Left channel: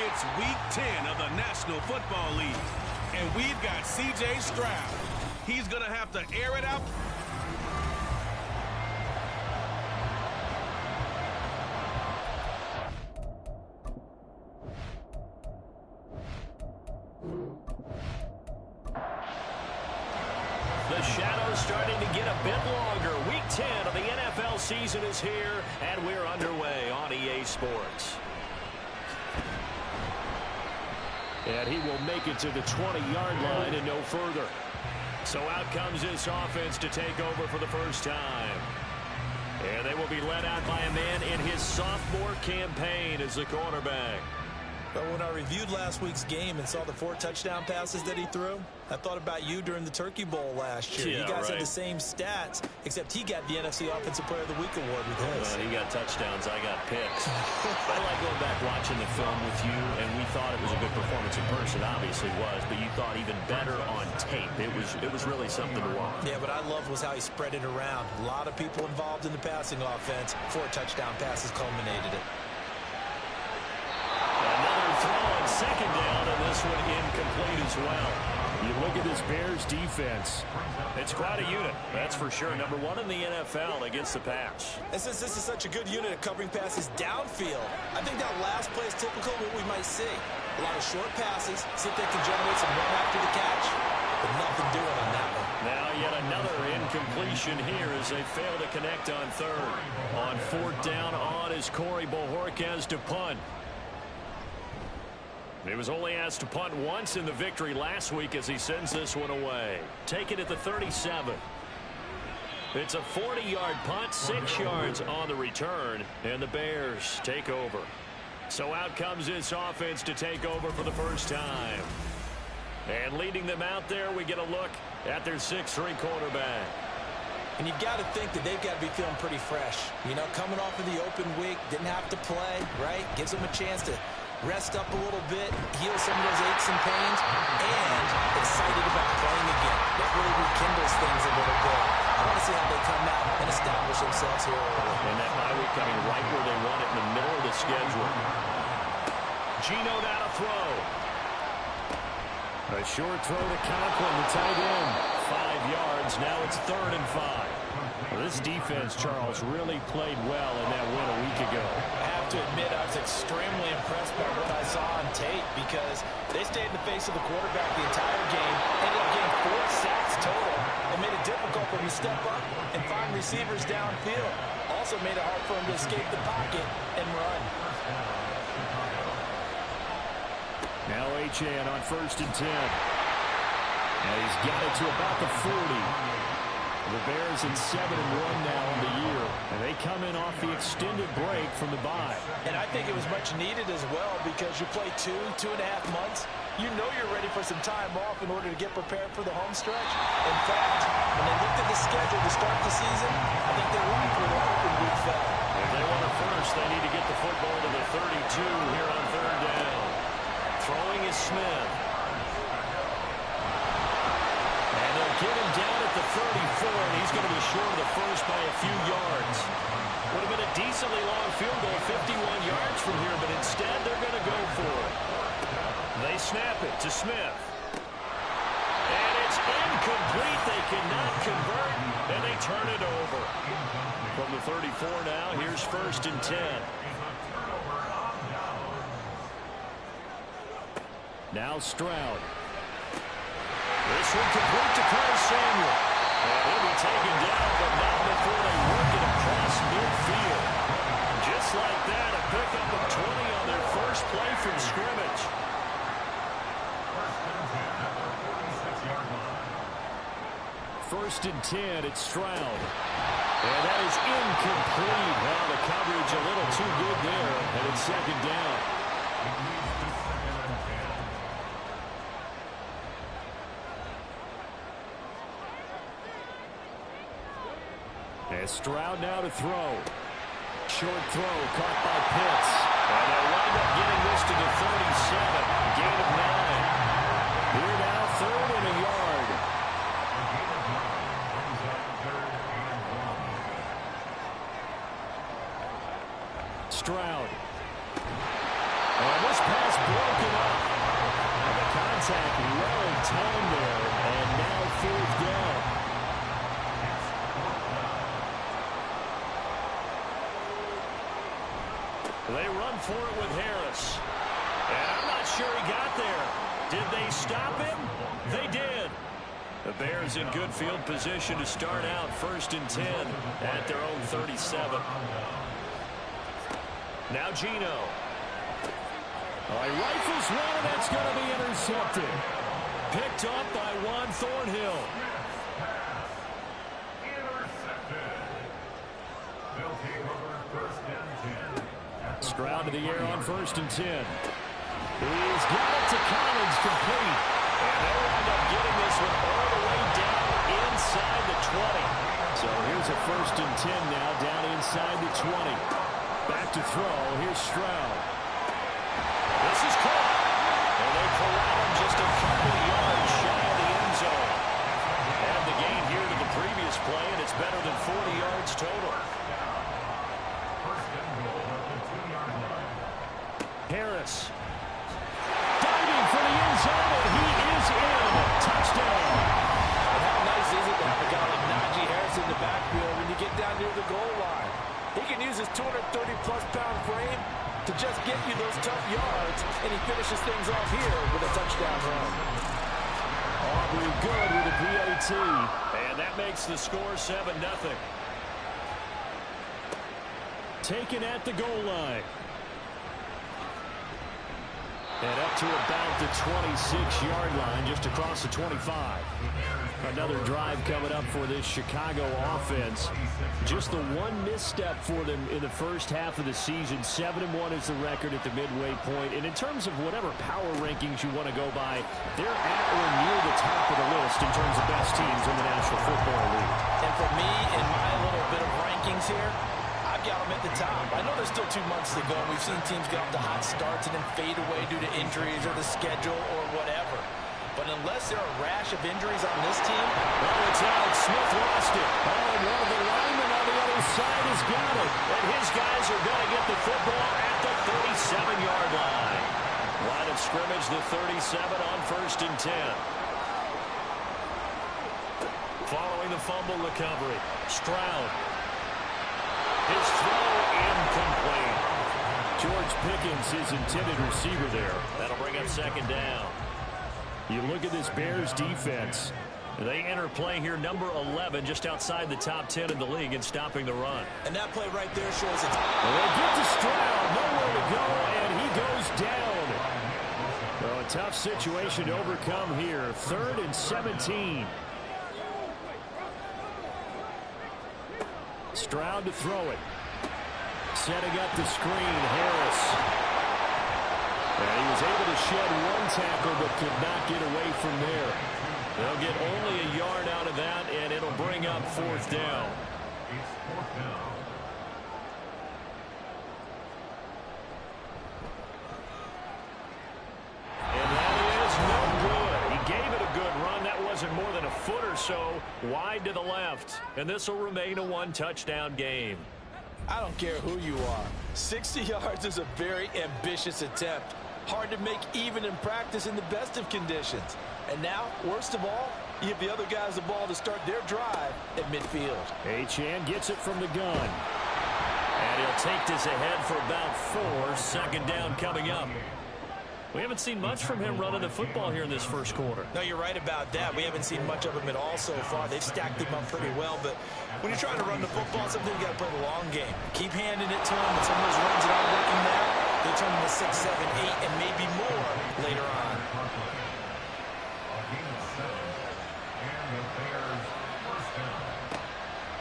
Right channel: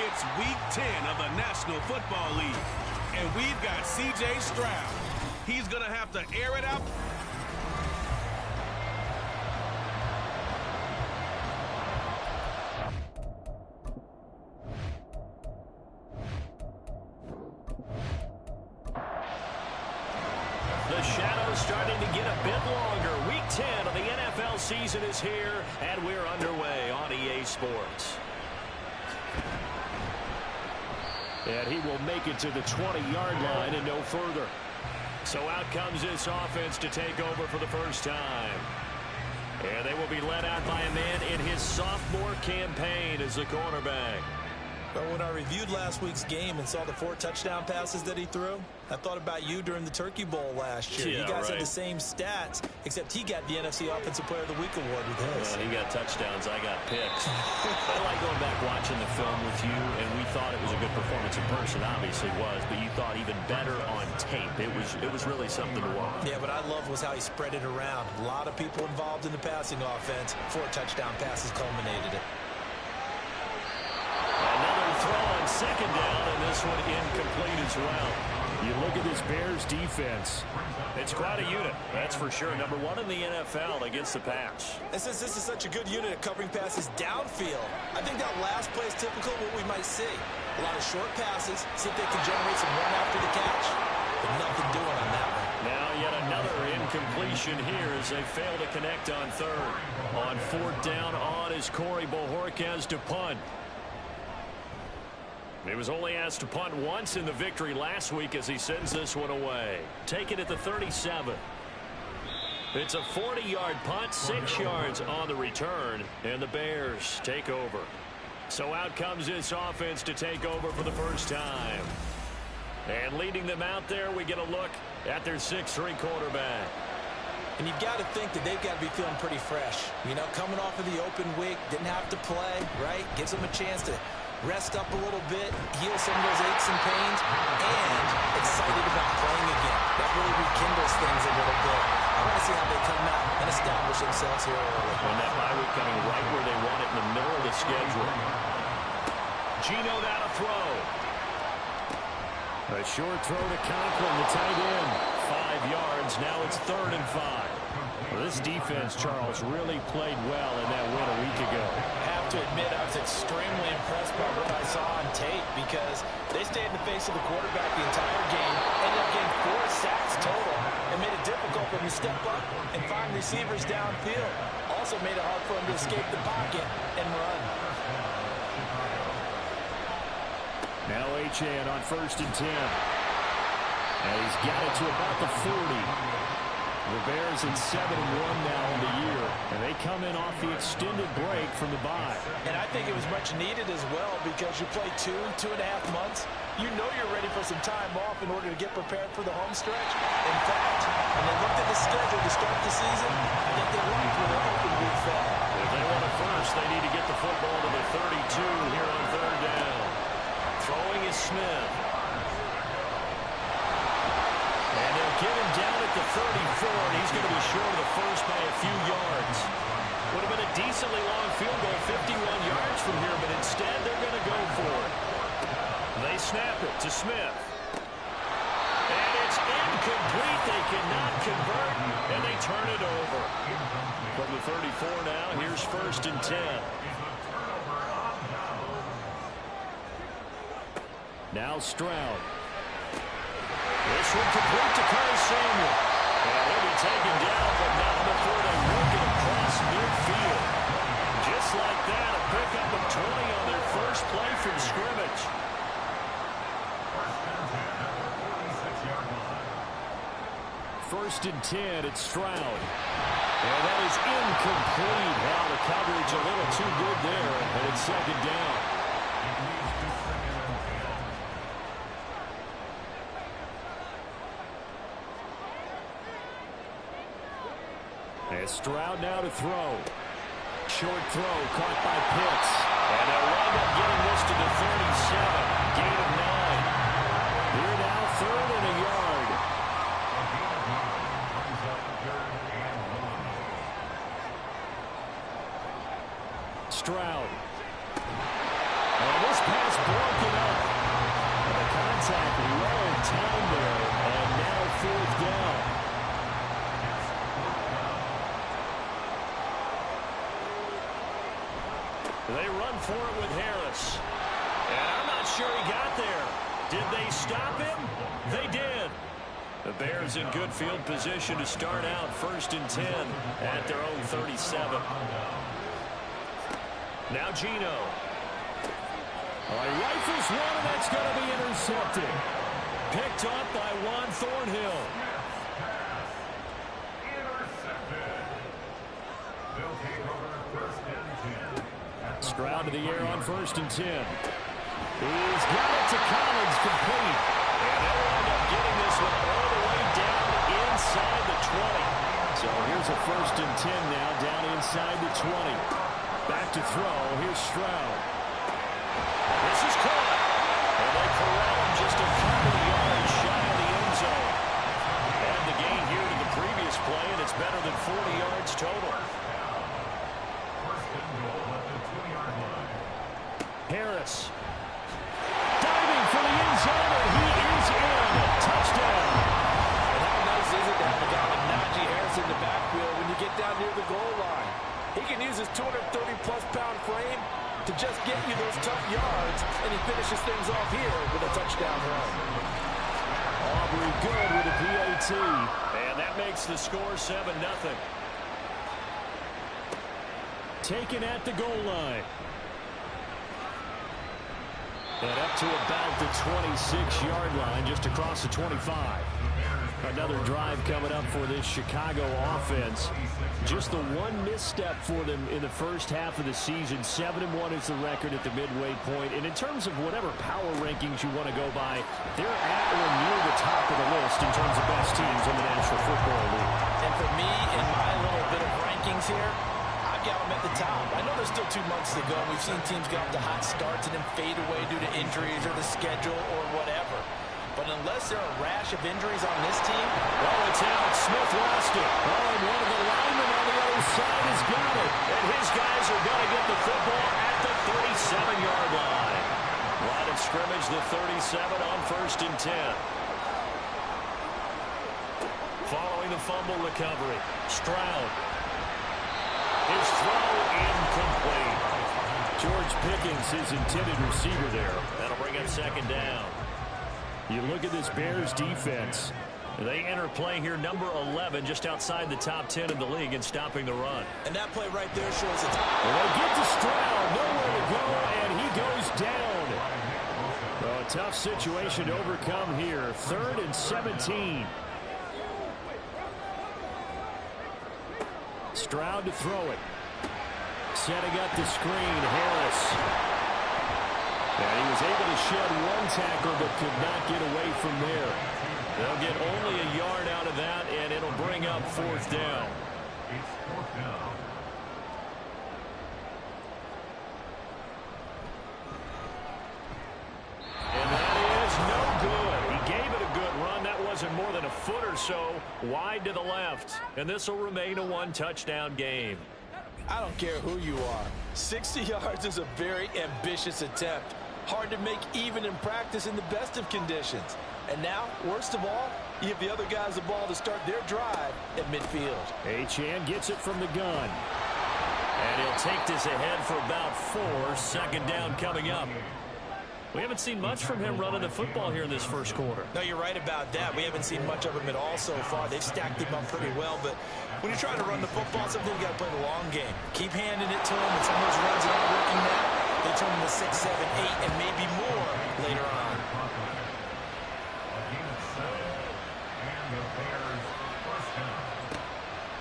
It's Week 10 of the National Football League, and we've got C.J. Stroud. He's going to have to air it out. The shadow's starting to get a bit longer. Week 10 of the NFL season is here, and we're underway on EA Sports. And he will make it to the 20-yard line and no further. So out comes this offense to take over for the first time. And they will be led out by a man in his sophomore campaign as the cornerback. But when I reviewed last week's game and saw the 4 touchdown passes that he threw, I thought about you during the Turkey Bowl last year. Yeah, you guys right. had the same stats, except he got the NFC Offensive Player of the Week award with his. He got touchdowns, I got picks. I like going back watching the film with you, and we thought it was a good performance in person. Obviously was, but you thought even better on tape. It was really something to watch. Yeah, what I loved was how he spread it around. A lot of people involved in the passing offense. 4 touchdown passes culminated it. Another throw on second down, and this one incomplete as well. You look at this Bears defense. It's quite a unit, that's for sure. Number 1 in the NFL against the pass. And since this is such a good unit at covering passes downfield, I think that last play is typical of what we might see. A lot of short passes, see if they can generate some run after the catch, but nothing doing on that one. Now yet another incompletion here as they fail to connect on third. On 4th down on is Corey Bojorquez to punt. He was only asked to punt once in the victory last week as he sends this one away. Take it at the 37. It's a 40-yard punt, 6 yards on the return, and the Bears take over. So out comes this offense to take over for the first time. And leading them out there, we get a look at their 6'3" quarterback. And you've got to think that they've got to be feeling pretty fresh. You know, coming off of the open week, didn't have to play, right? Gives them a chance to rest up a little bit, heal some of those aches and pains, and excited about playing again. That really rekindles things a little bit. I want to see how they come out and establish themselves here early. And that bye week coming right where they want it in the middle of the schedule. Geno now to throw. A short throw to Conklin, the tight end. 5 yards. Now it's 3rd and 5. Well, this defense, Charles, really played well in that win a week ago. I have to admit, I was extremely impressed by what I saw on tape because they stayed in the face of the quarterback the entire game, ended up getting 4 sacks total, and made it difficult for him to step up and find receivers downfield. Also made it hard for him to escape the pocket and run. Now Achane on 1st and 10. And he's got it to about the 40. The Bears at 7-1 now on the year, and they come in off the extended break from the bye. And I think it was much needed as well because you play 2.5 months. You know you're ready for some time off in order to get prepared for the home stretch. In fact, when they looked at the schedule to start the season, I think they liked where their open week fell. If they want it first, they need to get the football to the 32 here on 3rd down. Throwing is Smith. And they'll get him down at the 34, and he's going to be short of the first by a few yards. Would have been a decently long field goal, 51 yards from here, but instead they're going to go for it. They snap it to Smith. And it's incomplete. They cannot convert, and they turn it over. From the 34 now, here's 1st and 10. Now Stroud. This one complete to Curtis Samuel. And he'll be taken down, but not before they work it across midfield. Just like that, a pickup of 20 on their first play from scrimmage. First and 10, it's Stroud. And that is incomplete. Well, the coverage a little too good there, and it's 2nd down. And Stroud now to throw. Short throw caught by Pitts. And they'll wind up getting this to the 37. Gain of 9. Here now, 3rd and a yard. Stroud. And this pass broken up. And the contact well timed there. And now 4th down. They run for it with Harris. And I'm not sure he got there. Did they stop him? They did. The Bears in good field position to start out 1st and 10 at their own 37. Now Geno. All right, rifles one, and that's going to be intercepted. Picked up by Juan Thornhill. They'll take over 1st and 10. Stroud to the air on 1st and 10. He's got it to Collins, complete. And they'll wind up getting this one all the way down inside the 20. So here's a 1st and 10 now down inside the 20. Back to throw. Here's Stroud. This is caught. And they corral him just a couple of yards shy of the end zone. And the gain here to the previous play, and it's better than 40 yards total. Harris. Diving for the end zone, and he is in. Touchdown. And how nice is it to have a guy like Najee Harris in the backfield when you get down near the goal line? He can use his 230-plus pound frame to just get you those tough yards, and he finishes things off here with a touchdown run. Aubrey good with a PAT. And that makes the score 7-0. Taken at the goal line. And up to about the 26-yard line, just across the 25. Another drive coming up for this Chicago offense. Just the one misstep for them in the first half of the season. 7-1 is the record at the midway point. And in terms of whatever power rankings you want to go by, they're at or near the top of the list in terms of best teams in the National Football League. And for me, in my little bit of rankings here, I've got them at the top. I know there's still 2 months to go. We've seen teams get off to hot starts and then fade away due to injuries or the schedule or whatever. But unless there are a rash of injuries on this team... Oh, it's out. Smith lost it. Oh, and one of the linemen on the other side has got it. And his guys are going to get the football at the 37-yard line. Line of scrimmage, the 37 on 1st and 10. Following the fumble recovery, Stroud. His throw incomplete. George Pickens, his intended receiver there. That'll bring up 2nd down. You look at this Bears defense. They enter play here, number 11, just outside the top 10 in the league in stopping the run. And that play right there shows it's... Well, they get to Stroud, nowhere to go, and he goes down. Well, a tough situation to overcome here. 3rd and 17. Stroud to throw it. Setting up the screen, Harris. And he was able to shed one tackle but could not get away from there. They'll get only a yard out of that, and it'll bring up 4th down. It's 4th down. And that is no good. He gave it a good run. That wasn't more than a foot or so wide to the left. And this will remain a 1-touchdown game. I don't care who you are. 60 yards is a very ambitious attempt. Hard to make even in practice in the best of conditions. And now, worst of all, you give the other guys the ball to start their drive at midfield. Achane gets it from the gun. And he'll take this ahead for about 4. 2nd down coming up. We haven't seen much from him running the football here in this first quarter. No, you're right about that. We haven't seen much of him at all so far. They've stacked him up pretty well, but when you're trying to run the football, something you got to play the long game. Keep handing it to him, and some of those runs that aren't working now, they turn into 6, 7, 8, and maybe more later on.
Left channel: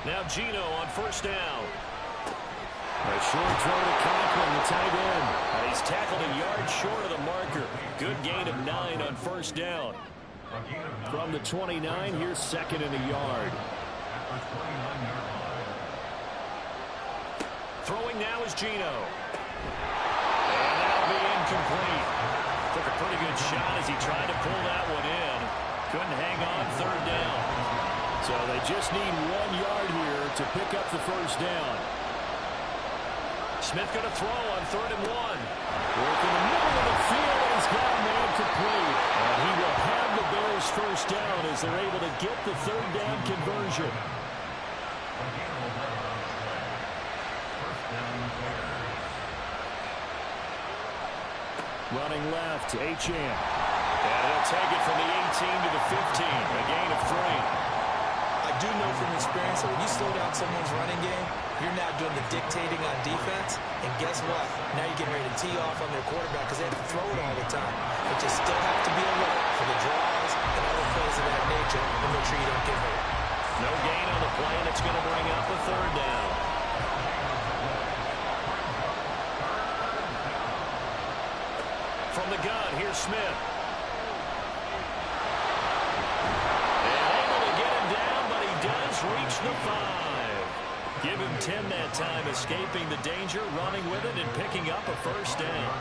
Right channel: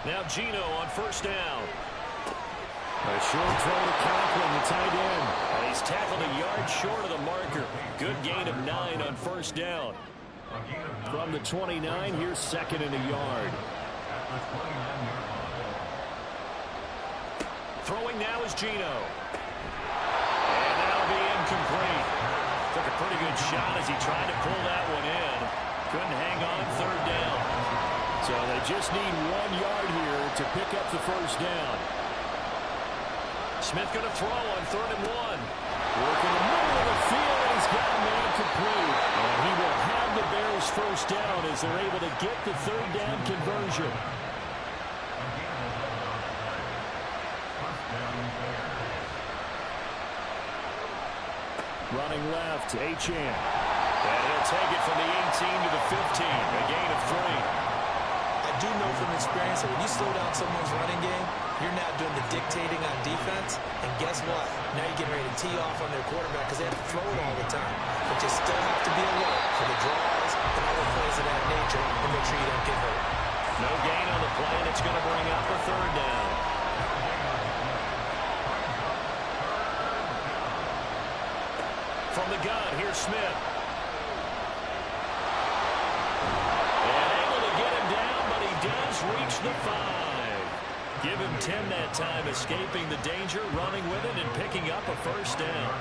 Now Geno on 1st down. A short throw to Conklin, the tight end. And he's tackled a yard short of the marker. Good gain of 9 on 1st down. From the 29, here's 2nd and a yard. Throwing now is Geno. And that'll be incomplete. Took a pretty good shot as he tried to pull that one in. Couldn't hang on third down. So they just need 1 yard here to pick up the first down. Smith going to throw on 3rd and 1. Work in the middle of the field, and he's got a man complete. And he will have the Bears first down as they're able to get the 3rd down conversion. Running left, Achane. And he'll take it from the 18 to the 15, a gain of 3. I do know from experience that when you slow down someone's running game, you're now doing the dictating on defense. And guess what? Now you're getting ready to tee off on their quarterback because they have to throw it all the time. But you still have to be alert for the draws and other plays of that nature and make sure you don't get hurt. No gain on the play, and it's going to bring up a 3rd down. From the gun, here's Smith. And able to get him down, but he does reach the 5. Give him 10 that time, escaping the danger, running with it, and picking up a first down.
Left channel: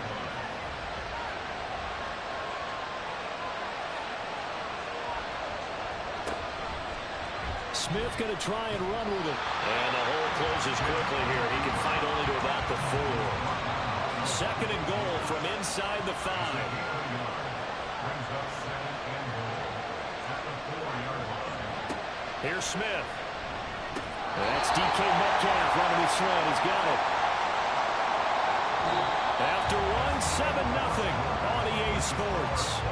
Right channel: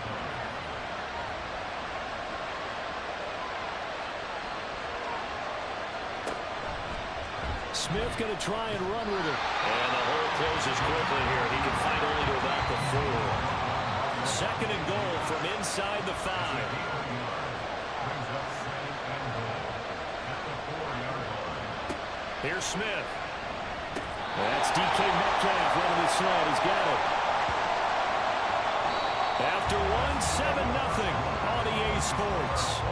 Smith going to try and run with it. And the hole closes quickly here. He can find only to about the 4. 2nd and goal from inside the 5. Here's Smith. That's DK Metcalf running the slant. He's got it. After 1, 7-0 on EA Sports.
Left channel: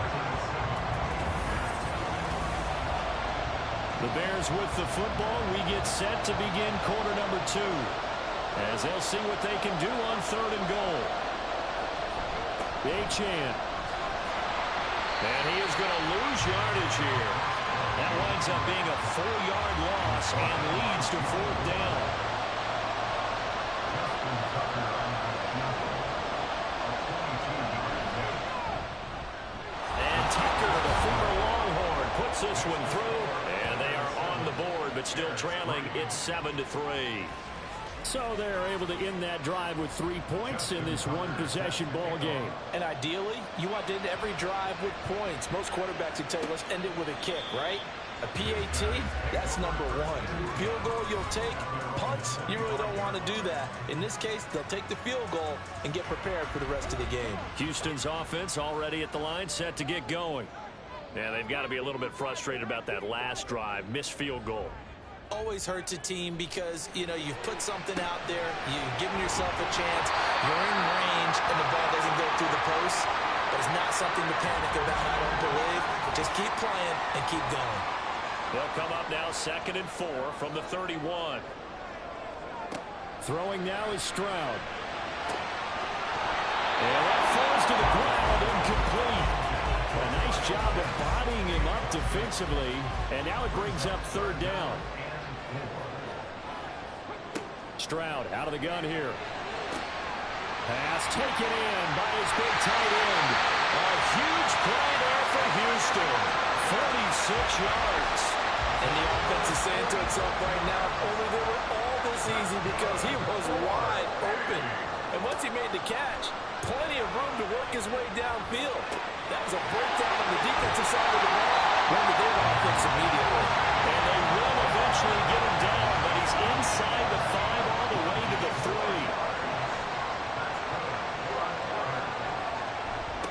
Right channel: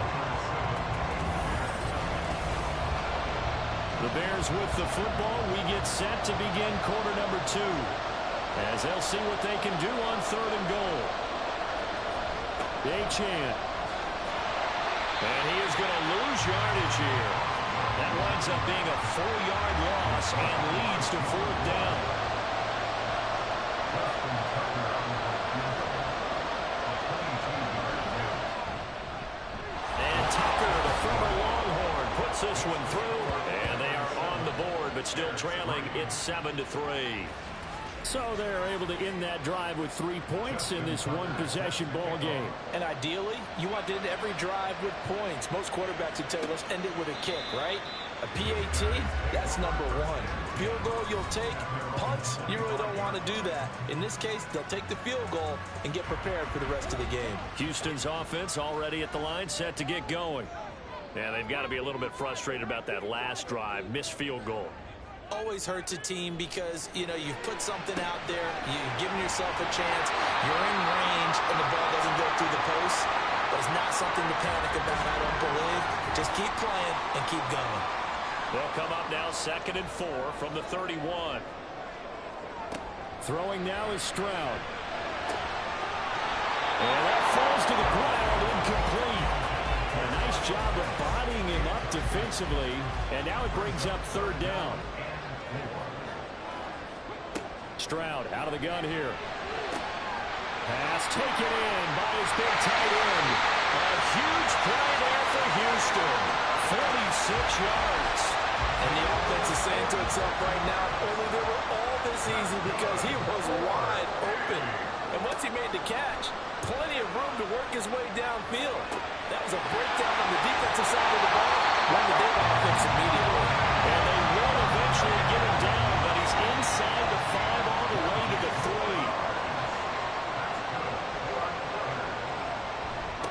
The Bears with the football. We get set to begin quarter number 2. As they'll see what they can do on 3rd and goal. Achane. And he is going to lose yardage here. That winds up being a 4-yard loss and leads to 4th down. And Tucker, the former Longhorn, puts this one through. And they are on the board, but still trailing. It's 7-3. So they're able to end that drive with 3 points in this one-possession ball game. And ideally, you want to end every drive with points. Most quarterbacks would tell you, let's end it with a kick, right? A PAT, that's number 1. Field goal, you'll take. Punts, you really don't want to do that. In this case, they'll take the field goal and get prepared for the rest of the game. Houston's offense already at the line, set to get going. Yeah, they've got to be a little bit frustrated about that last drive, missed field goal. Always hurts a team because, you know, you've put something out there, you've given yourself a chance, you're in range, and the ball doesn't go through the post. But it's not something to panic about, I don't believe. Just keep playing and keep going. They'll come up now 2nd and 4 from the 31. Throwing now is Stroud. And that falls to the ground, incomplete. A nice job of bodying him up defensively. And now it brings up 3rd down. Stroud out of the gun here. Pass taken in by his big tight end. A huge play there for Houston. 46 yards. And the offense is saying to itself right now, if only they were all this easy because he was wide open. And once he made the catch, plenty of room to work his way downfield. That was a breakdown on the defensive side of the ball. One that they want to fix immediately. And they will eventually get him down, but he's inside the 5 all the way to the 3.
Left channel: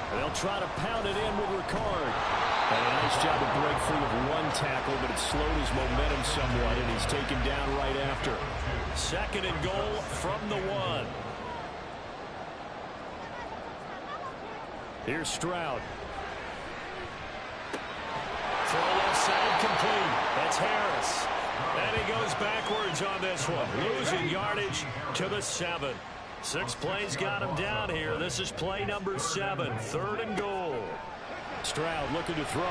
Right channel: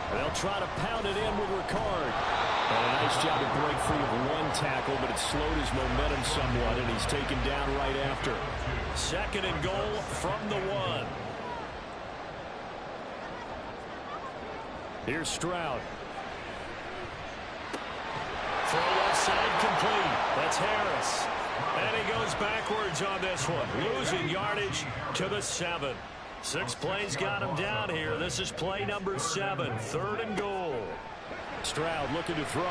And they'll try to pound it in with Ricard. And a nice job to break free of 1 tackle, but it slowed his momentum somewhat, and he's taken down right after. 2nd and goal from the 1. Here's Stroud. Throw left side complete. That's Harris. And he goes backwards on this one, losing yardage to the 7. 6 plays got him down here. This is play number 7, 3rd and goal. Stroud looking to throw.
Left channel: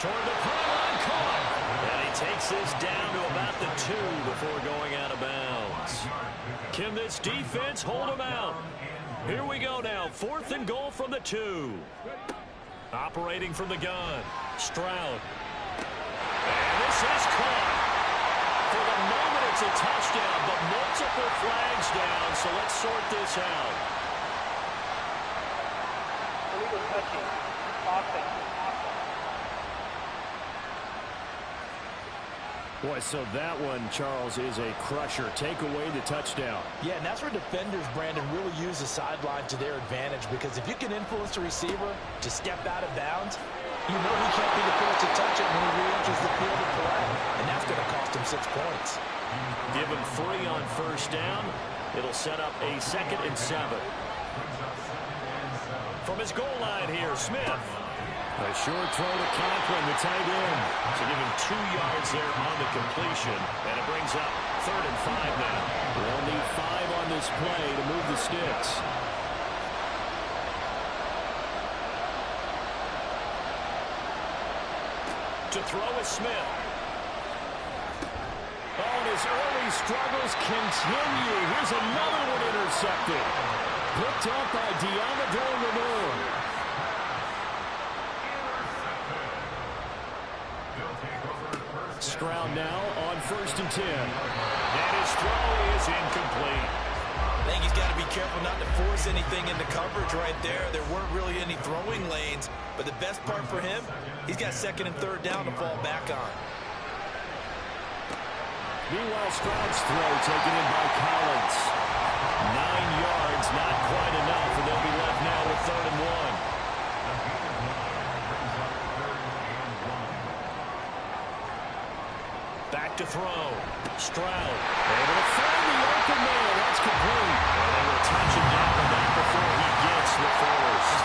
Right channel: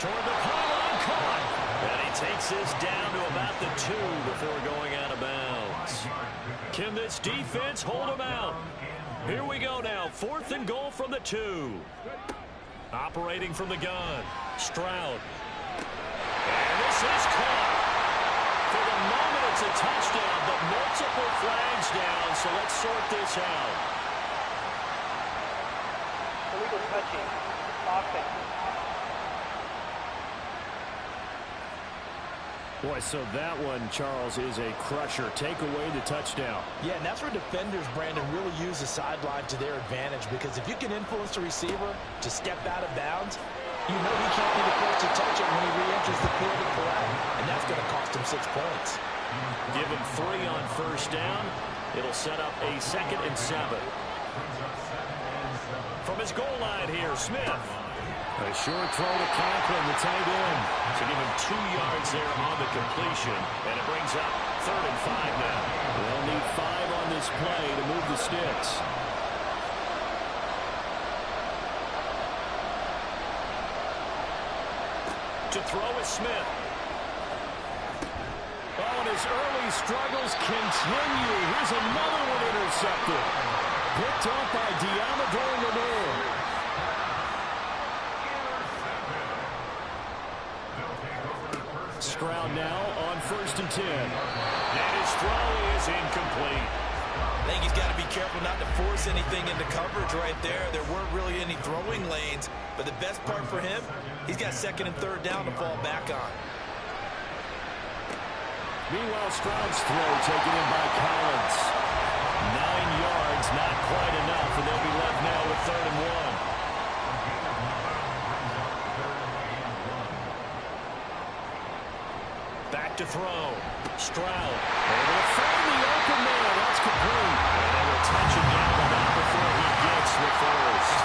Toward the pylon, caught. And he takes this down to about the 2 before going out of bounds. Can this defense hold him out? Here we go now, 4th and goal from the 2. Operating from the gun, Stroud. And this is caught. For the moment, it It's a touchdown, but multiple flags down, so let's sort this out. Illegal touching. Offense. Boy, so that one, Charles, is a crusher. Take away the touchdown. Yeah, and that's where defenders, Brandon, really use the sideline to their advantage, because if you can influence the receiver to step out of bounds, you know he can't be the first to touch it when he re-enters the field of play, and that's going to cost him 6 points. Give him 3 on first down. It'll set up a 2nd and 7. From his goal line here, Smith. A short throw to Conklin, the tight end. So give him 2 yards there on the completion, and it brings up 3rd and 5 now. They'll need 5 on this play to move the sticks. To throw is Smith. Oh, and his early struggles continue. Here's another one intercepted. Picked up by Deommodore Lenoir. Stroud now on 1st and 10. And his throw is incomplete. I think he's got to be careful not to force anything into coverage right there. There weren't really any throwing lanes, but the best part for him, he's got 2nd and 3rd down to fall back on. Meanwhile, Stroud's throw taken in by Collins. 9 yards, not quite enough, and they'll be left now with 3rd and 1. Back to throw. Stroud able to find the open man. That's complete. And they will touch him down the back before he gets the first.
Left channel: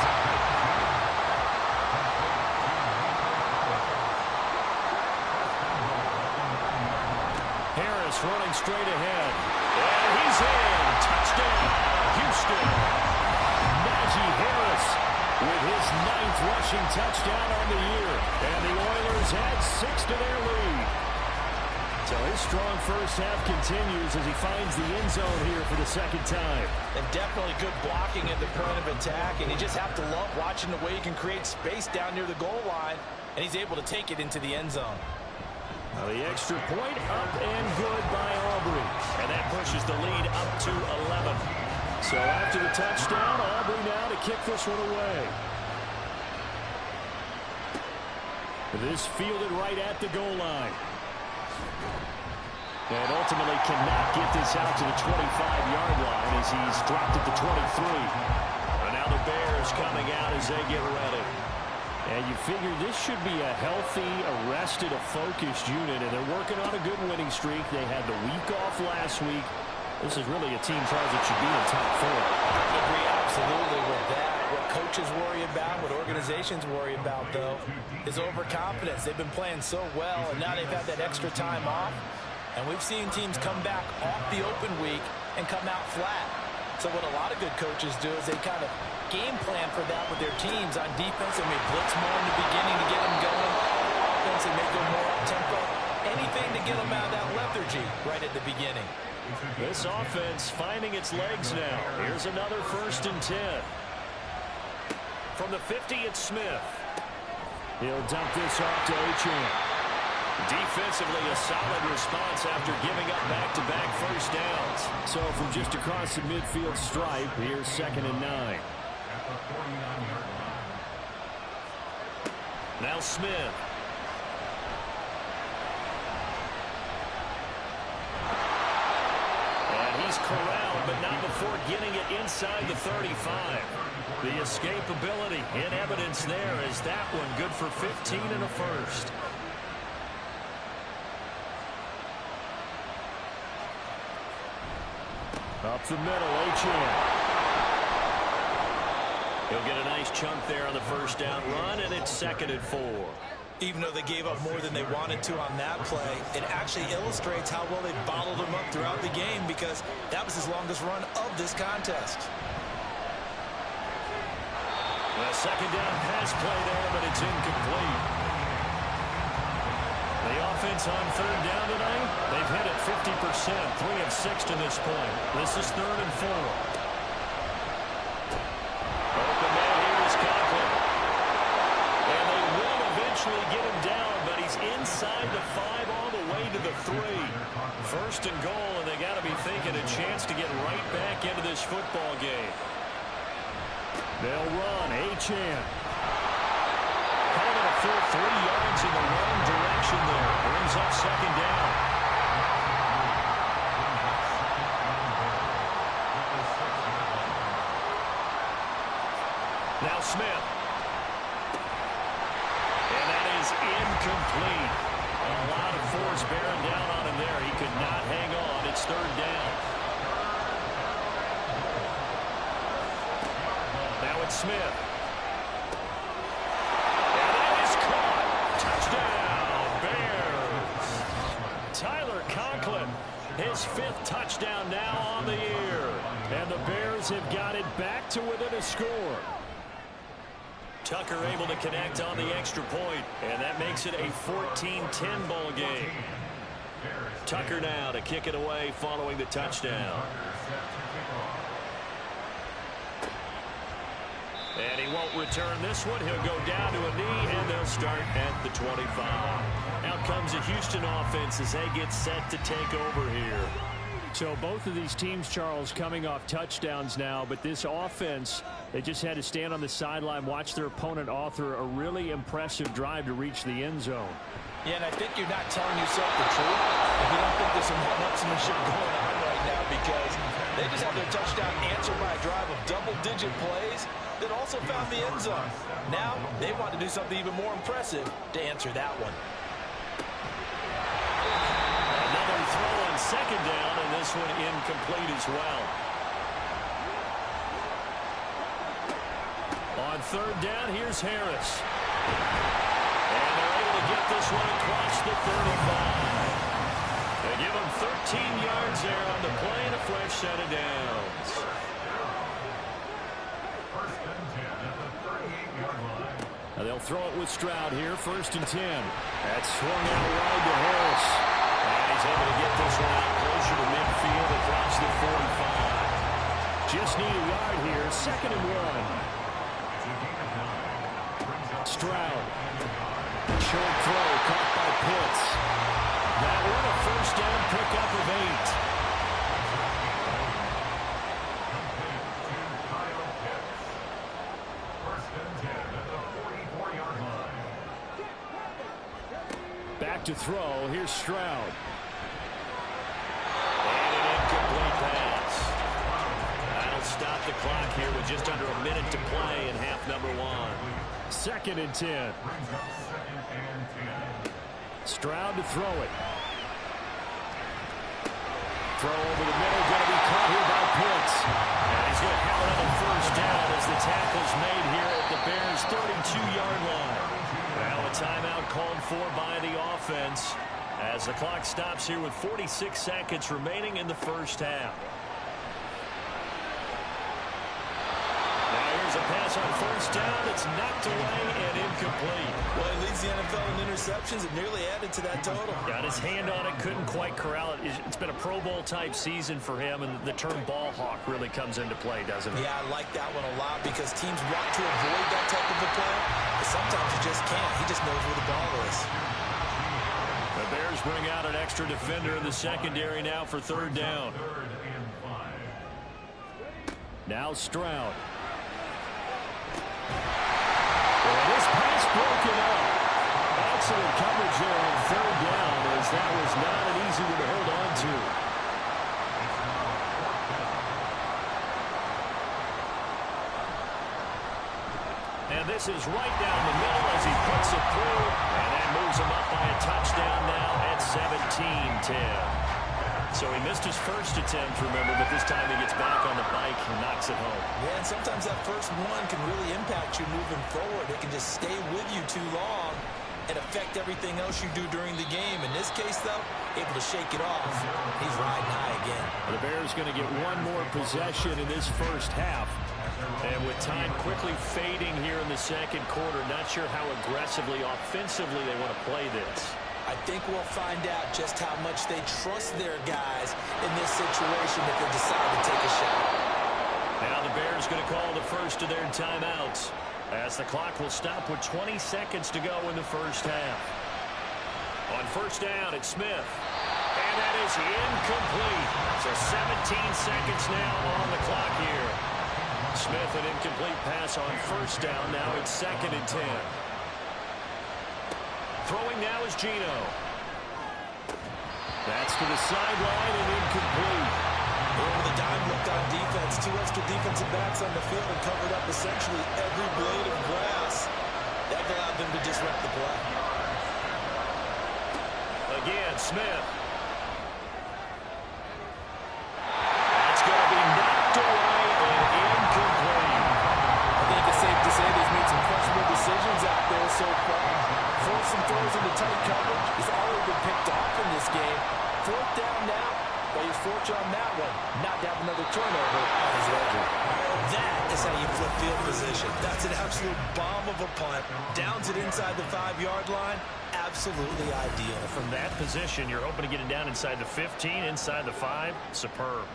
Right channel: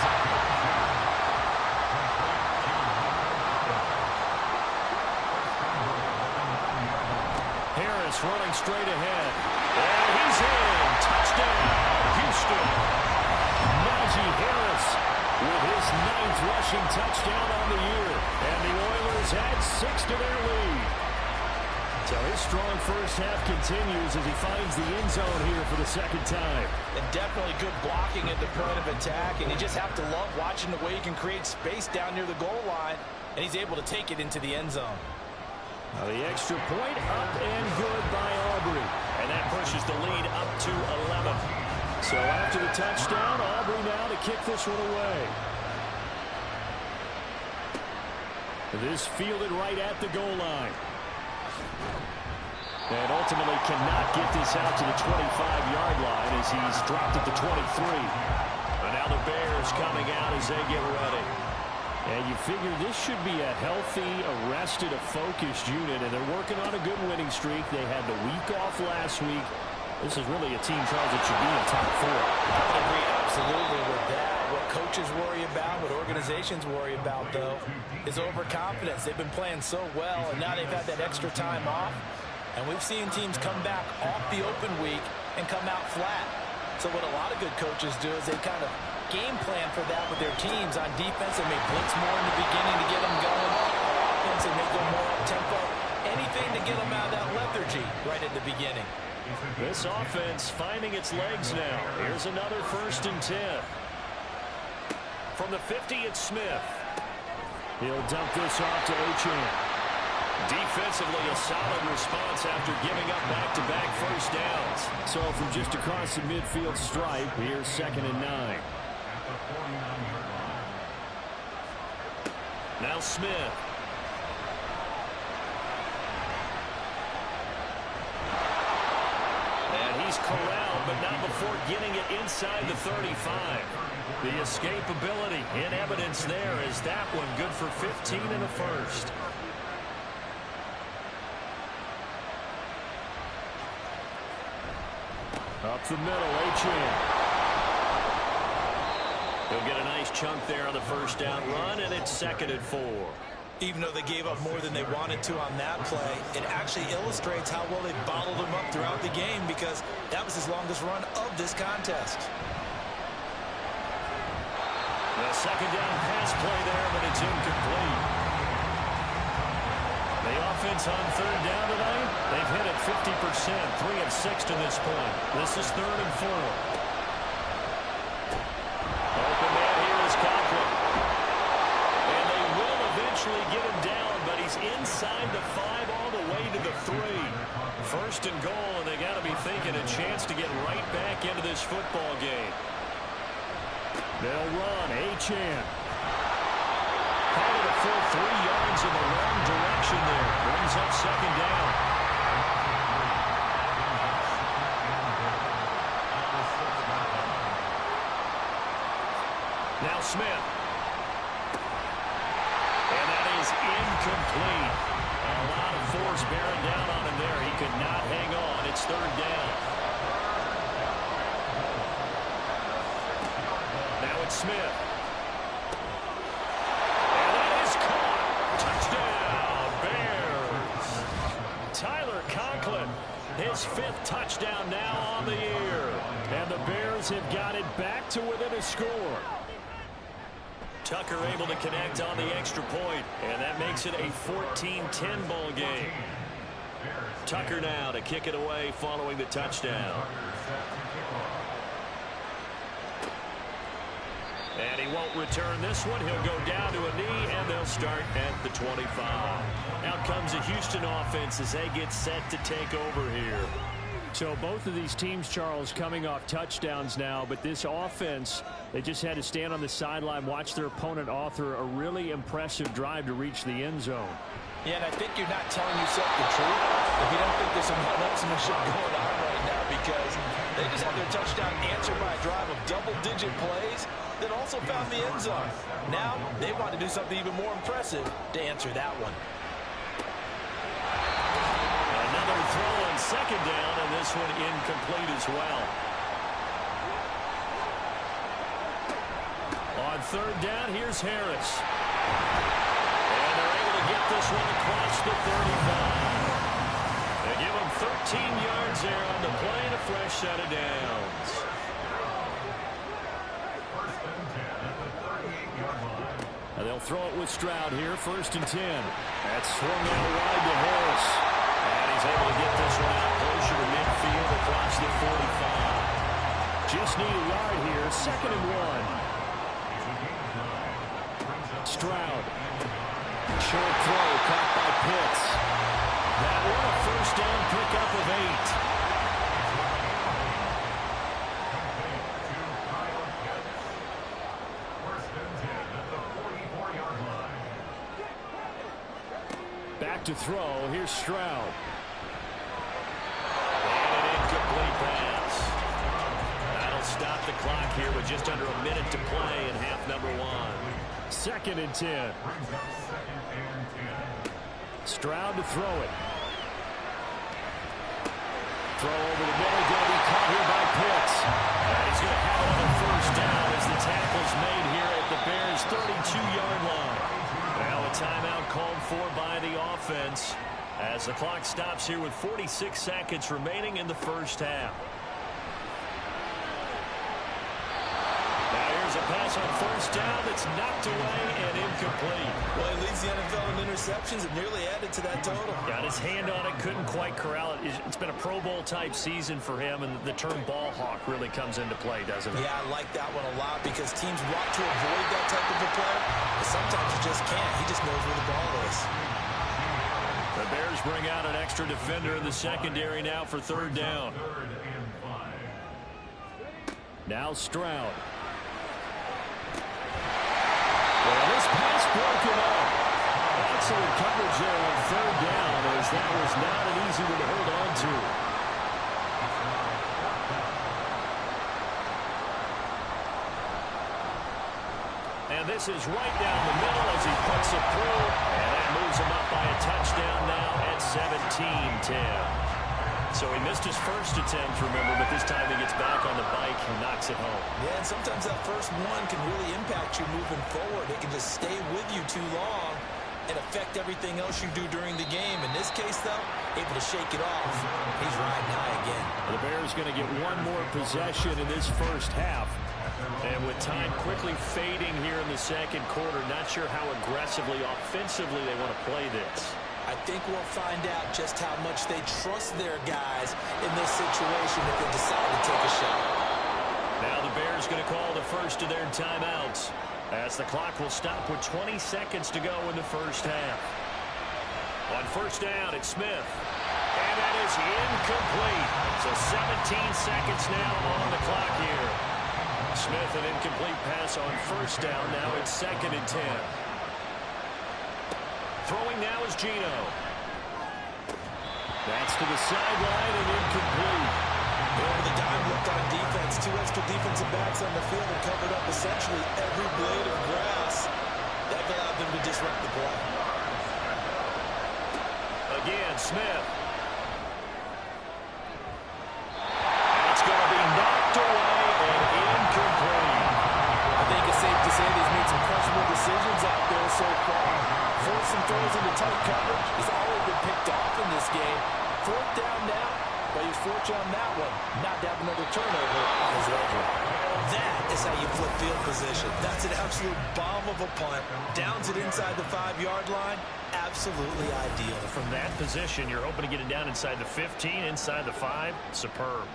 Harris running straight ahead. And he's in. Touchdown, Houston. Najee Harris with his 9th rushing touchdown on the year. And the Oilers add 6 to their lead. So his strong first half continues as he finds the end zone here for the 2nd time. And definitely good blocking at the point of attack, and you just have to love watching the way he can create space down near the goal line, and he's able to take it into the end zone. Now the extra point up and good by Aubrey. And that pushes the lead up to 11. So after the touchdown, Aubrey now to kick this one away. This fielded right at the goal line. And ultimately cannot get this out to the 25-yard line as he's dropped at the 23. And now the Bears coming out as they get ready. And you figure this should be a healthy, arrested, a focused unit, and they're working on a good winning streak. They had the week off last week. This is really a team, Charles, that should be in top 4. I would agree absolutely with that. What coaches worry about, what organizations worry about, though, is overconfidence. They've been playing so well, and now they've had that extra time off. And we've seen teams come back off the open week and come out flat. So what a lot of good coaches do is they kind of game plan for that with their teams. On defense, they may blitz more in the beginning to get them going. Offense, they may go more up-tempo. Anything to get them out of that lethargy right at the beginning. This offense finding its legs now. Here's another 1st and 10. From the 50, it's Smith. He'll dump this off to Achane. Defensively, a solid response after giving up back-to-back first downs. So from just across the midfield stripe, here's 2nd and 9. Now Smith. And he's corralled, but not before getting it inside the 35. The escapability in evidence there as that one good for 15 and a first. Up the middle, Achane. He'll get a nice chunk there on the first down run, and it's 2nd and 4. Even though they gave up more than they wanted to on that play, it actually illustrates how well they bottled him up throughout the game, because that was his longest run of this contest. The 2nd down pass play there, but it's incomplete. The offense on 3rd down tonight, they've hit it 50%, 3 of 6 to this point. This is 3rd and 4. Open man here is Conklin. And they will eventually eventually get him down, but he's inside the 5 all the way to the 3. First and goal, and they got to be thinking a chance to get right back into this football game. They'll run. Achane. Call it a full 3 yards in the wrong direction there. Brings up second down. Now Smith. And that is incomplete. A lot of force bearing down on him there. He could not hang on. It's third down. Now it's Smith. And that is caught. Touchdown, Bears. Tyler Conklin, his 5th touchdown now on the year. And the Bears have got it back to within a score. Tucker able to connect on the extra point, and that makes it a 14-10 ball game. Tucker now to kick it away following the touchdown. And he won't return this one. He'll go down to a knee, and they'll start at the 25. Out comes the Houston offense as they get set to take over here. So both of these teams, Charles, coming off touchdowns now, but this offense, they just had to stand on the sideline, watch their opponent author a really impressive drive to reach the end zone. Yeah, and I think you're not telling yourself the truth if you don't think there's some one-upsmanship going on right now, because they just had their touchdown answered by a drive of double-digit plays that also found the end zone. Now they want to do something even more impressive to answer that one. Another throw on second down, and this one incomplete as well. On third down, here's Harris. And they're able to get this one across the 35. They give him 13 yards there on the play and a fresh set of downs. First and 10 at the 38-yard line. Now they'll throw it with Stroud here, 1st and 10. That's swung out wide to Harris. And he's able to get this one out closer to midfield across the 45. Just need a yard here, 2nd and 1. Stroud. Short throw caught by Pitts. That one a first down pickup of 8. Back to throw. Here's Stroud. And an incomplete pass. That'll stop the clock here with just under a minute to play in half number 1. 2nd and 10. Stroud to throw it. Throw over the middle, going to be caught here by Pitts. And he's going to have another first down as the tackle's made here at the Bears' 32-yard line. Well, a timeout called for by the offense as the clock stops here with 46 seconds remaining in the first half. Now here's a pass on first down that's knocked away and incomplete. Well, he leads the NFL in interceptions and nearly added to that total. Got his hand on it, couldn't quite corral it. It's been a Pro Bowl type season for him, and the term ball hawk really comes into play, doesn't it? Yeah, I like that one a lot because teams want to avoid that type of a player, but sometimes you just can't. He just knows where the ball is. The Bears bring out an extra defender in the secondary now for third down. Now Stroud. And this pass broken up. Excellent coverage there on third down, as that was not an easy one to hold on to. And this is right down the middle as he puts it through. And that moves him up by a touchdown now at 17-10. So he missed his first attempt, remember, but this time he gets back on the bike and knocks it home. Yeah, and sometimes that first one can really impact you moving forward. It can just stay with you too long and affect everything else you do during the game. In this case, though, able to shake it off. He's riding high again. Well, the Bears going to get one more possession in this first half. And with time quickly fading here in the second quarter, not sure how aggressively, offensively they want to play this. I think we'll find out just how much they trust their guys in this situation if they decide to take a shot. Now the Bears going to call the first of their timeouts. as the clock will stop with 20 seconds to go in the first half. On first down, it's Smith. And that is incomplete. So 17 seconds now on the clock here. Smith, an incomplete pass on first down. Now it's 2nd and 10. Throwing now is Geno. That's to the sideline and incomplete. Over the dime look on defense. 2 extra defensive backs on the field and covered up essentially every blade of grass. That allowed them to disrupt the play. Again, Smith. That's going to be knocked away and incomplete. I think it's safe to say he's made some questionable decisions out there so far. Forced some throws into tight coverage. He's already been picked off in this game. 4th down now, but he's fortunate on that one. Not to have another turnover on his ledger. That is how you flip field position. That's an absolute bomb of a punt. Downs it inside the 5-yard line. Absolutely ideal. From that position, you're hoping to get it down inside the 15, inside the 5. Superb.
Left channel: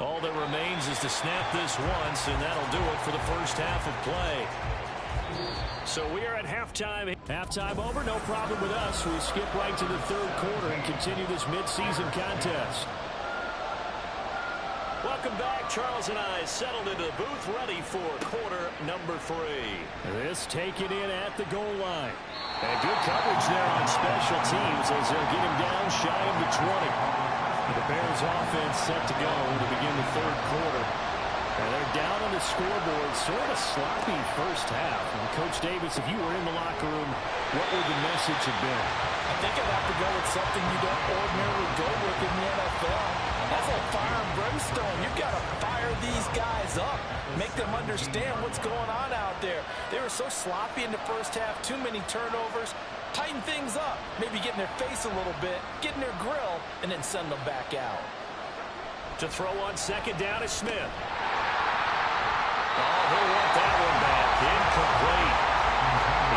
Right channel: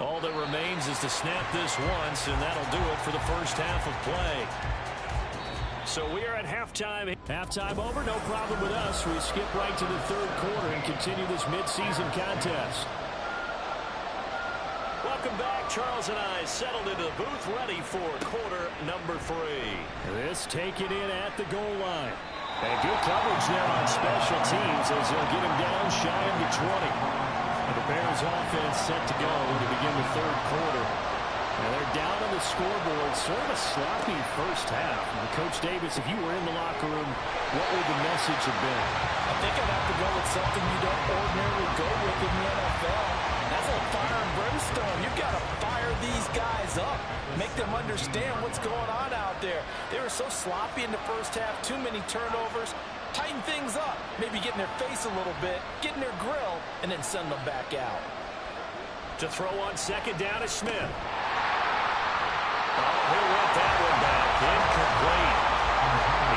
All that remains is to snap this once, and that'll do it for the first half of play. So we are at halftime. Halftime over, no problem with us. We skip right to the 3rd quarter and continue this midseason contest. Welcome back. Charles and I settled into the booth, ready for quarter number 3. This taken in at the goal line. And good coverage there on special teams as they'll get him down shy of the 20. The Bears offense set to go to begin the 3rd quarter. And they're down on the scoreboard. Sort of a sloppy first half. And Coach Davis, if you were in the locker room, what would the message have been? I think I'd have to go with something you don't ordinarily go with in the NFL. That's like fire and brimstone. You've got to fire these guys up. Make them understand what's going on out there. They were so sloppy in the first half. Too many turnovers. Tighten things up. Maybe get in their face a little bit. Get in their grill. And then send them back out. To throw on 2nd down is Smith. Oh, he'll want that one back. Incomplete.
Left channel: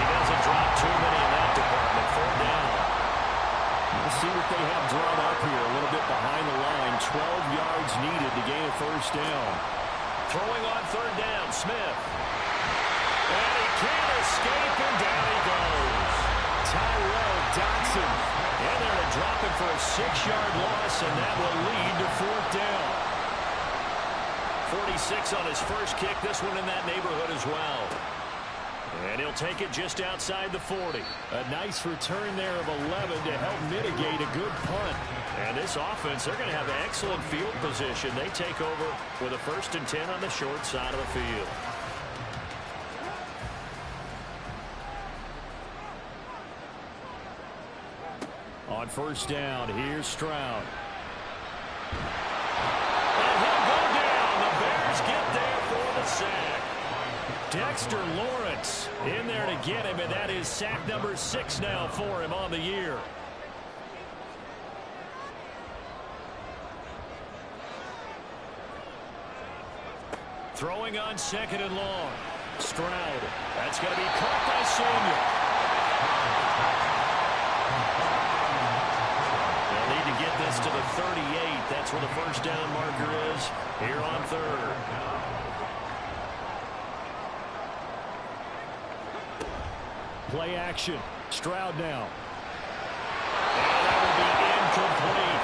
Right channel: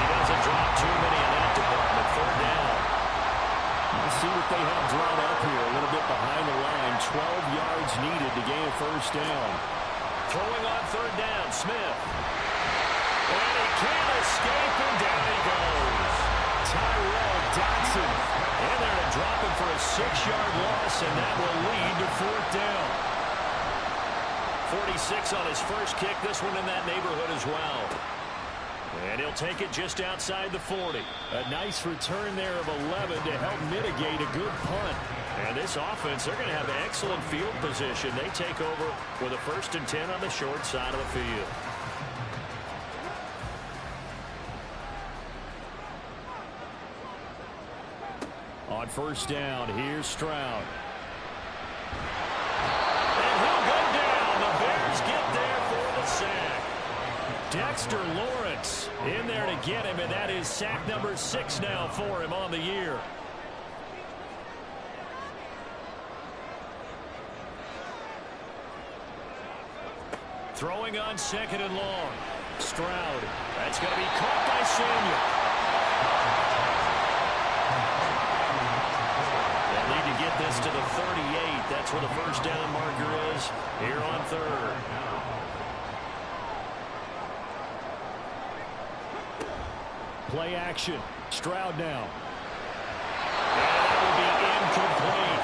He doesn't drop too many in that department. 3rd down. Let's see what they have drawn up here. A little bit behind the line. 12 yards needed to gain a first down. Throwing on 3rd down, Smith. And he can't escape, and down he goes. Tyrel Dodson in there to drop him for a 6-yard loss, and that will lead to 4th down. 46 on his first kick. This one in that neighborhood as well. And he'll take it just outside the 40. A nice return there of 11 to help mitigate a good punt. And this offense, they're going to have excellent field position. They take over with a 1st and 10 on the short side of the field. On first down, here's Stroud. And he'll go down. The Bears get there for the sack. Dexter Lawrence in there to get him, and that is sack number 6 now for him on the year. Throwing on 2nd and long. Stroud. That's going to be caught by Samuel. They'll need to get this to the 38. That's where the first down marker is here on 3rd. Play action. Stroud now. And that will be incomplete.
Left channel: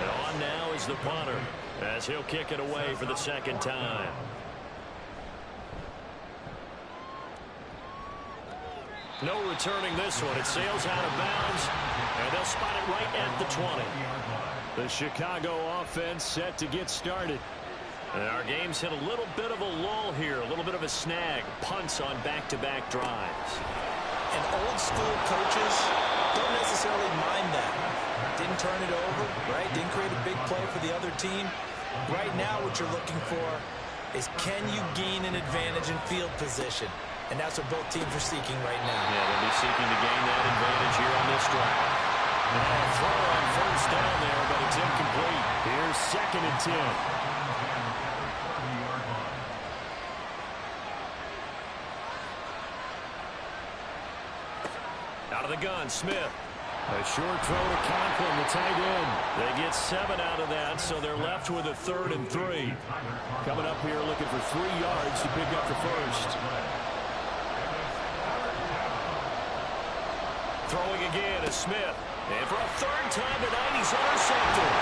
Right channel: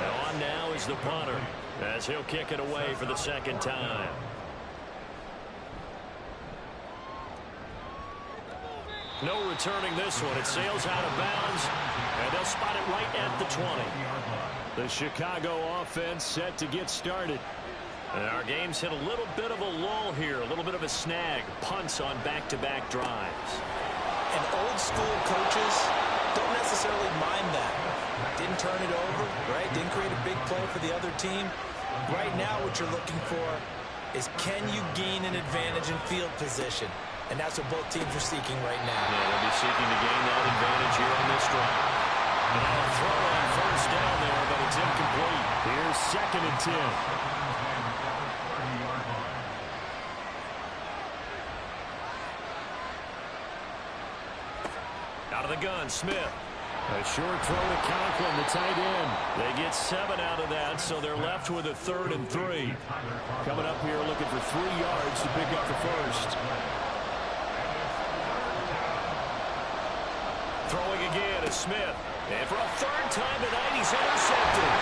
And on now is the punter as he'll kick it away for the 2nd time. No returning this one. It sails out of bounds, and they'll spot it right at the 20. The Chicago offense set to get started. And our game's hit a little bit of a lull here, a little bit of a snag. Punts on back-to-back drives. And old school coaches don't necessarily mind that. Didn't turn it over, right? Didn't create a big play for the other team. Right now what you're looking for is, can you gain an advantage in field position? And that's what both teams are seeking right now. Yeah, they'll be seeking to gain that advantage here on this drive. And now a throw on first down there, but it's incomplete. Here's 2nd and 10. Out of the gun, Smith. A short throw to Conklin, the tight end. They get 7 out of that, so they're left with a 3rd and 3. Coming up here looking for 3 yards to pick up the first. Throwing again is Smith. And for a 3rd time tonight, he's intercepted.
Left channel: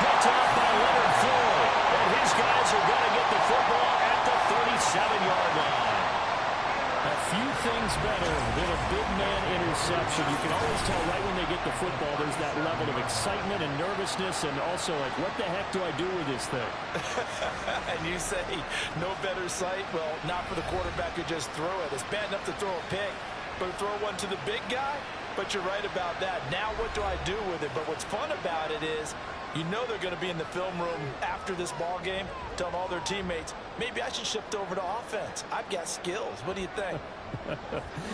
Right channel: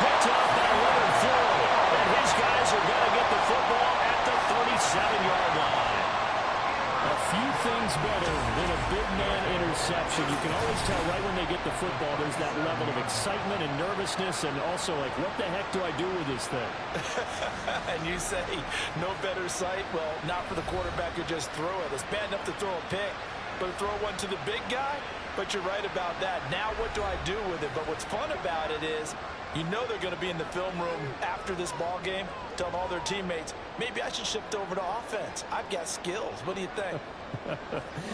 Picked off by Leonard Floyd. And his guys are going to get the football at the 37-yard line. A few things better than a big man interception. You can always tell right when they get the football, there's that level of excitement and nervousness, and also like, what the heck do I do with this thing? And you say no better sight? Well, not for the quarterback who just threw it. It's bad enough to throw a pick, but to throw one to the big guy? But you're right about that. Now what do I do with it? But what's fun about it is, you know they're going to be in the film room after this ball game, telling all their teammates, maybe I should shift over to offense. I've got skills. What do you think?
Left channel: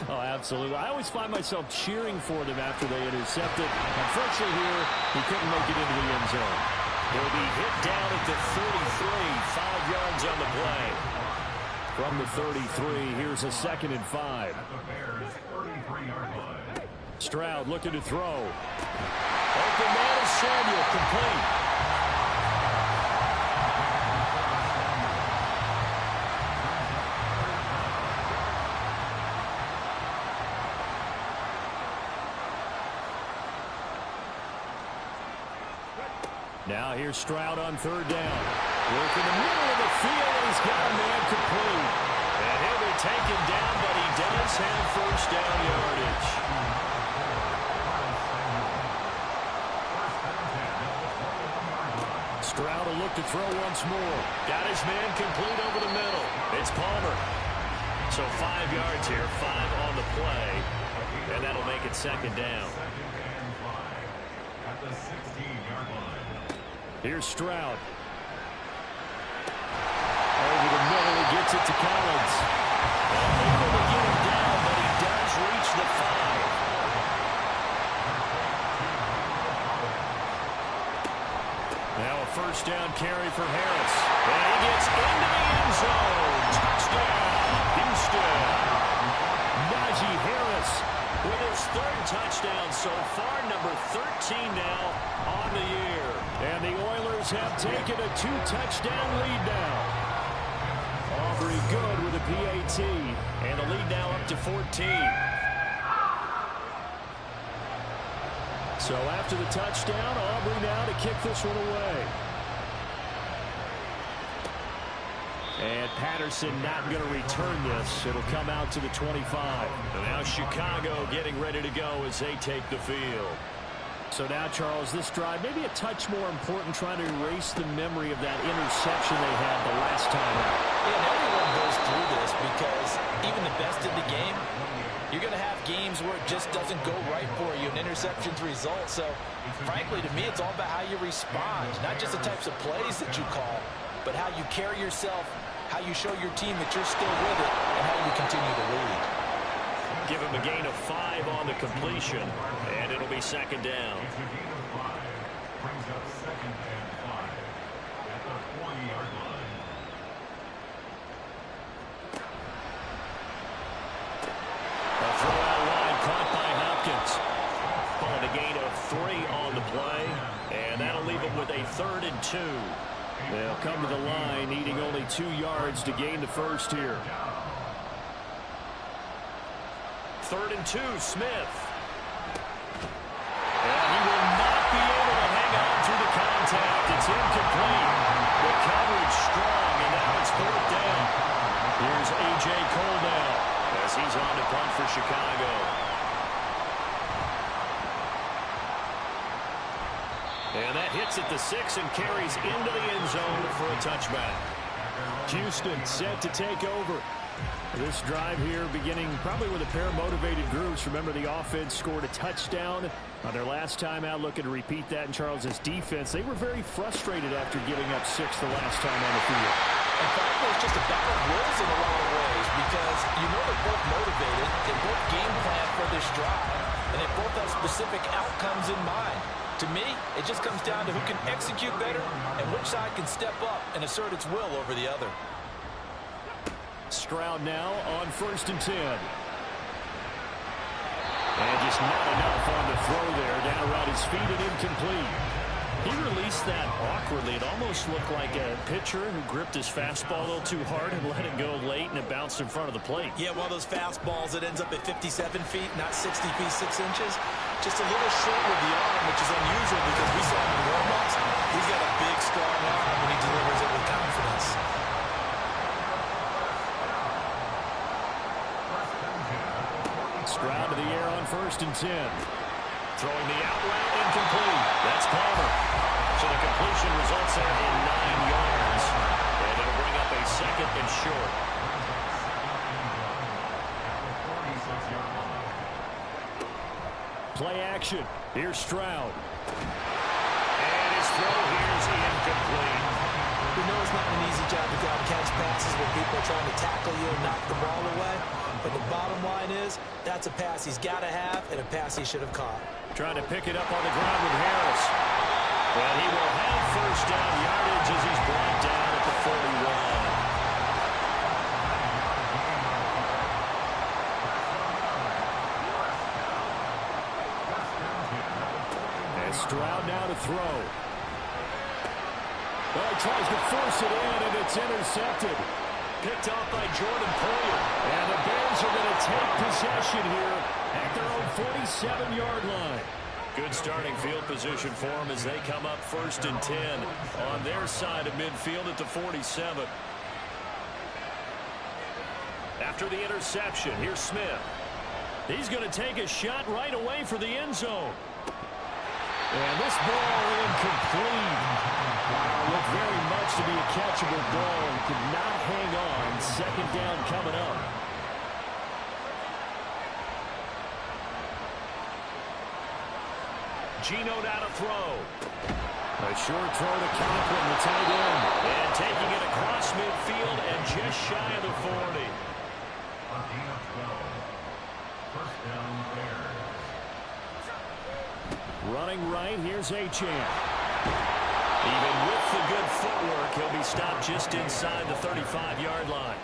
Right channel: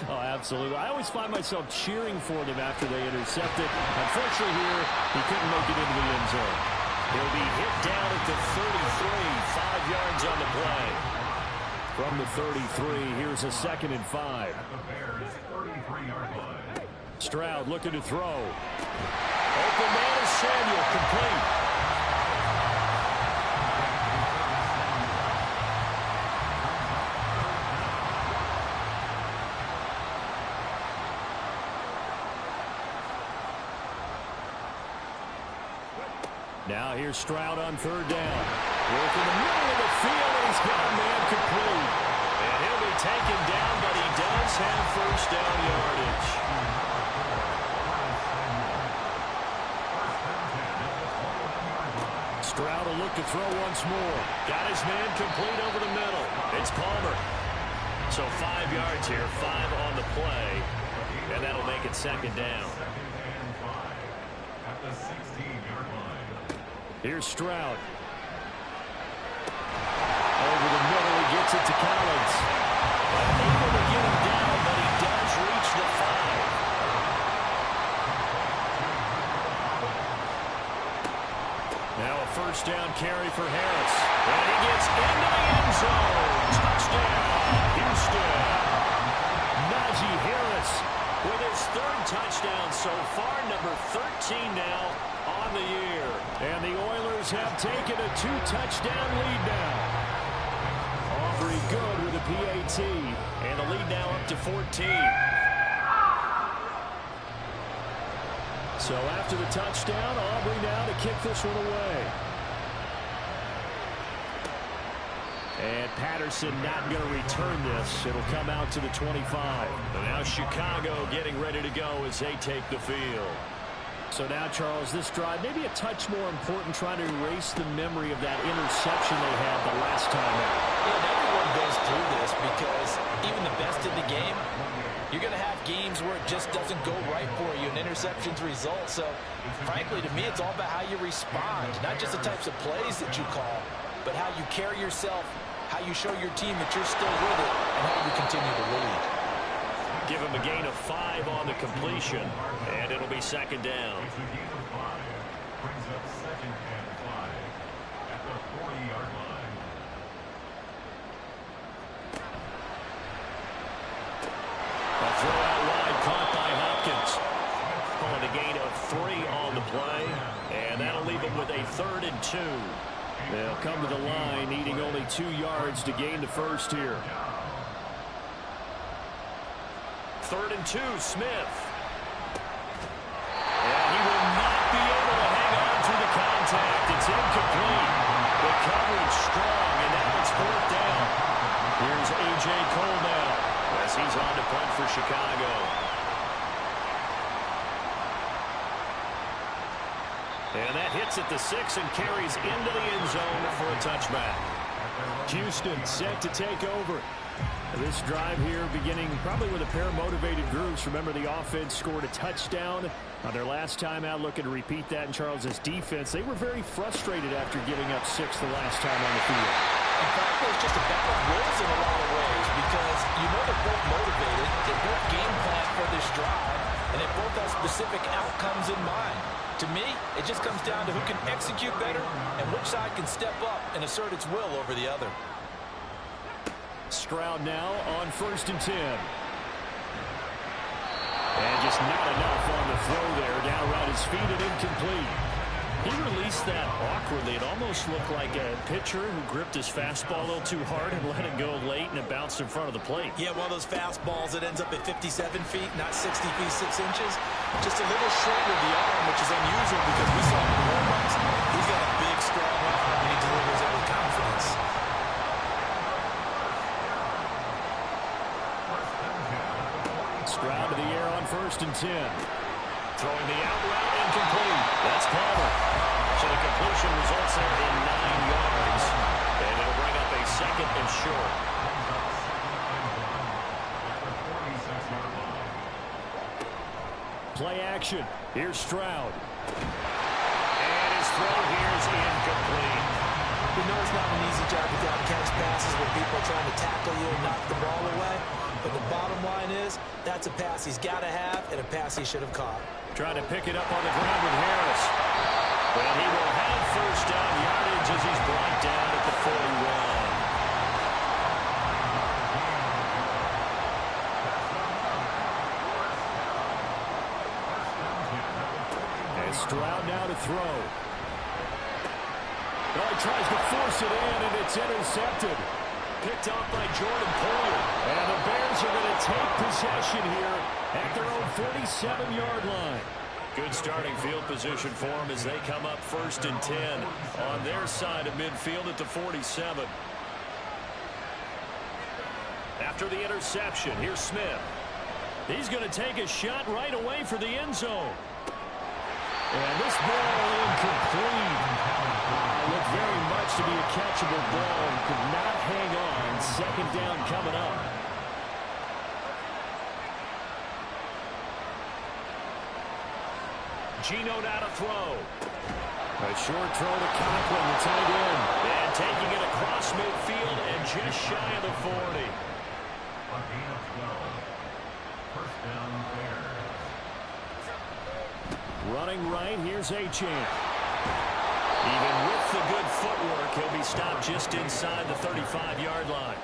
Oh, absolutely. I always find myself cheering for them after they intercept it. Unfortunately here, he couldn't make it into the end zone. He'll be hit down at the 33, 5 yards on the play. From the 33, here's a 2nd and 5. Stroud looking to throw. Open man is Samuel, complete. Now here's Stroud on 3rd down. Work in the middle of the field, and he's got a man complete. And he'll be taken down, but he does have 1st down yardage. Stroud will look to throw once more. Got his man complete over the middle. It's Palmer. So 5 yards here, 5 on the play. And that'll make it 2nd down. At the 16-yard line. Here's Stroud. Over the middle, he gets it to Collins. Unable to get him down, but he does reach the 5. Now a 1st down carry for Harris. And he gets into the end zone. Touchdown, Houston. Najee Harris with his 3rd touchdown so far, number 13 now on the year. And the Oilers have taken a 2-touchdown lead now. Aubrey good with a PAT. And the lead now up to 14. So after the touchdown, Aubrey now to kick this one away. And Patterson not going to return this. It'll come out to the 25. And now Chicago getting ready to go as they take the field. So now, Charles, this drive maybe a touch more important, trying to erase the memory of that interception they had the last time out. Yeah, and everyone goes through this because even the best in the game, you're going to have games where it just doesn't go right for you, and interceptions result. So, frankly, to me, it's all about how you respond, not just the types of plays that you call, but how you carry yourself, how you show your team that you're still with it, and how you continue to lead. Give him a gain of 5 on the completion, and it'll be 2nd down. It's a gain of 5. Brings up 2nd and 5 at the 40-yard line. A throw out wide caught by Hopkins. Calling a gain of 3 on the play, and that'll leave him with a 3rd and 2. They'll come to the line, needing only 2 yards to gain the first here. 3rd and 2, Smith. And he will not be able to hang on through the contact. It's incomplete. The coverage strong, and now it's 4th down. Here's A.J. Cole now as he's on to punt for Chicago. And that hits at the 6 and carries into the end zone for a touchback. Houston set to take over. This drive here beginning probably with a pair of motivated groups. Remember, the offense scored a touchdown on their last time out. Looking to repeat that in Charles's defense. They were very frustrated after giving up 6 the last time on the field. In fact, it's just a battle of wills in a lot of ways because you know they're both motivated. They both game plan for this drive, and they both have specific outcomes in mind. To me, it just comes down to who can execute better and which side can step up and assert its will over the other. Stroud now on 1st and 10. And just not enough on the throw there. Down around his feet and incomplete. He released that awkwardly. It almost looked like a pitcher who gripped his fastball a little too hard and let it go late, and it bounced in front of the plate. Yeah, one of those fastballs that ends up at 57 feet, not 60 feet, 6 inches. Just a little short with the arm, which is unusual because we saw him in warm-ups. He's got a big, strong arm, and he delivers it with confidence. Stroud to the air on 1st and 10. Throwing the out route, incomplete. That's Palmer. So the completion results there in 9 yards. And it'll bring up a 2nd and short. Play action. Here's Stroud. And his throw here is incomplete. We know it's not an easy job to go out and catch passes when people are trying to tackle you and knock the ball away. But the bottom line is, that's a pass he's got to have and a pass he should have caught. Trying to pick it up on the ground with Harris. Well, he will have 1st down yardage as he's brought down at the 41. And Stroud now to throw. Oh, he tries to force it in, and it's intercepted. Picked off by Jordan Poyer. And the Bears are going to take possession here at their own 47-yard line. Good starting field position for them as they come up 1st and 10 on their side of midfield at the 47. After the interception, here's Smith. He's going to take a shot right away for the end zone. And this ball incomplete. Wow, looked very much to be a catchable ball and could not hang on. 2nd down coming up. Geno now to throw. A short throw to Conklin, the tight end. And taking it across midfield and just shy of the 40. A gain of 12. 1st down, Bears. Running right, here's Achane. Even with the good footwork, he'll be stopped just inside the 35-yard line.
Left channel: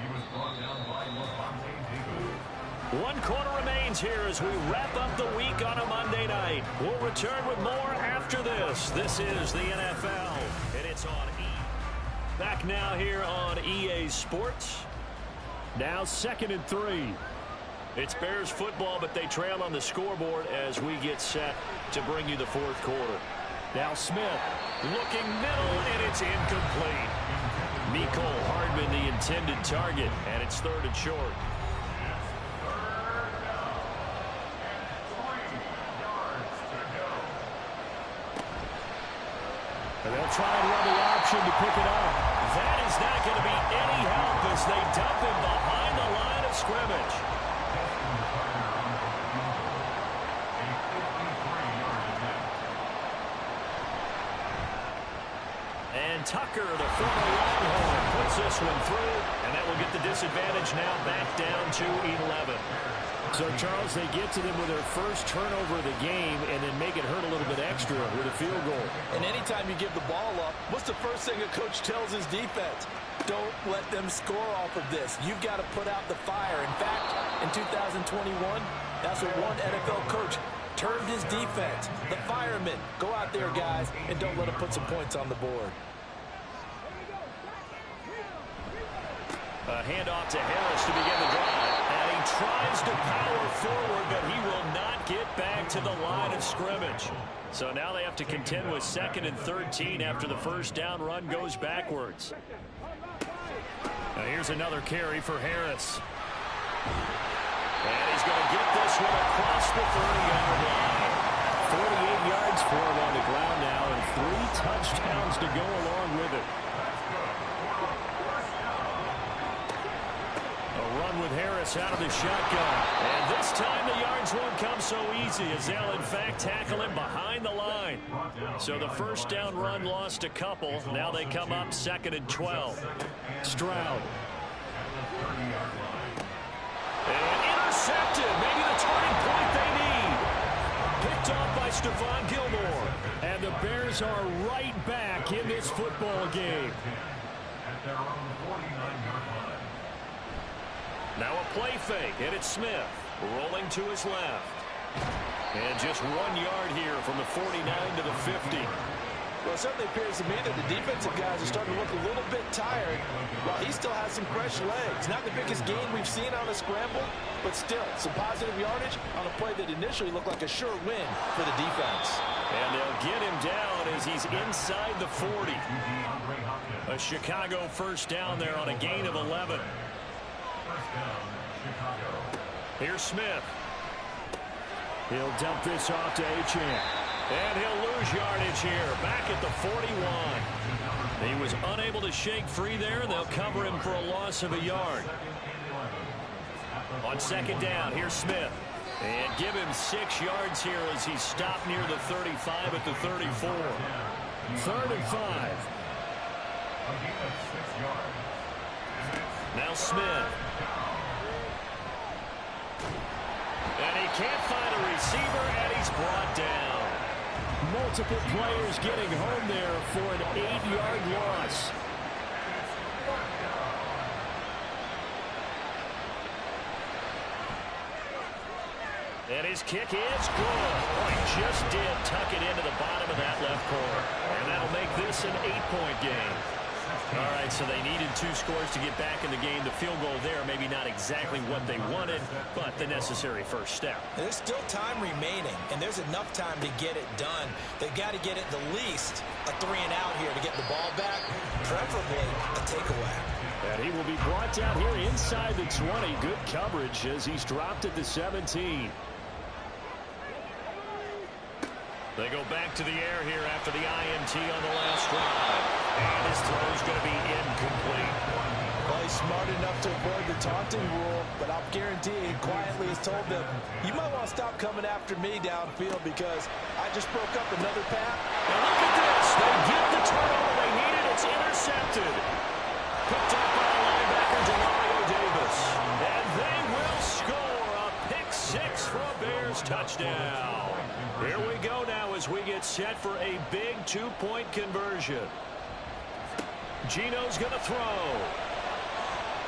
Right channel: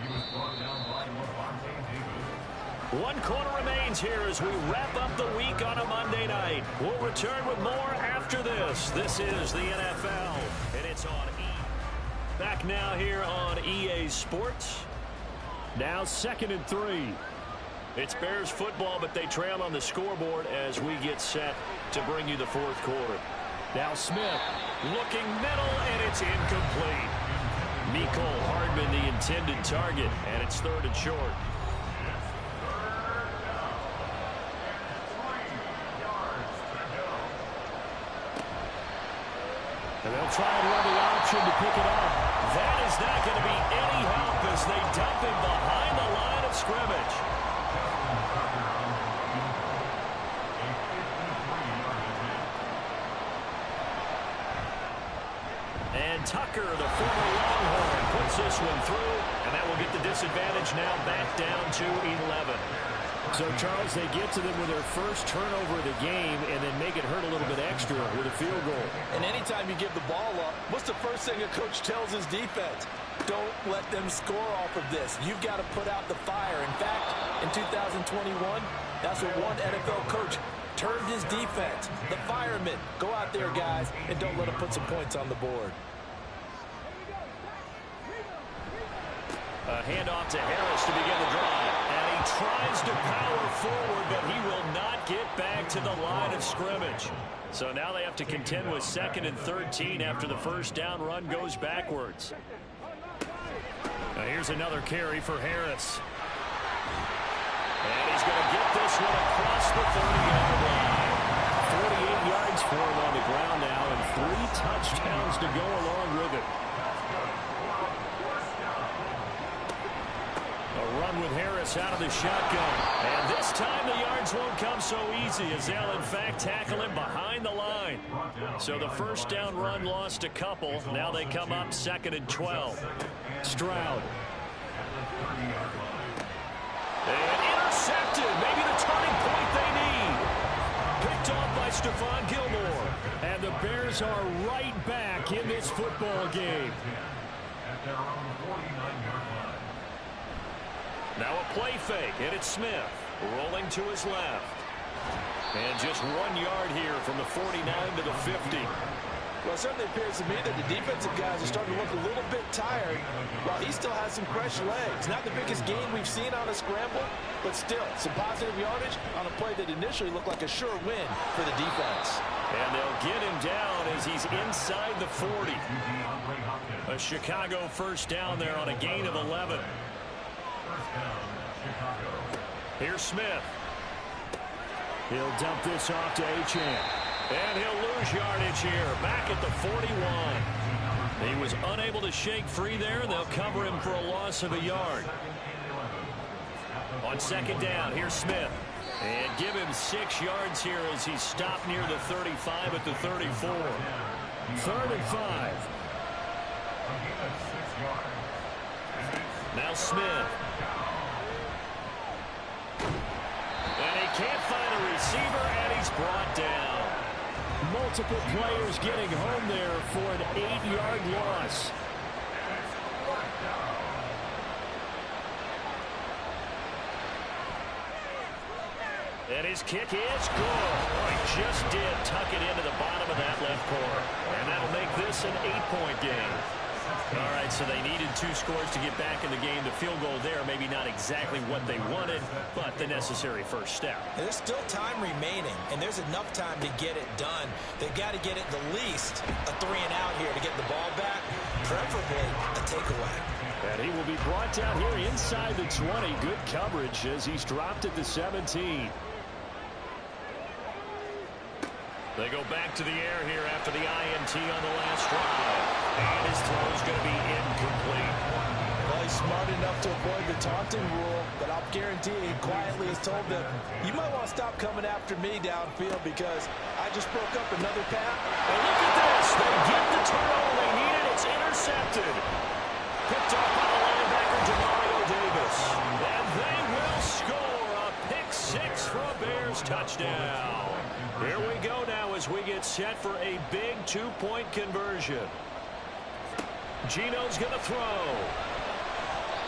He was brought down by Lavonte David. 1 quarter remains here as we wrap up the week on a Monday night. We'll return with more after this. This is the NFL, and it's on E. Back now here on EA Sports. Now 2nd and 3. It's Bears football, but they trail on the scoreboard as we get set to bring you the 4th quarter. Now Smith. Looking middle, and it's incomplete. Mecole Hardman, the intended target, and it's 3rd and short. And they'll try and run the option to pick it up. That is not going to be any help as they dump him behind the line of scrimmage. And Tucker, the former Longhorn, puts this one through, and that will get the disadvantage now back down to 11. So, Charles, they get to them with their first turnover of the game and then make it hurt a little bit extra with a field goal. And anytime you give the ball up, what's the first thing a coach tells his defense? Don't let them score off of this. You've got to put out the fire. In fact, in 2021, that's what one NFL coach termed his defense. The firemen. Go out there, guys, and don't let them put some points on the board. A handoff to Harris to begin the drive. And he tries to power forward, but he will not get back to the line of scrimmage. So now they have to contend with 2nd and 13 after the 1st down run goes backwards. Now here's another carry for Harris. And he's going to get this one across the 30-yard line. 48 yards for him on the ground now and 3 touchdowns to go along with it. A run with Harris out of the shotgun. And this time the yards won't come so easy as they'll, in fact, tackle him behind the line. So the 1st down run lost a couple. Now they come up 2nd and 12. Stroud. And intercepted. Maybe the turning point they need. Picked off by Stephon Gilmore. And the Bears are right back in this football game. At their own 49-yard line. Now a play fake, and it's Smith. Rolling to his left. And just 1 yard here from the 49 to the 50. Well, it certainly appears to me that the defensive guys are starting to look a little bit tired while he still has some fresh legs. Not the biggest gain we've seen on a scramble, but still some positive yardage on a play that initially looked like a sure win for the defense. And they'll get him down as he's inside the 40. A Chicago first down there on a gain of 11. First down, Chicago. Here's Smith. He'll dump this off to Achane. And he'll lose yardage here, back at the 41. He was unable to shake free there, and they'll cover him for a loss of a yard. On second down, here's Smith. And give him 6 yards here as he's stopped near the 35 at the 34. 3rd and 5. A gain of 6 yards. Now Smith. And he can't find a receiver, and he's brought down. Multiple players getting home there for an 8-yard loss. And his kick is good. Oh, he just did tuck it into the bottom of that left corner. And that'll make this an 8-point game. All right, so they needed 2 scores to get back in the game. The field goal there, maybe not exactly what they wanted, but the necessary first step. There's still time remaining, and there's enough time to get it done. They've got to get at the least a 3-and-out here to get the ball back, preferably a takeaway. And he will be brought down here inside the 20. Good coverage as he's dropped at the 17. They go back to the air here after the INT on the last drive. And his throw is going to be incomplete. Well, he's smart enough to avoid the taunting rule, but I'll guarantee he quietly has told them, you might want to stop coming after me downfield because I just broke up another path. And look at this. They get the turnover they needed. It's intercepted. Picked up by the linebacker, Demario Davis. And they will score a pick 6 for a Bears touchdown. Here we go now as we get set for a big 2-point conversion. Gino's going to throw.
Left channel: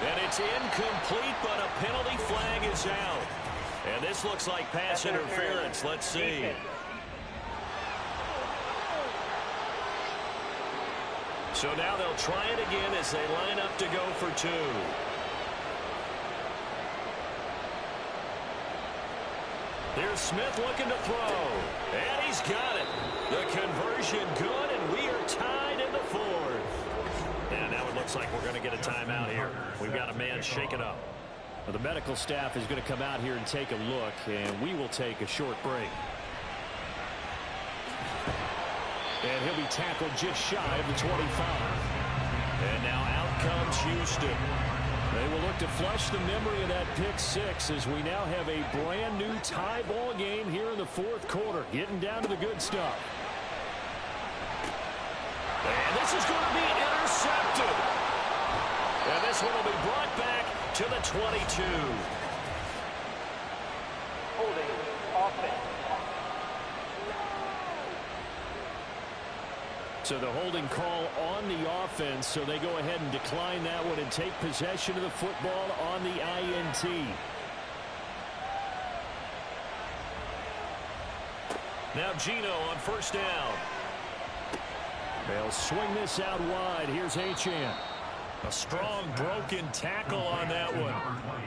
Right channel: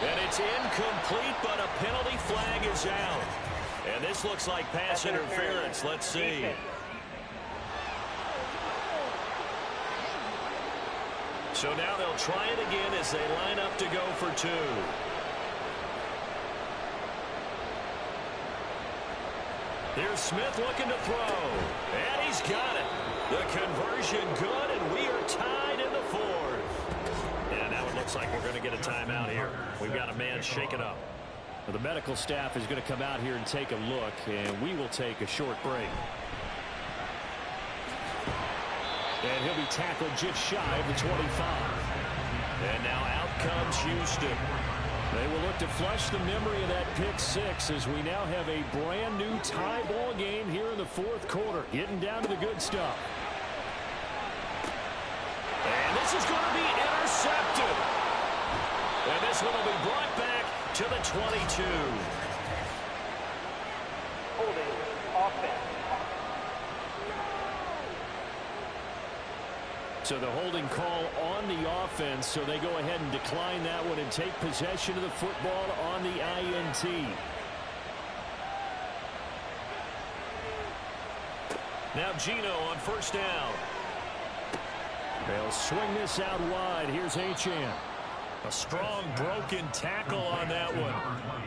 And it's incomplete, but a penalty flag is out. And this looks like pass interference. Let's see. So now they'll try it again as they line up to go for 2. Here's Smith looking to throw. And he's got it. The conversion good, and we are tied in the 4th. And now it looks like we're going to get a timeout here. We've got a man shaken up. Well, the medical staff is going to come out here and take a look, and we will take a short break. And he'll be tackled just shy of the 25. And now out comes Houston. They will look to flush the memory of that pick 6 as we now have a brand new tie ball game here in the 4th quarter. Getting down to the good stuff. And this is going to be intercepted. And this one will be brought back to the 22. Holding offense. So the holding call on the offense, so they go ahead and decline that one and take possession of the football on the INT. Now Gino on first down. They'll swing this out wide. Here's Achane. A strong broken tackle on that one.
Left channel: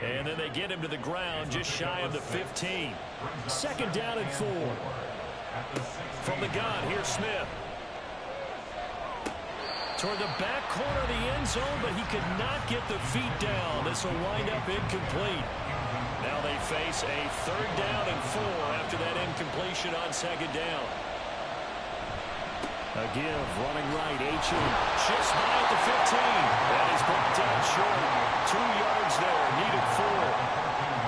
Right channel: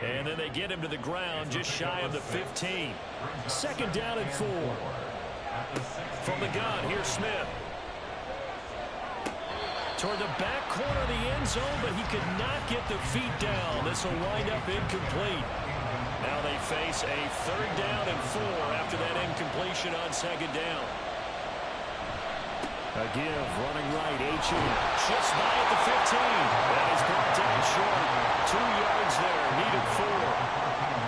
And then they get him to the ground just shy of the 15. 2nd down and 4. From the gun, here's Smith. Toward the back corner of the end zone, but he could not get the feet down. This will wind up incomplete. Now they face a 3rd down and 4 after that incompletion on 2nd down. A give, running right, Achane. Shifts by at the 15. That is brought down short. 2 yards there, needed 4.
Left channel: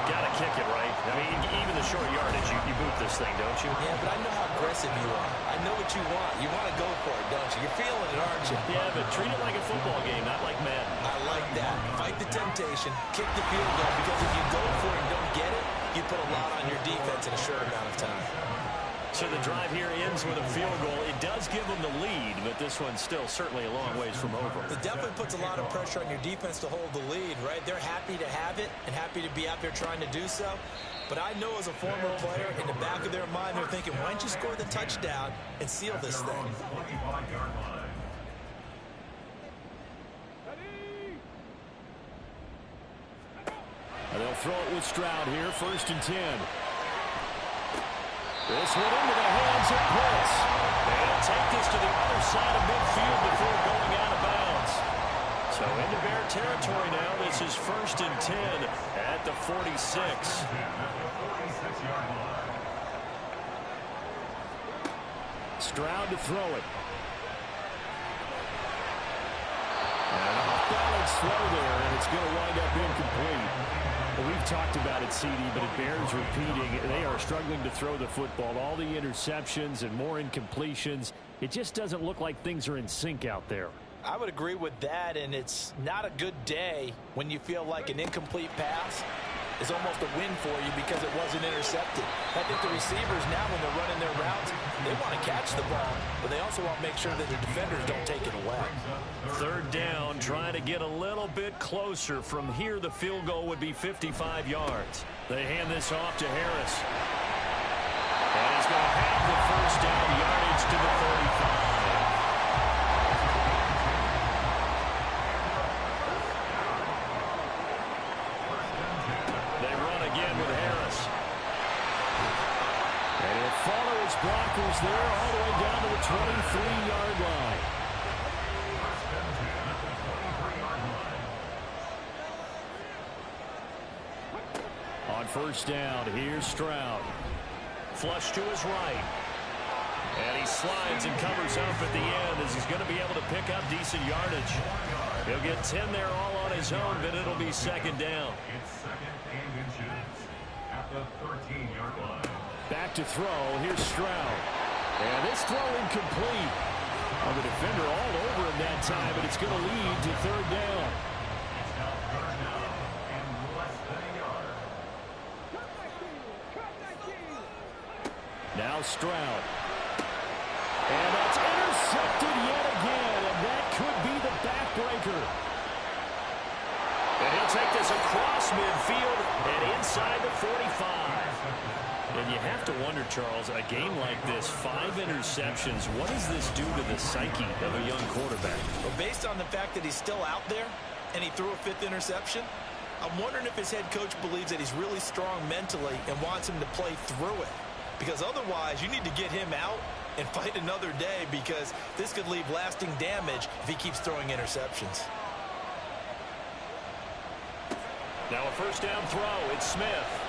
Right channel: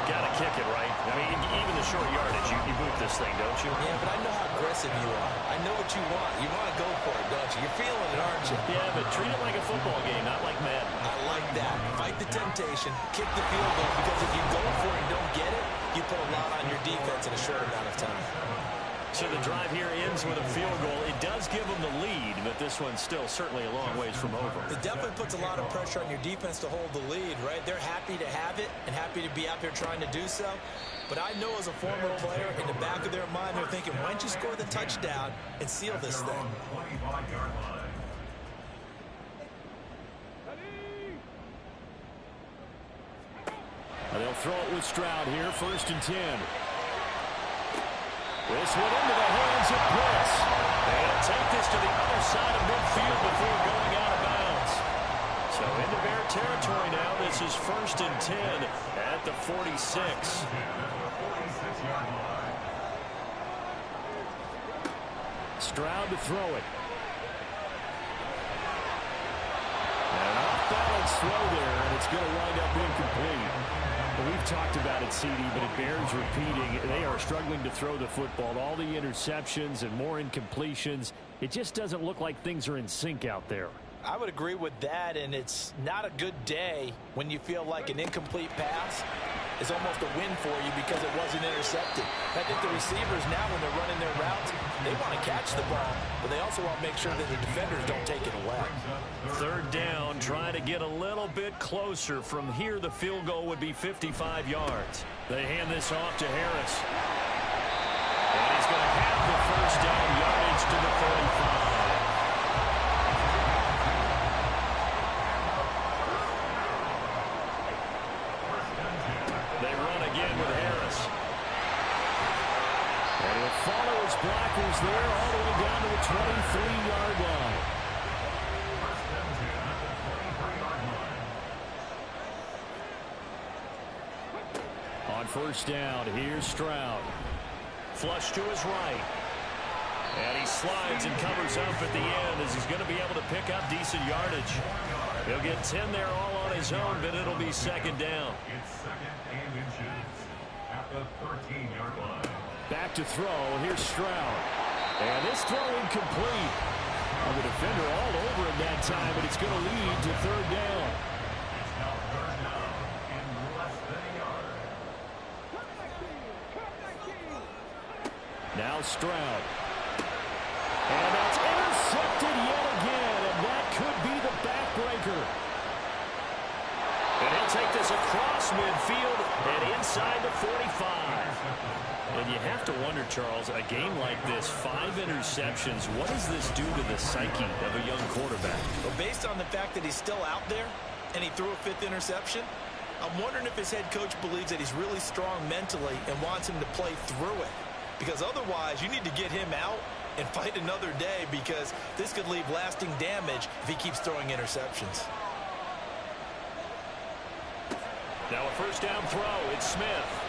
Got to kick it, right? I mean, even the short yardage, you boot this thing, don't you? Yeah, but I know how aggressive you are. I know what you want. You want to go for it, don't you? You're feeling it, aren't you? Yeah, but treat it like a football game, not like Madden. I like that. Fight the temptation. Kick the field goal, because if you go for it and don't get it, you put a lot on your defense in a short amount of time. So the drive here ends with a field goal. It does give them the lead, but this one's still certainly a long ways from over. It definitely puts a lot of pressure on your defense to hold the lead, right? They're happy to have it and happy to be out there trying to do so. But I know as a former player, in the back of their mind, they're thinking, why don't you score the touchdown and seal this thing? They'll throw it with Stroud here, 1st and 10. This one into the hands of Pitts. They'll take this to the other side of midfield before going out of bounds. So into Bear territory now. This is 1st and 10 at the 46. Stroud to throw it. An off-balance throw there, and it's going to wind up incomplete. Well, we've talked about it, CD, but it bears repeating. They are struggling to throw the football. All the interceptions and more incompletions. It just doesn't look like things are in sync out there. I would agree with that, and it's not a good day when you feel like an incomplete pass is almost a win for you because it wasn't intercepted. I think the receivers now, when they're running their routes, they want to catch the ball, but they also want to make sure that the defenders don't take it away. 3rd down, trying to get a little bit closer. From here, the field goal would be 55 yards. They hand this off to Harris. And he's going to have the 1st down, yardage to the 35. They run again with Harris. And he'll follow his blockers there all the way down to the 23-yard line. On 1st down, here's Stroud. Flush to his right. And he slides and covers up at the end as he's going to be able to pick up decent yardage. He'll get 10 there all on his own, but it'll be 2nd down. It's 2nd and inches at the 13-yard line. Back to throw. Here's Stroud. And this throw incomplete. Well, the defender all over him that time, but it's going to lead to 3rd down. It's now 3rd down and less than a yard. Now Stroud. And that's intercepted yet again, and that could be the backbreaker. And he'll take this across midfield and inside the 45. And you have to wonder, Charles, a game like this, 5 interceptions, what does this do to the psyche of a young quarterback? Well, based on the fact that he's still out there and he threw a 5th interception, I'm wondering if his head coach believes that he's really strong mentally and wants him to play through it. Because otherwise, you need to get him out and fight another day, because this could leave lasting damage if he keeps throwing interceptions. Now a 1st down throw. It's Smith.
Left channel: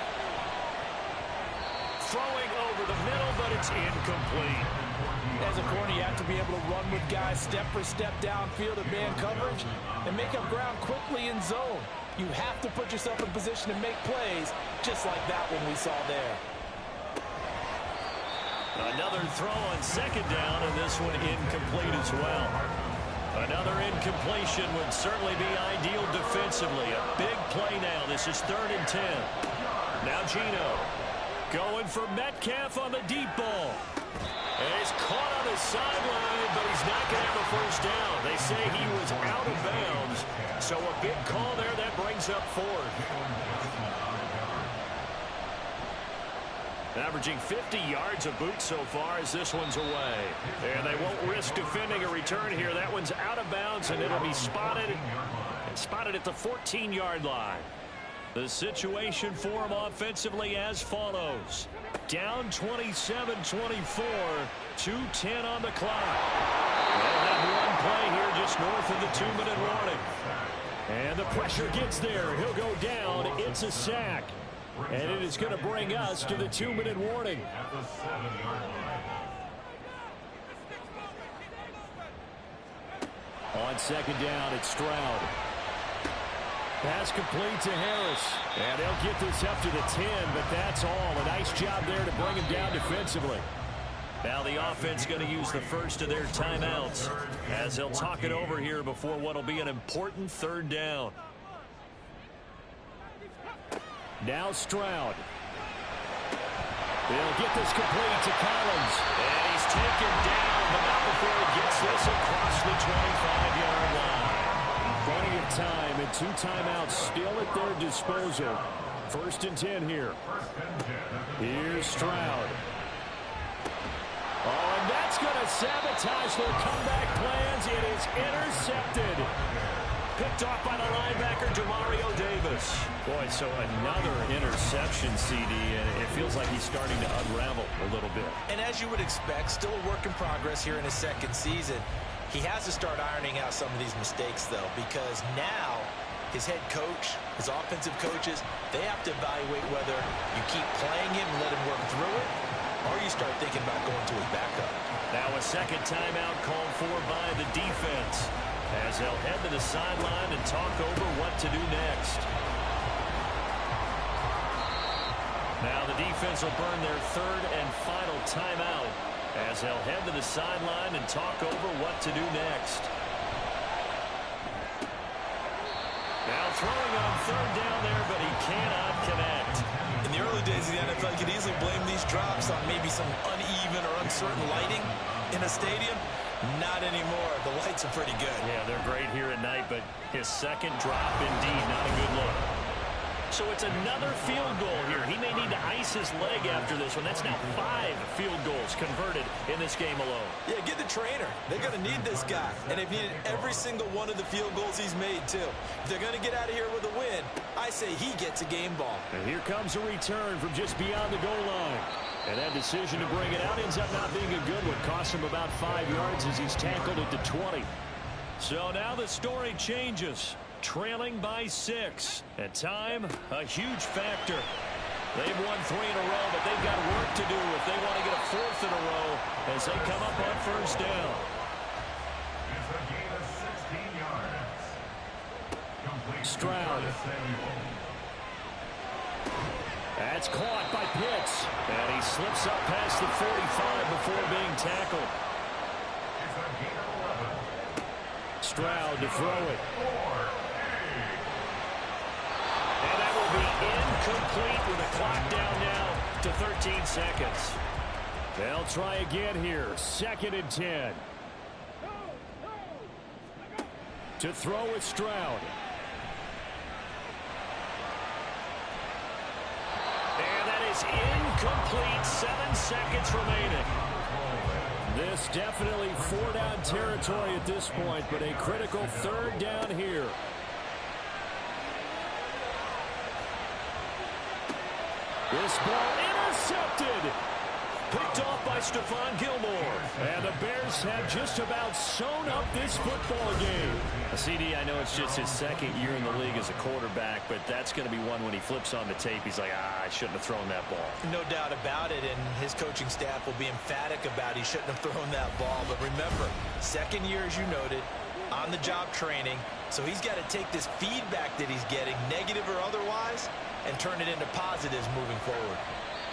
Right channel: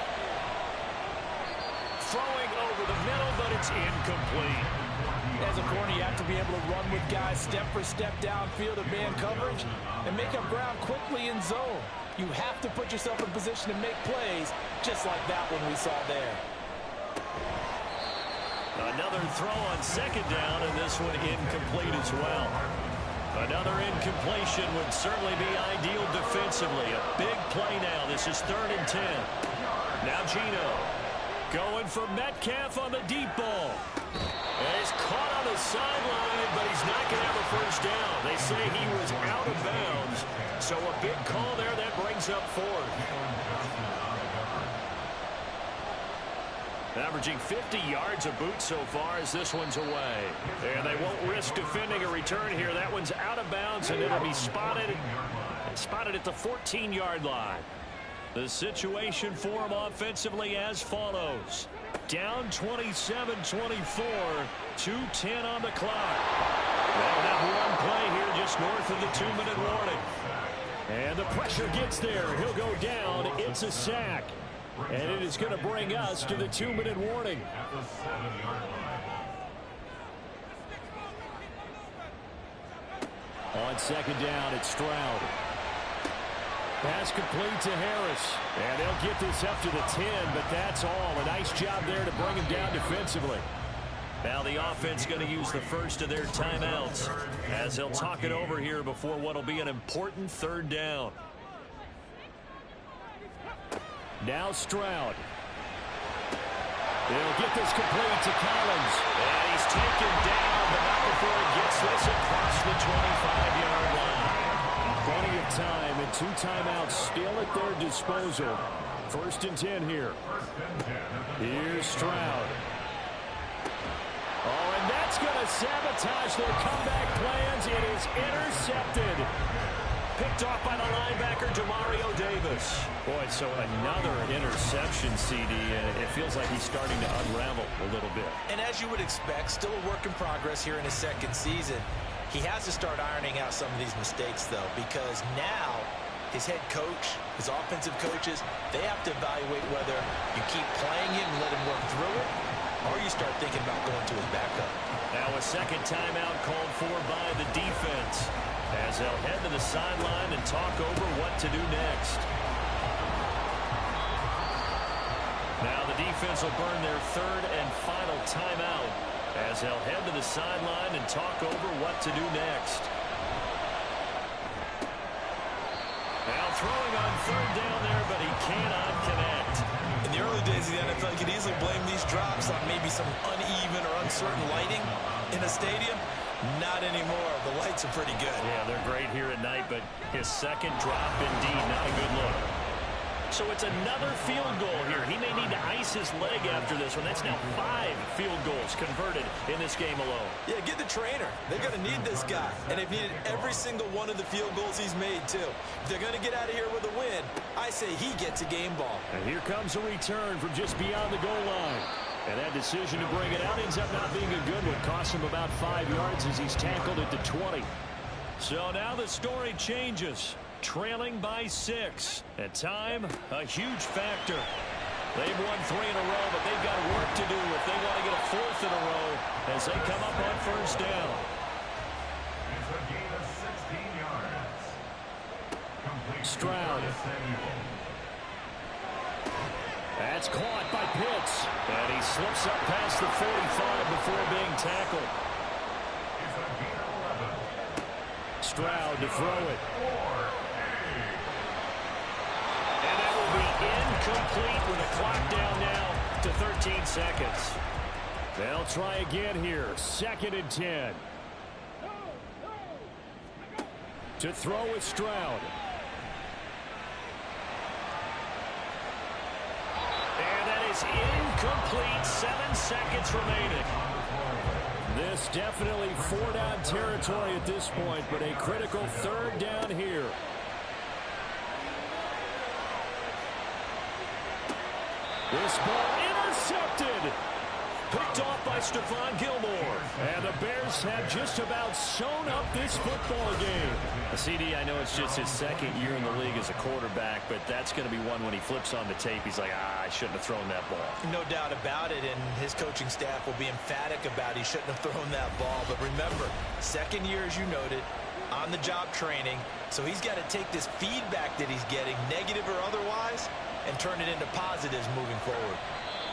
Throwing over the middle, but it's incomplete. As a corner, you have to be able to run with guys step for step downfield in man coverage and make up ground quickly in zone. You have to put yourself in position to make plays, just like that one we saw there. Another throw on 2nd down, and this one incomplete as well. Another incompletion would certainly be ideal defensively. A big play now. This is 3rd and 10. Now Geno going for Metcalf on the deep ball. And he's caught on the sideline, but he's not going to have a 1st down. They say he was out of bounds. So a big call there that brings up 4th. Averaging 50 yards a boot so far as this one's away. And they won't risk defending a return here. That one's out of bounds, and it'll be spotted at the 14-yard line. The situation for them offensively as follows. Down 27-24, 2:10 on the clock. They'll have one play here just north of the 2-minute warning. And the pressure gets there. He'll go down. It's a sack. And it is going to bring us to the 2-minute warning. At the 7-yard line. On 2nd down, it's Stroud. Pass complete to Harris. And they'll get this up to the 10, but that's all. A nice job there to bring him down defensively. Now the offense going to use the first of their timeouts as they'll talk it over here before what will be an important 3rd down. Now Stroud. They'll get this complete to Collins. And he's taken down, but not before he gets this across the 25-yard line. Plenty of time and 2 timeouts still at their disposal. 1st and 10 here. Here's Stroud. Oh, and that's going to sabotage their comeback plans. It is intercepted. Picked off by the linebacker, Demario Davis. Boy, so another interception, CD, and it feels like he's starting to unravel a little bit. And as you would expect, still a work in progress here in his 2nd season. He has to start ironing out some of these mistakes, though, because now his head coach, his offensive coaches, they have to evaluate whether you keep playing him and let him work through it, or you start thinking about going to his backup. Now a 2nd timeout called for by the defense, as they'll head to the sideline and talk over what to do next. Now the defense will burn their 3rd and final timeout, as they'll head to the sideline and talk over what to do next. Now throwing on 3rd down there, but he cannot connect. In the early days of the NFL, you could easily blame these drops on maybe some uneven or uncertain lighting in a stadium. Not anymore. The lights are pretty good. Yeah, they're great here at night, but his 2nd drop, indeed, not a good look. So it's another field goal here. He may need to ice his leg after this one. That's now 5 field goals converted in this game alone. Yeah, get the trainer. They're going to need this guy. And they've needed every single one of the field goals he's made, too. If they're going to get out of here with a win, I say he gets a game ball. And here comes a return from just beyond the goal line. And that decision to bring it out ends up not being a good one. Costs him about 5 yards as he's tackled at the 20. So now the story changes. Trailing by 6. At time, a huge factor. They've won 3 in a row, but they've got work to do if they want to get a 4th in a row as they come up on 1st down. It's a gain of 16 yards. Complete Stroud. That's caught by Pitts. And he slips up past the 45 before being tackled. It's a gain of 11. Stroud to throw it. And that will be incomplete with a clock down now to 13 seconds. They'll try again here. 2nd and 10. To throw with Stroud. And that is incomplete. 7 seconds remaining. This definitely 4-down territory at this point, but a critical 3rd down here. This ball intercepted. Picked off by Stephon Gilmore. And the Bears have just about sewn up this football game. CD, I know it's just his 2nd year in the league as a quarterback, but that's going to be one when he flips on the tape. He's like, I shouldn't have thrown that ball. No doubt about it, and his coaching staff will be emphatic about he shouldn't have thrown that ball. But remember, 2nd year, as you noted, on-the-job training, so he's got to take this feedback that he's getting, negative or otherwise, and turn it into positives moving forward.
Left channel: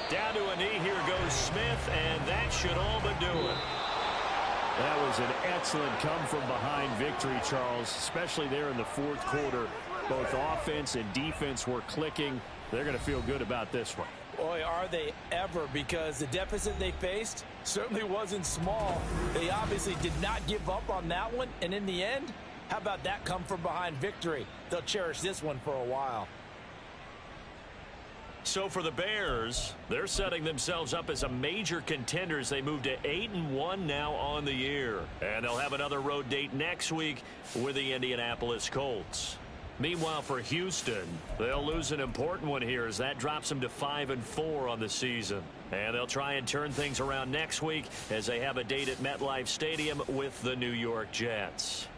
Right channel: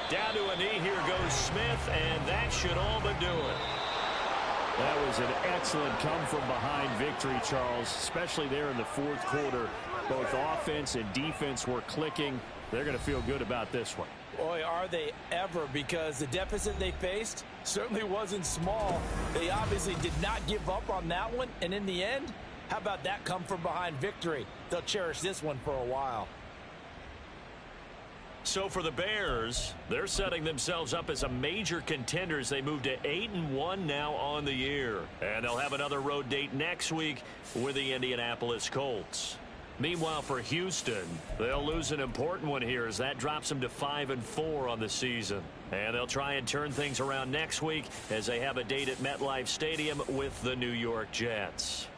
Down to a knee, here goes Smith, and that should all but do it. That was an excellent come-from-behind victory, Charles, especially there in the 4th quarter. Both offense and defense were clicking. They're going to feel good about this one. Boy, are they ever, because the deficit they faced certainly wasn't small. They obviously did not give up on that one, and in the end, how about that come-from-behind victory? They'll cherish this one for a while. So for the Bears, they're setting themselves up as a major contender as they move to 8-1 now on the year. And they'll have another road date next week with the Indianapolis Colts. Meanwhile, for Houston, they'll lose an important one here as that drops them to 5-4 on the season. And they'll try and turn things around next week as they have a date at MetLife Stadium with the New York Jets.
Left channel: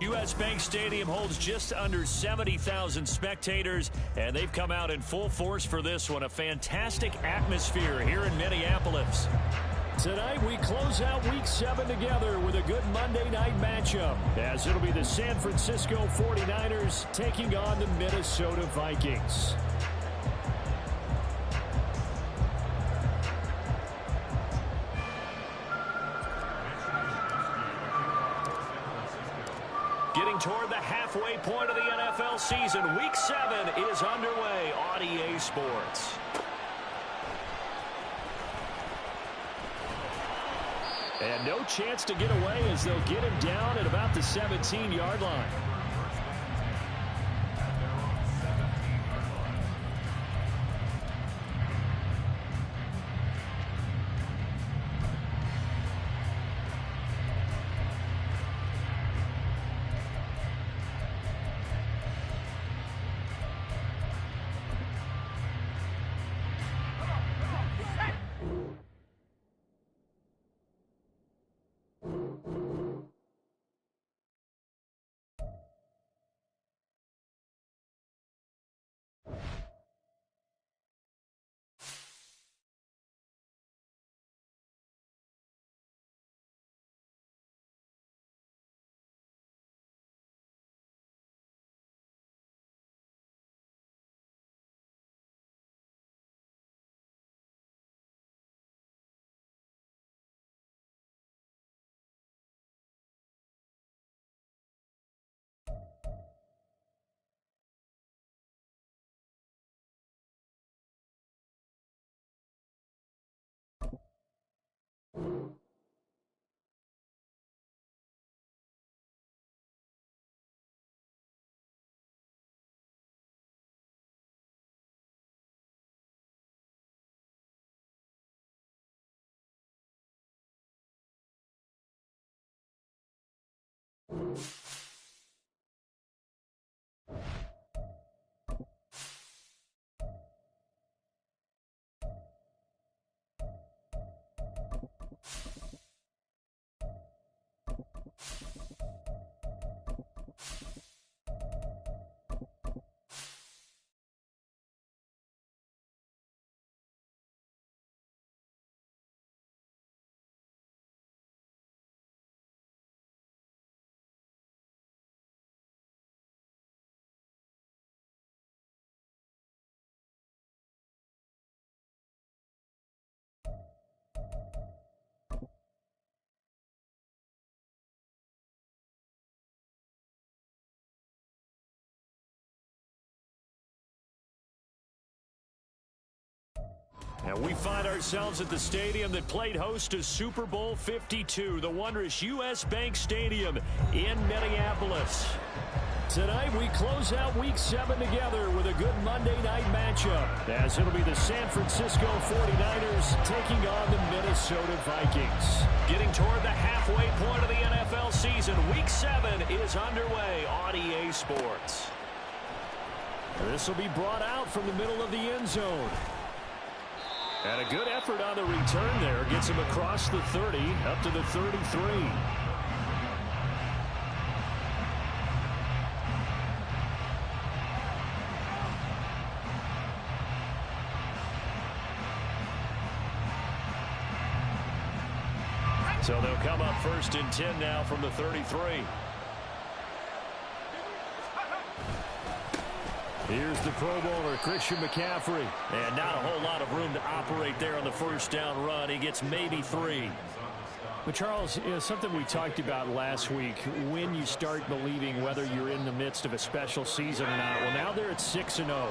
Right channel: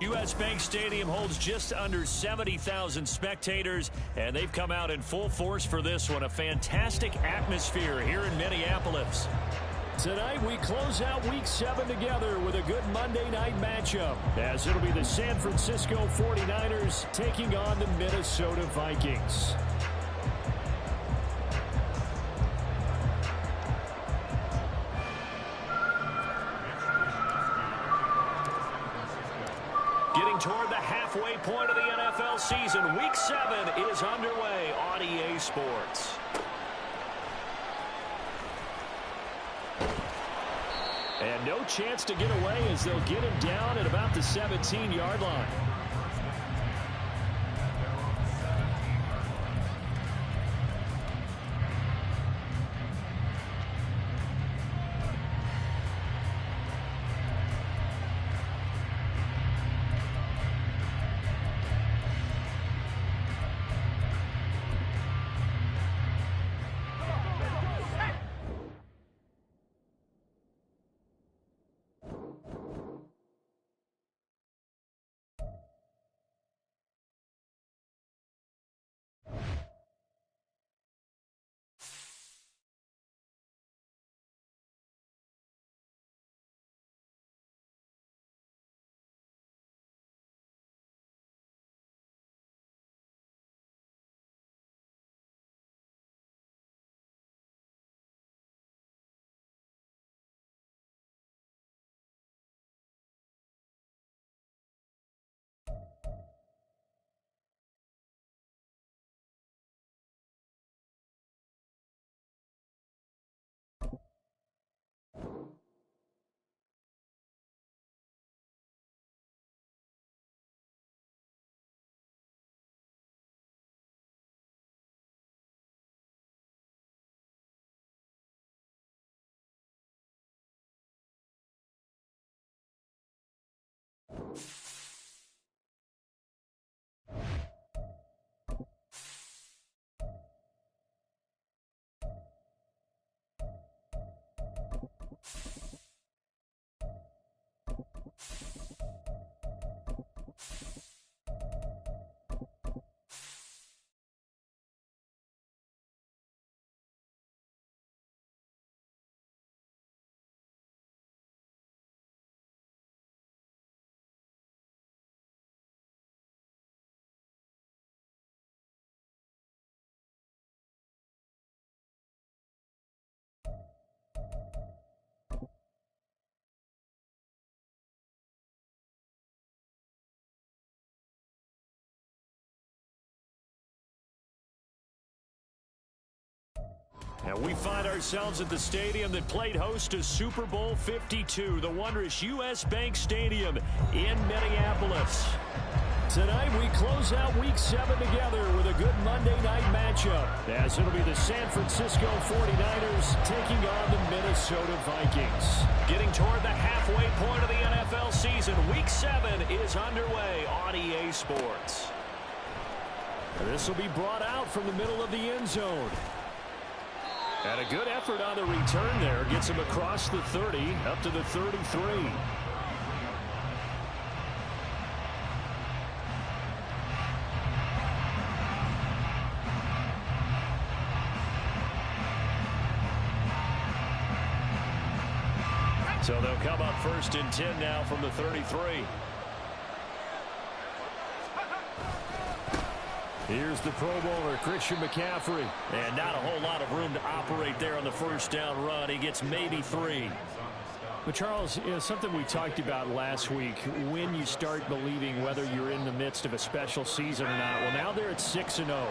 U.S. Bank Stadium holds just under 70,000 spectators, and they've come out in full force for this one. A fantastic atmosphere here in Minneapolis. Tonight, we close out Week 7 together with a good Monday night matchup, as it'll be the San Francisco 49ers taking on the Minnesota Vikings. Getting toward the halfway point of the NFL season, Week 7 is underway on EA Sports. And no chance to get away as they'll get him down at about the 17-yard line. And we find ourselves at the stadium that played host to Super Bowl 52, the wondrous U.S. Bank Stadium in Minneapolis. Tonight, we close out Week 7 together with a good Monday night matchup, as it'll be the San Francisco 49ers taking on the Minnesota Vikings. Getting toward the halfway point of the NFL season, Week 7 is underway on EA Sports. This will be brought out from the middle of the end zone. And a good effort on the return there. Gets him across the 30, up to the 33. So they'll come up 1st and 10 now from the 33. Here's the Pro Bowler, Christian McCaffrey. And not a whole lot of room to operate there on the first down run. He gets maybe 3. But, Charles, something we talked about last week, when you start believing whether you're in the midst of a special season or not. Well, now they're at 6-0.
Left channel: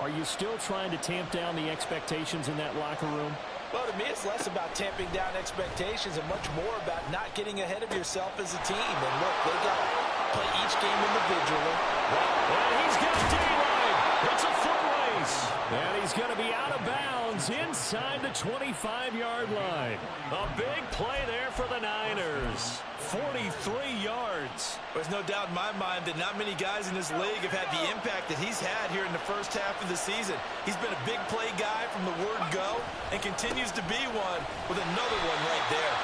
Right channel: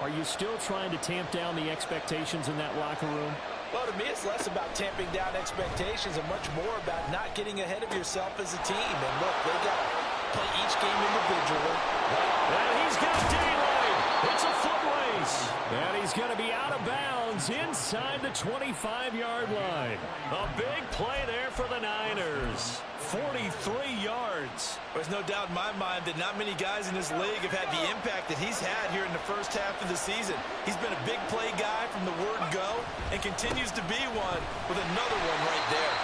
Are you still trying to tamp down the expectations in that locker room? Well, to me, it's less about tamping down expectations and much more about not getting ahead of yourself as a team. And, look, they got to play each game individually. And he's got daylight. It's a foot race. And he's going to be out of bounds inside the 25-yard line. A big play there for the Niners. 43 yards. There's no doubt in my mind that not many guys in this league have had the impact that he's had here in the first half of the season. He's been a big play guy from the word go and continues to be one with another one right there.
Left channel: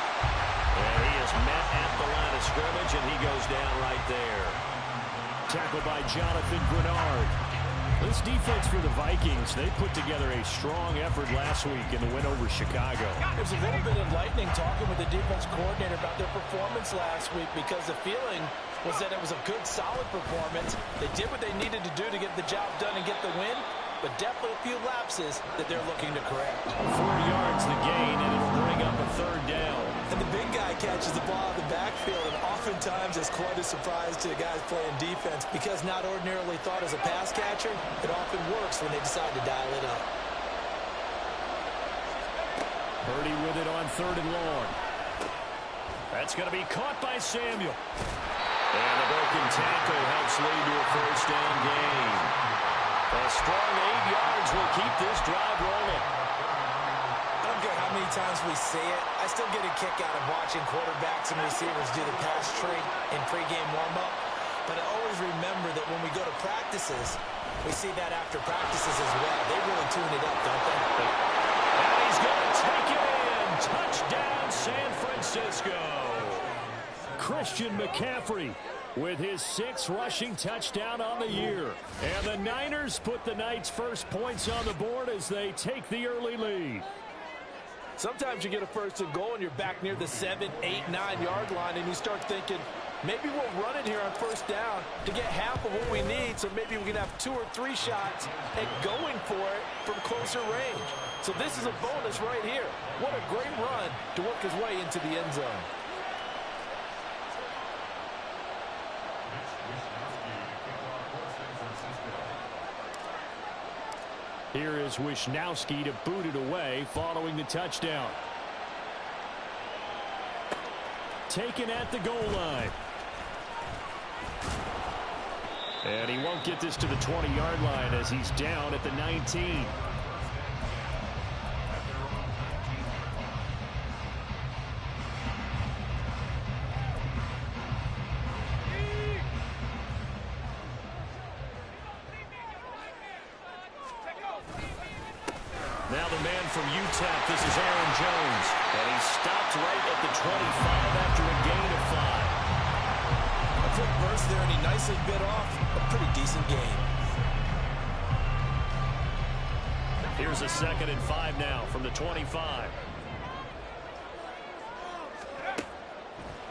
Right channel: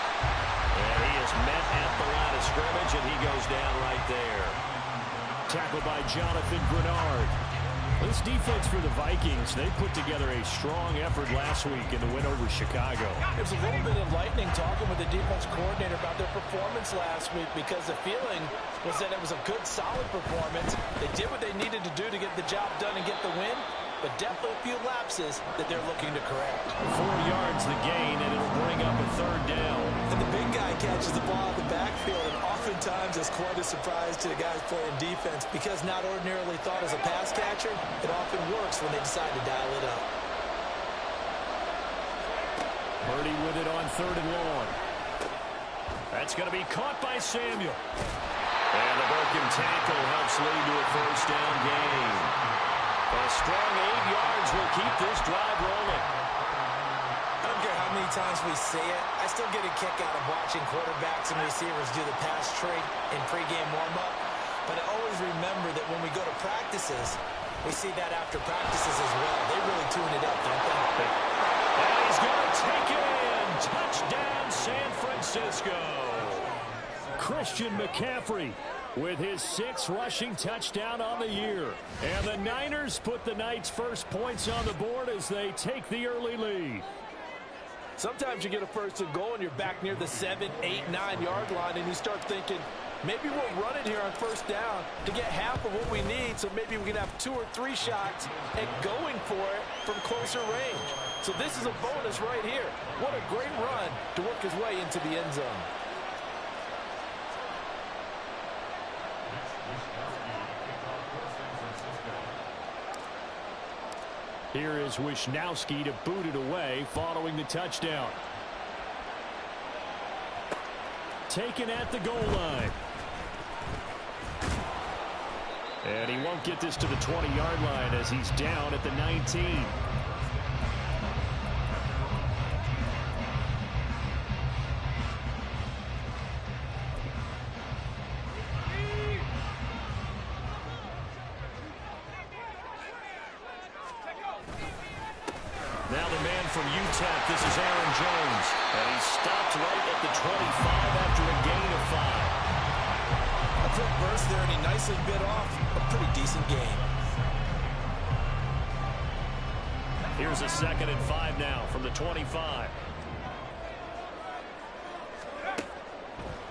And he is met at the line of scrimmage, and he goes down right there. Tackled by Jonathan Grenard. This defense for the Vikings, they put together a strong effort last week in the win over Chicago. It was a little bit enlightening talking with the defense coordinator about their performance last week, because the feeling was that it was a good, solid performance. They did what they needed to do to get the job done and get the win, but definitely a few lapses that they're looking to correct. 4 yards the gain, and it'll bring up a third down. And the big guy catches the ball in the backfield, and oftentimes is quite a surprise to the guys playing defense, because not ordinarily thought as a pass catcher, it often works when they decide to dial it up. Purdy with it on 3rd and long. That's going to be caught by Samuel. And the broken tackle helps lead to a first down gain. A strong 8 yards will keep this drive rolling. I don't care how many times we say it, I still get a kick out of watching quarterbacks and receivers do the pass tree in pregame warm-up. But I always remember that when we go to practices, we see that after practices as well. They really tune it up, don't they? And he's going to take it in. Touchdown, San Francisco. Christian McCaffrey with his 6th rushing touchdown on the year. And the Niners put the Knights' first points on the board as they take the early lead. Sometimes you get a first and goal and you're back near the 7, 8, 9-yard line, and you start thinking, maybe we'll run it here on first down to get half of what we need, so maybe we can have 2 or 3 shots at going for it from closer range. So this is a bonus right here. What a great run to work his way into the end zone. Here is Wisnowski to boot it away following the touchdown. Taken at the goal line. And he won't get this to the 20-yard line as he's down at the 19. Now the man from UTEP, this is Aaron Jones. And he stopped right at the 25 after a gain of 5. A quick burst there, and he nicely bit off a pretty decent gain. Here's a 2nd and 5 now from the 25.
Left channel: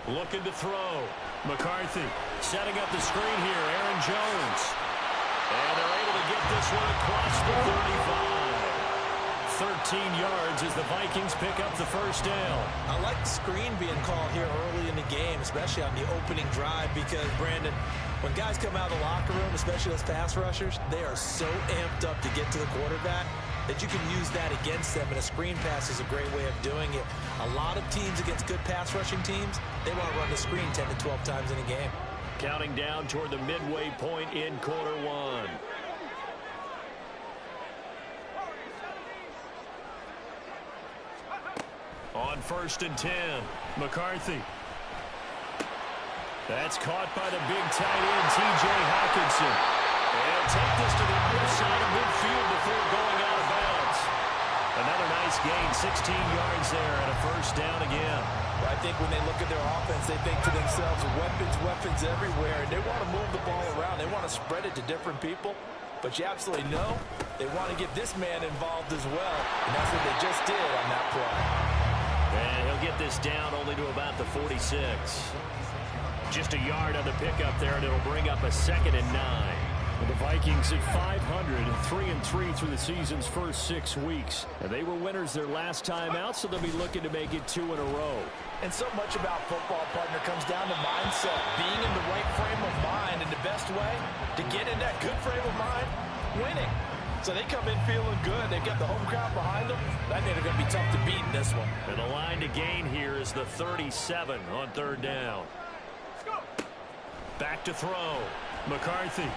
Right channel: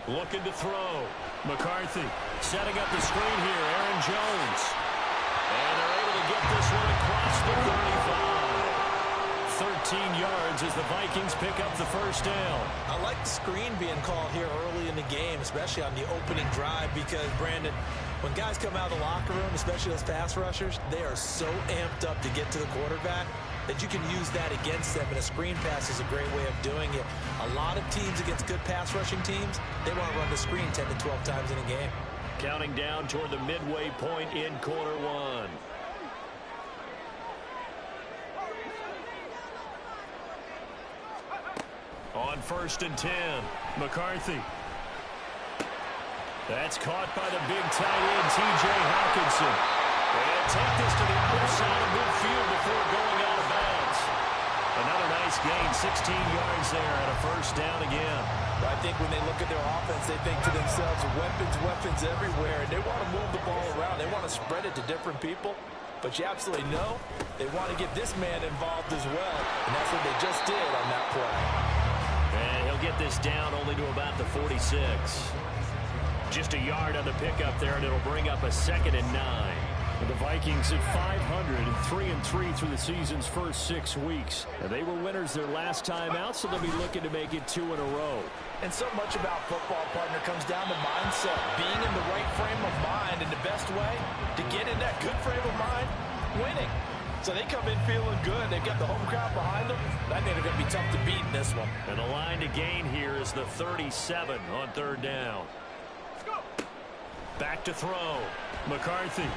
Looking to throw. McCarthy setting up the screen here. Aaron Jones. And they're able to get this one across the 35. 13 yards as the Vikings pick up the first down. I like the screen being called here early in the game, especially on the opening drive, because, Brandon, when guys come out of the locker room, especially those pass rushers, they are so amped up to get to the quarterback that you can use that against them, and a screen pass is a great way of doing it. A lot of teams against good pass rushing teams, they want to run the screen 10 to 12 times in a game. Counting down toward the midway point in quarter 1. On 1st and 10, McCarthy. That's caught by the big tight end, T.J. Hockenson. And take this to the other side of midfield before going out of bounds. Another nice gain, 16 yards there, and a first down again. I think when they look at their offense, they think to themselves, weapons everywhere, and they want to move the ball around. They want to spread it to different people. But you absolutely know they want to get this man involved as well, and that's what they just did on that play. And he'll get this down only to about the 46. Just a yard on the pickup there, and it'll bring up a 2nd and 9. The Vikings at 500, 3-3 through the season's first 6 weeks. They were winners their last time out, so they'll be looking to make it 2 in a row. And so much about football, partner, comes down to mindset. Being in the right frame of mind, and the best way to get in that good frame of mind, winning. So they come in feeling good. They've got the home crowd behind them. I think they're going to be tough to beat in this one. And the line to gain here is the 37 on 3rd down. Let's go. Back to throw. McCarthy.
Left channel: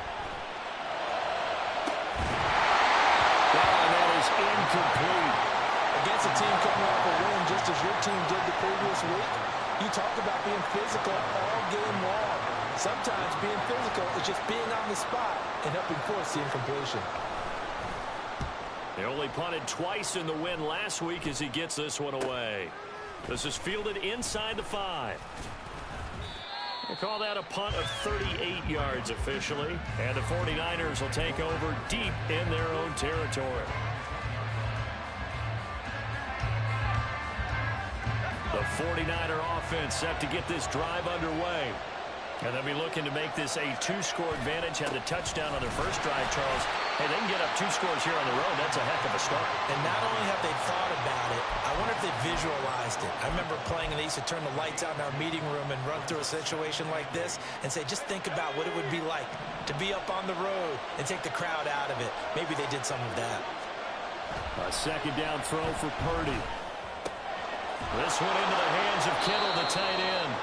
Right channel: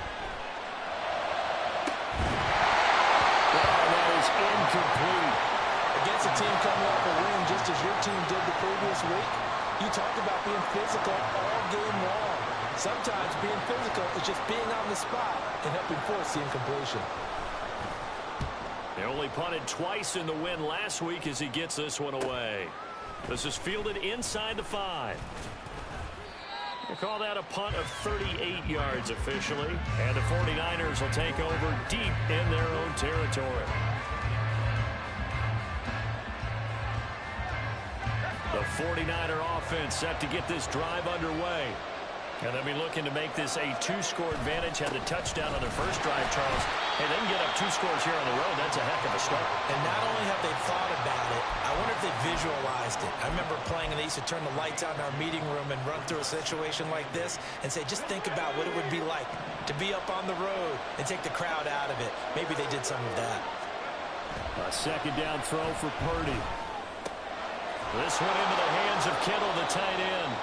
And that is incomplete. Against a team coming off a win, just as your team did the previous week, you talked about being physical all game long. Sometimes being physical is just being on the spot and helping force the incompletion. They only punted twice in the win last week as he gets this one away. This is fielded inside the 5. They call that a punt of 38 yards officially. And the 49ers will take over deep in their own territory. The 49er offense set to get this drive underway. And they'll be looking to make this a 2-score advantage. Had the touchdown on their first drive, Charles. Hey, they can get up 2 scores here on the road. That's a heck of a start. And not only have they thought about it, I wonder if they visualized it. I remember playing, and they used to turn the lights out in our meeting room and run through a situation like this and say, just think about what it would be like to be up on the road and take the crowd out of it. Maybe they did some of that. A 2nd down throw for Purdy. This one into the hands of Kittle, the tight end.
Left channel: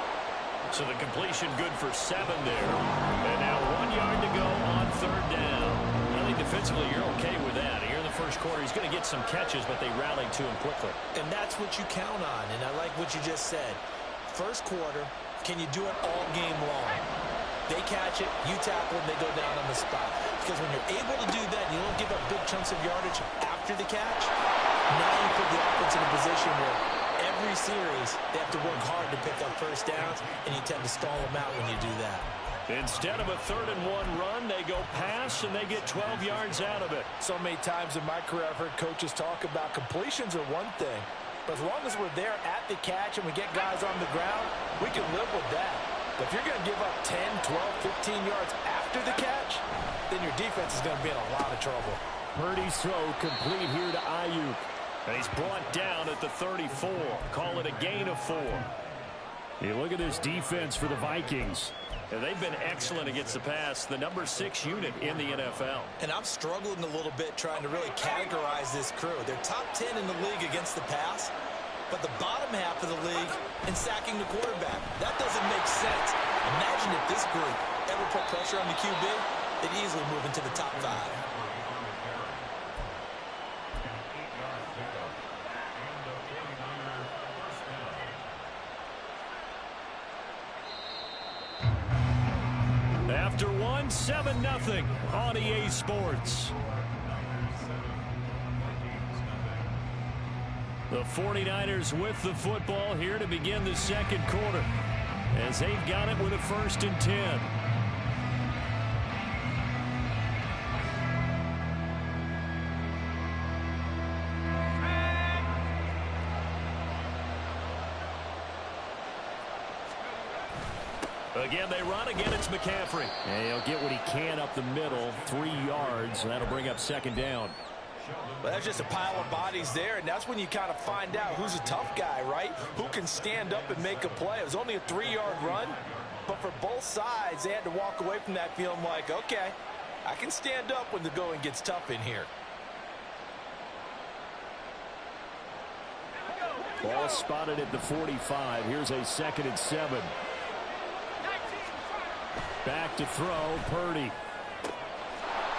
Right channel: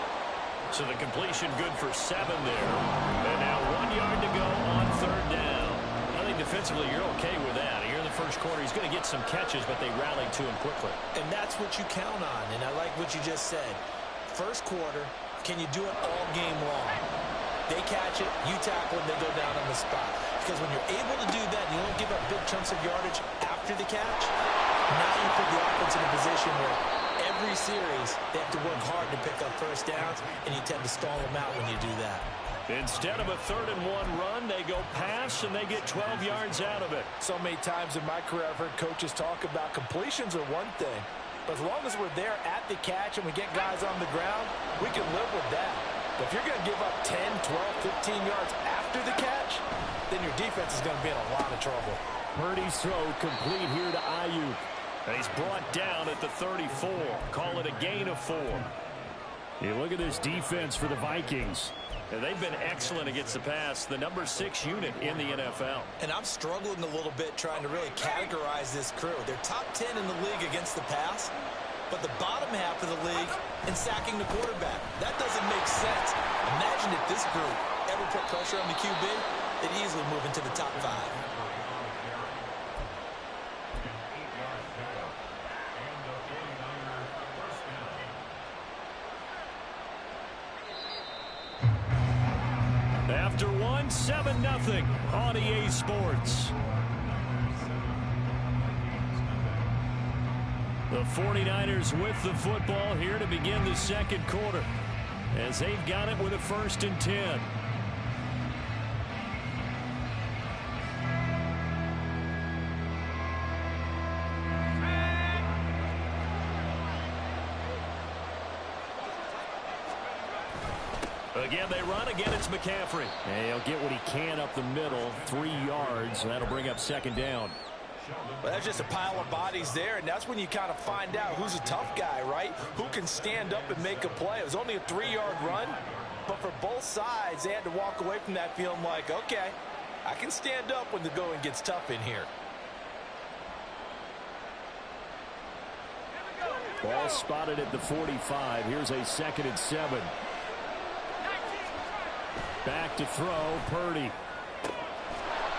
So the completion good for 7 there. And now 1 yard to go on 3rd down. I think defensively you're okay with that. Here in the first quarter, he's going to get some catches, but they rallied to him quickly. And that's what you count on. And I like what you just said. First quarter, can you do it all game long? They catch it, you tackle them, they go down on the spot. Because when you're able to do that and you don't give up big chunks of yardage after the catch, now you put the offense in a position where every series, they have to work hard to pick up first downs, and you tend to stall them out when you do that. Instead of a 3rd and 1 run, they go pass, and they get 12 yards out of it. So many times in my career, I've heard coaches talk about completions are one thing, but as long as we're there at the catch and we get guys on the ground, we can live with that. But if you're going to give up 10, 12, 15 yards after the catch, then your defense is going to be in a lot of trouble. Purdy's throw complete here to Ayuk. And he's brought down at the 34. Call it a gain of 4. You look at this defense for the Vikings. And they've been excellent against the pass, the number 6 unit in the NFL. And I'm struggling a little bit trying to really categorize this crew. They're top 10 in the league against the pass, but the bottom half of the league in sacking the quarterback. That doesn't make sense. Imagine if this group ever put pressure on the QB, they'd easily move into the top 5. After 1, 7-0 on EA Sports. The 49ers with the football here to begin the second quarter, as they've got it with a 1st and 10. Again, they run. Again, it's McCaffrey. And he'll get what he can up the middle, 3 yards, and that'll bring up 2nd down. Well, that's just a pile of bodies there, and that's when you kind of find out who's a tough guy, right? Who can stand up and make a play. It was only a 3-yard run, but for both sides, they had to walk away from that feeling like, okay, I can stand up when the going gets tough in here. Ball spotted at the 45. Here's a 2nd and 7. Back to throw, Purdy.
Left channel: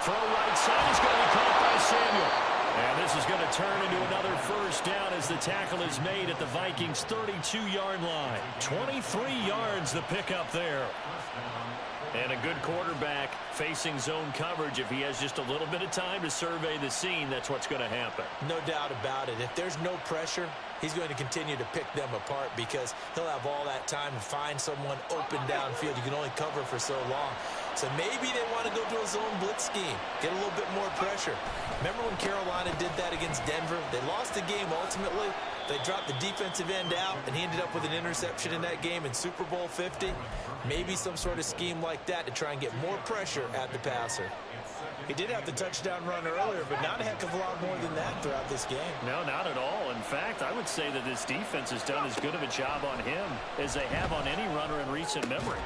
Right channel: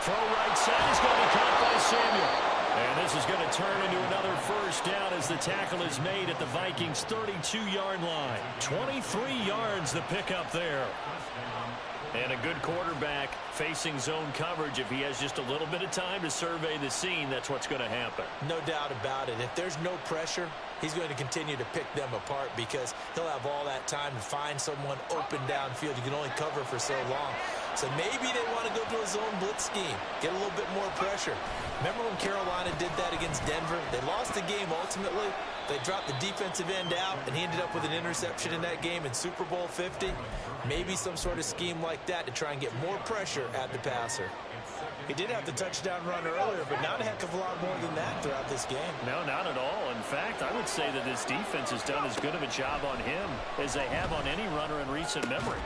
Throw right side is going to be caught by Samuel. And this is going to turn into another 1st down as the tackle is made at the Vikings' 32-yard line. 23 yards the pickup there. And a good quarterback facing zone coverage. If he has just a little bit of time to survey the scene, that's what's going to happen. No doubt about it. If there's no pressure, he's going to continue to pick them apart because he'll have all that time to find someone open downfield. You can only cover for so long. So maybe they want to go to a zone blitz scheme, get a little bit more pressure. Remember when Carolina did that against Denver? They lost the game ultimately. They dropped the defensive end out, and he ended up with an interception in that game in Super Bowl 50. Maybe some sort of scheme like that to try and get more pressure at the passer. He did have the touchdown run earlier, but not a heck of a lot more than that throughout this game. No, not at all. In fact, I would say that this defense has done as good of a job on him as they have on any runner in recent memory.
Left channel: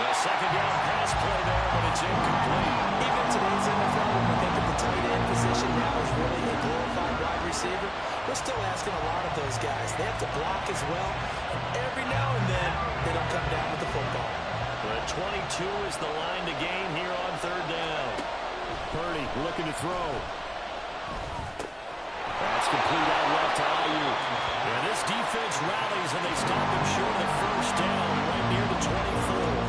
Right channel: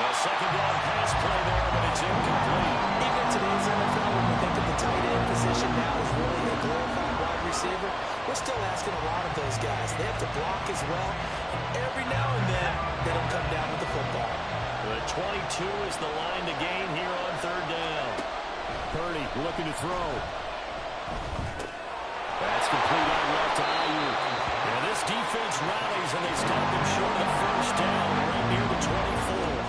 A second down pass play there, but it's incomplete. Even in today's NFL, when we think of the tight end position now as really a glorified wide receiver, we're still asking a lot of those guys. They have to block as well. Every now and then, they don't come down with the football. The 22 is the line to gain here on third down. Purdy looking to throw. That's complete out left to Ayuk. And this defense rallies, and they stop him short of the first down right near the 24.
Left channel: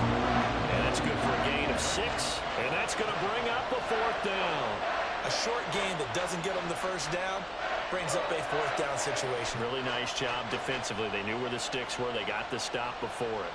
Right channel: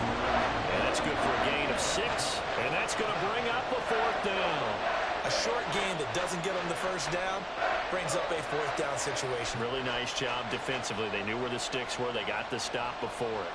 And that's good for a gain of 6, and that's going to bring up a fourth down. A short gain that doesn't get them the first down brings up a fourth down situation. Really nice job defensively. They knew where the sticks were. They got the stop before it.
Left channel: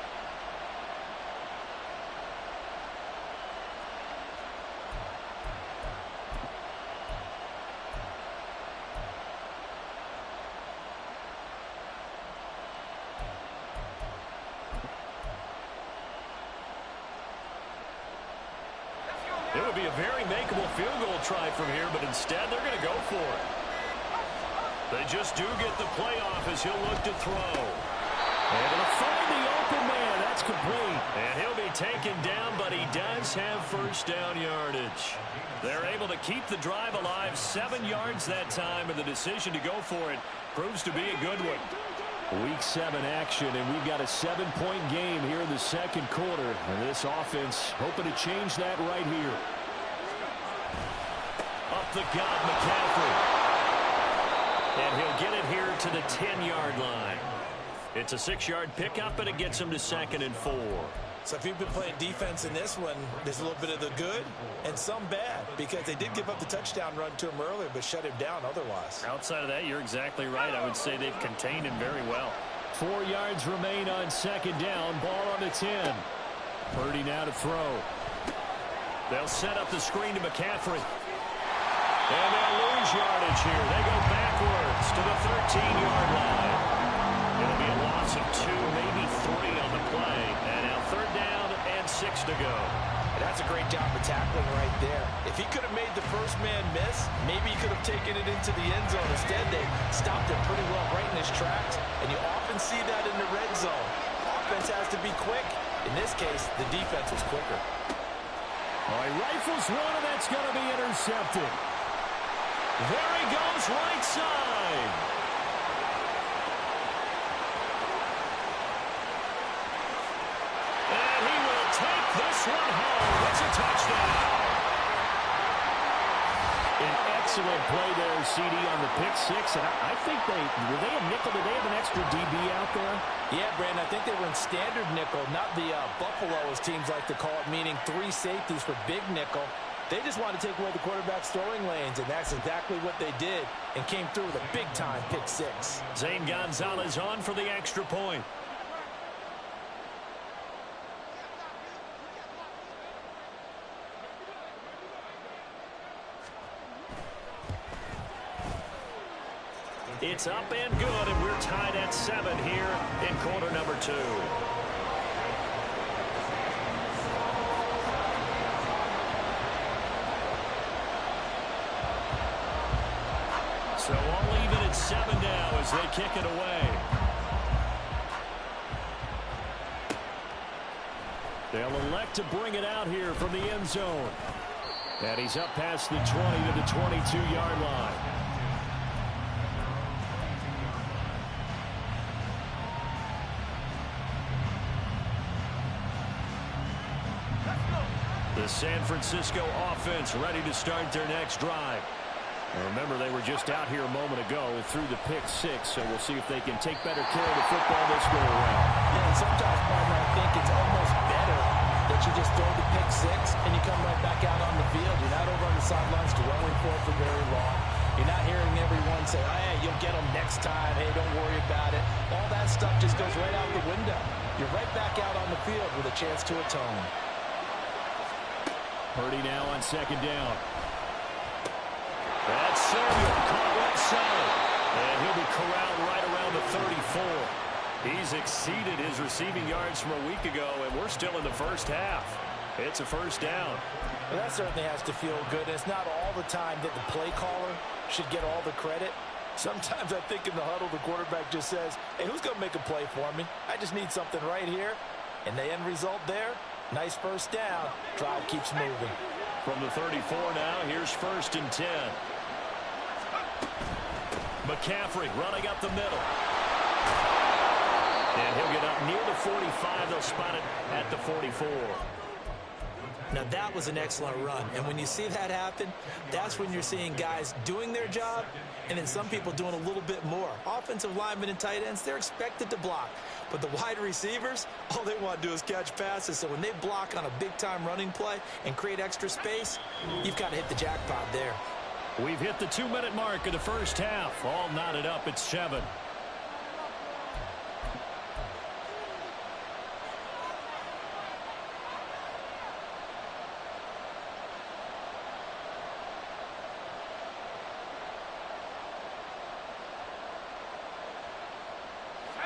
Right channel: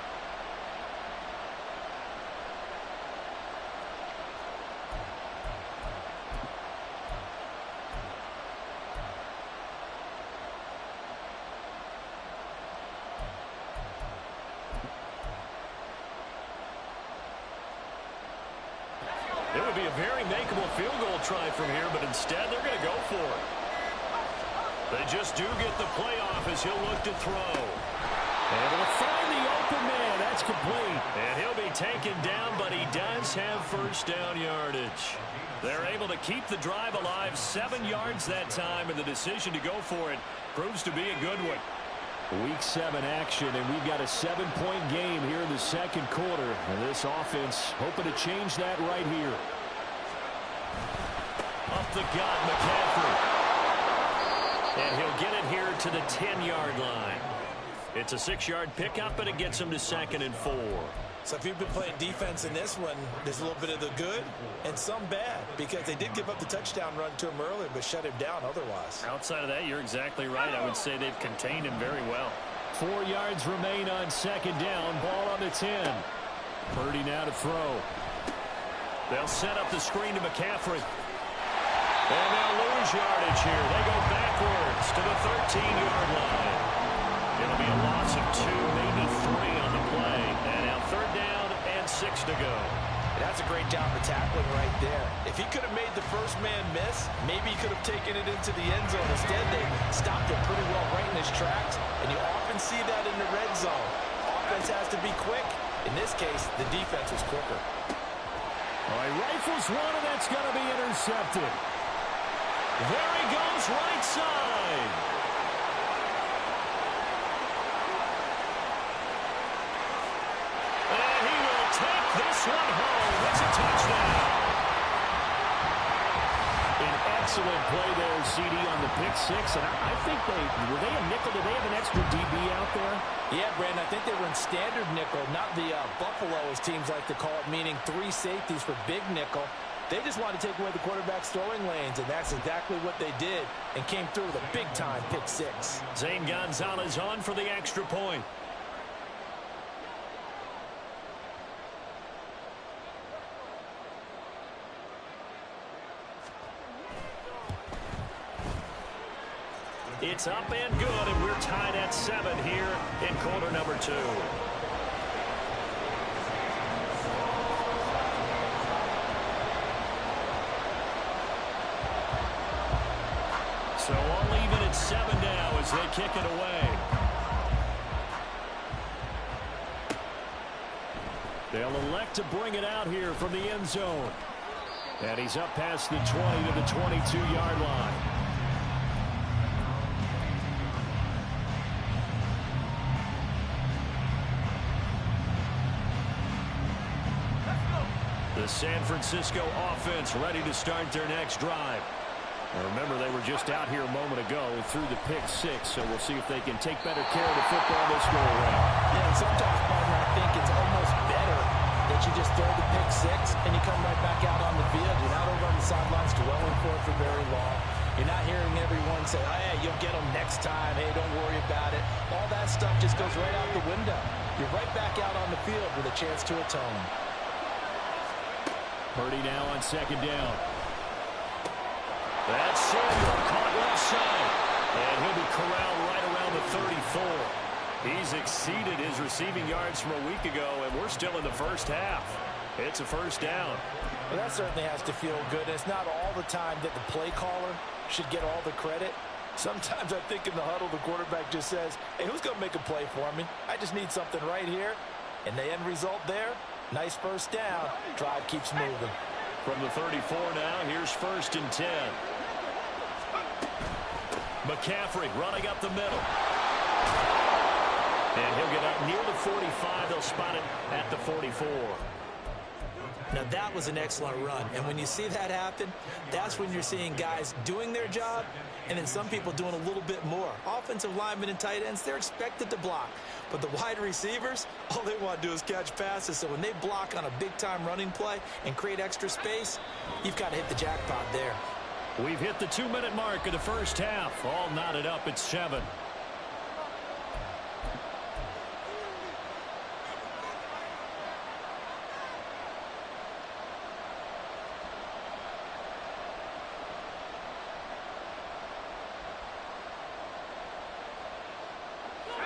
It would be a very makeable field goal try from here, but instead they're going to go for it. They just do get the playoff as he'll look to throw. Able to find the open man. That's complete. And he'll be taken down, but he does have first down yardage. They're able to keep the drive alive, 7 yards that time, and the decision to go for it proves to be a good one. Week 7 action, and we've got a 7-point game here in the second quarter. And this offense hoping to change that right here. Up the gut, McCaffrey. And he'll get it here to the 10-yard line. It's a 6-yard pickup, and it gets him to 2nd and 4. So if you've been playing defense in this one, there's a little bit of the good and some bad, because they did give up the touchdown run to him earlier, but shut him down otherwise. Outside of that, you're exactly right. I would say they've contained him very well. 4 yards remain on second down. Ball on the 10. Purdy now to throw. They'll set up the screen to McCaffrey. And they'll lose yardage here. They go backwards to the 13-yard line. It'll be a loss of 2, maybe 3 on the play. And now 3rd down and 6 to go. And that's a great job of tackling right there. If he could have made the first man miss, maybe he could have taken it into the end zone. Instead, they stopped him pretty well right in his tracks. And you often see that in the red zone. Offense has to be quick. In this case, the defense was quicker. All right, rifles one, and that's going to be intercepted. There he goes, right side. And he will take this one home. It's a touchdown. An excellent play there, CD, on the pick 6. And I think were they a nickel? Did they have an extra DB out there? Yeah, Brandon, I think they were in standard nickel, not the Buffalo, as teams like to call it, meaning 3 safeties for big nickel. They just wanted to take away the quarterback's throwing lanes, and that's exactly what they did, and came through with a big-time pick 6. Zane Gonzalez on for the extra point. It's up and good, and we're tied at 7 here in quarter number 2. So all even at 7 now as they kick it away. They'll elect to bring it out here from the end zone. And he's up past the 20 to the 22-yard line. The San Francisco offense ready to start their next drive. And remember, they were just out here a moment ago through the pick 6, so we'll see if they can take better care of the football this go around. Yeah, and sometimes, partner, I think it's almost better that you just throw the pick 6 and you come right back out on the field. You're not over on the sidelines dwelling for it for very long. You're not hearing everyone say, oh, hey, you'll get them next time. Hey, don't worry about it. All that stuff just goes right out the window. You're right back out on the field with a chance to atone. Purdy now on second down. That's Samuel caught left side. And he'll be corralled right around the 34. He's exceeded his receiving yards from a week ago, and we're still in the first half. It's a first down. Well, that certainly has to feel good. It's not all the time that the play caller should get all the credit. Sometimes I think in the huddle, the quarterback just says, hey, who's going to make a play for me? I just need something right here. And the end result there, nice first down. Drive keeps moving. From the 34 now, here's 1st and 10. McCaffrey running up the middle. And he'll get up near the 45. They'll spot it at the 44. Now, that was an excellent run. And when you see that happen, that's when you're seeing guys doing their job and then some people doing a little bit more. Offensive linemen and tight ends, they're expected to block. But the wide receivers, all they want to do is catch passes. So when they block on a big-time running play and create extra space, you've got to hit the jackpot there. We've hit the 2-minute mark of the first half. All knotted up at 7.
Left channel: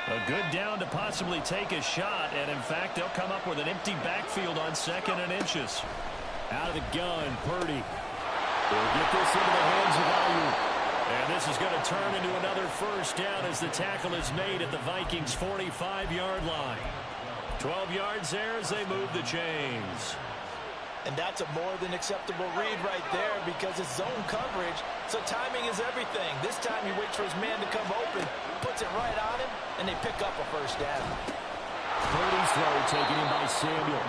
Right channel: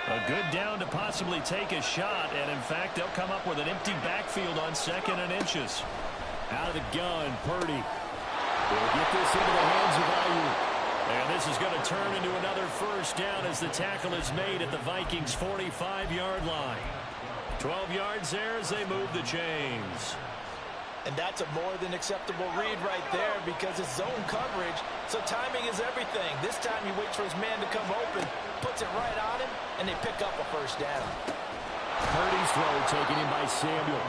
A good down to possibly take a shot, and in fact, they'll come up with an empty backfield on 2nd and inches. Out of the gun, Purdy. He'll get this into the hands of Ayuk. And this is going to turn into another first down as the tackle is made at the Vikings' 45-yard line. 12 yards there as they move the chains. And that's a more than acceptable read right there because it's zone coverage, so timing is everything. This time he waits for his man to come open, puts it right on him, and they pick up a first down. Purdy's throw taken in by Samuel.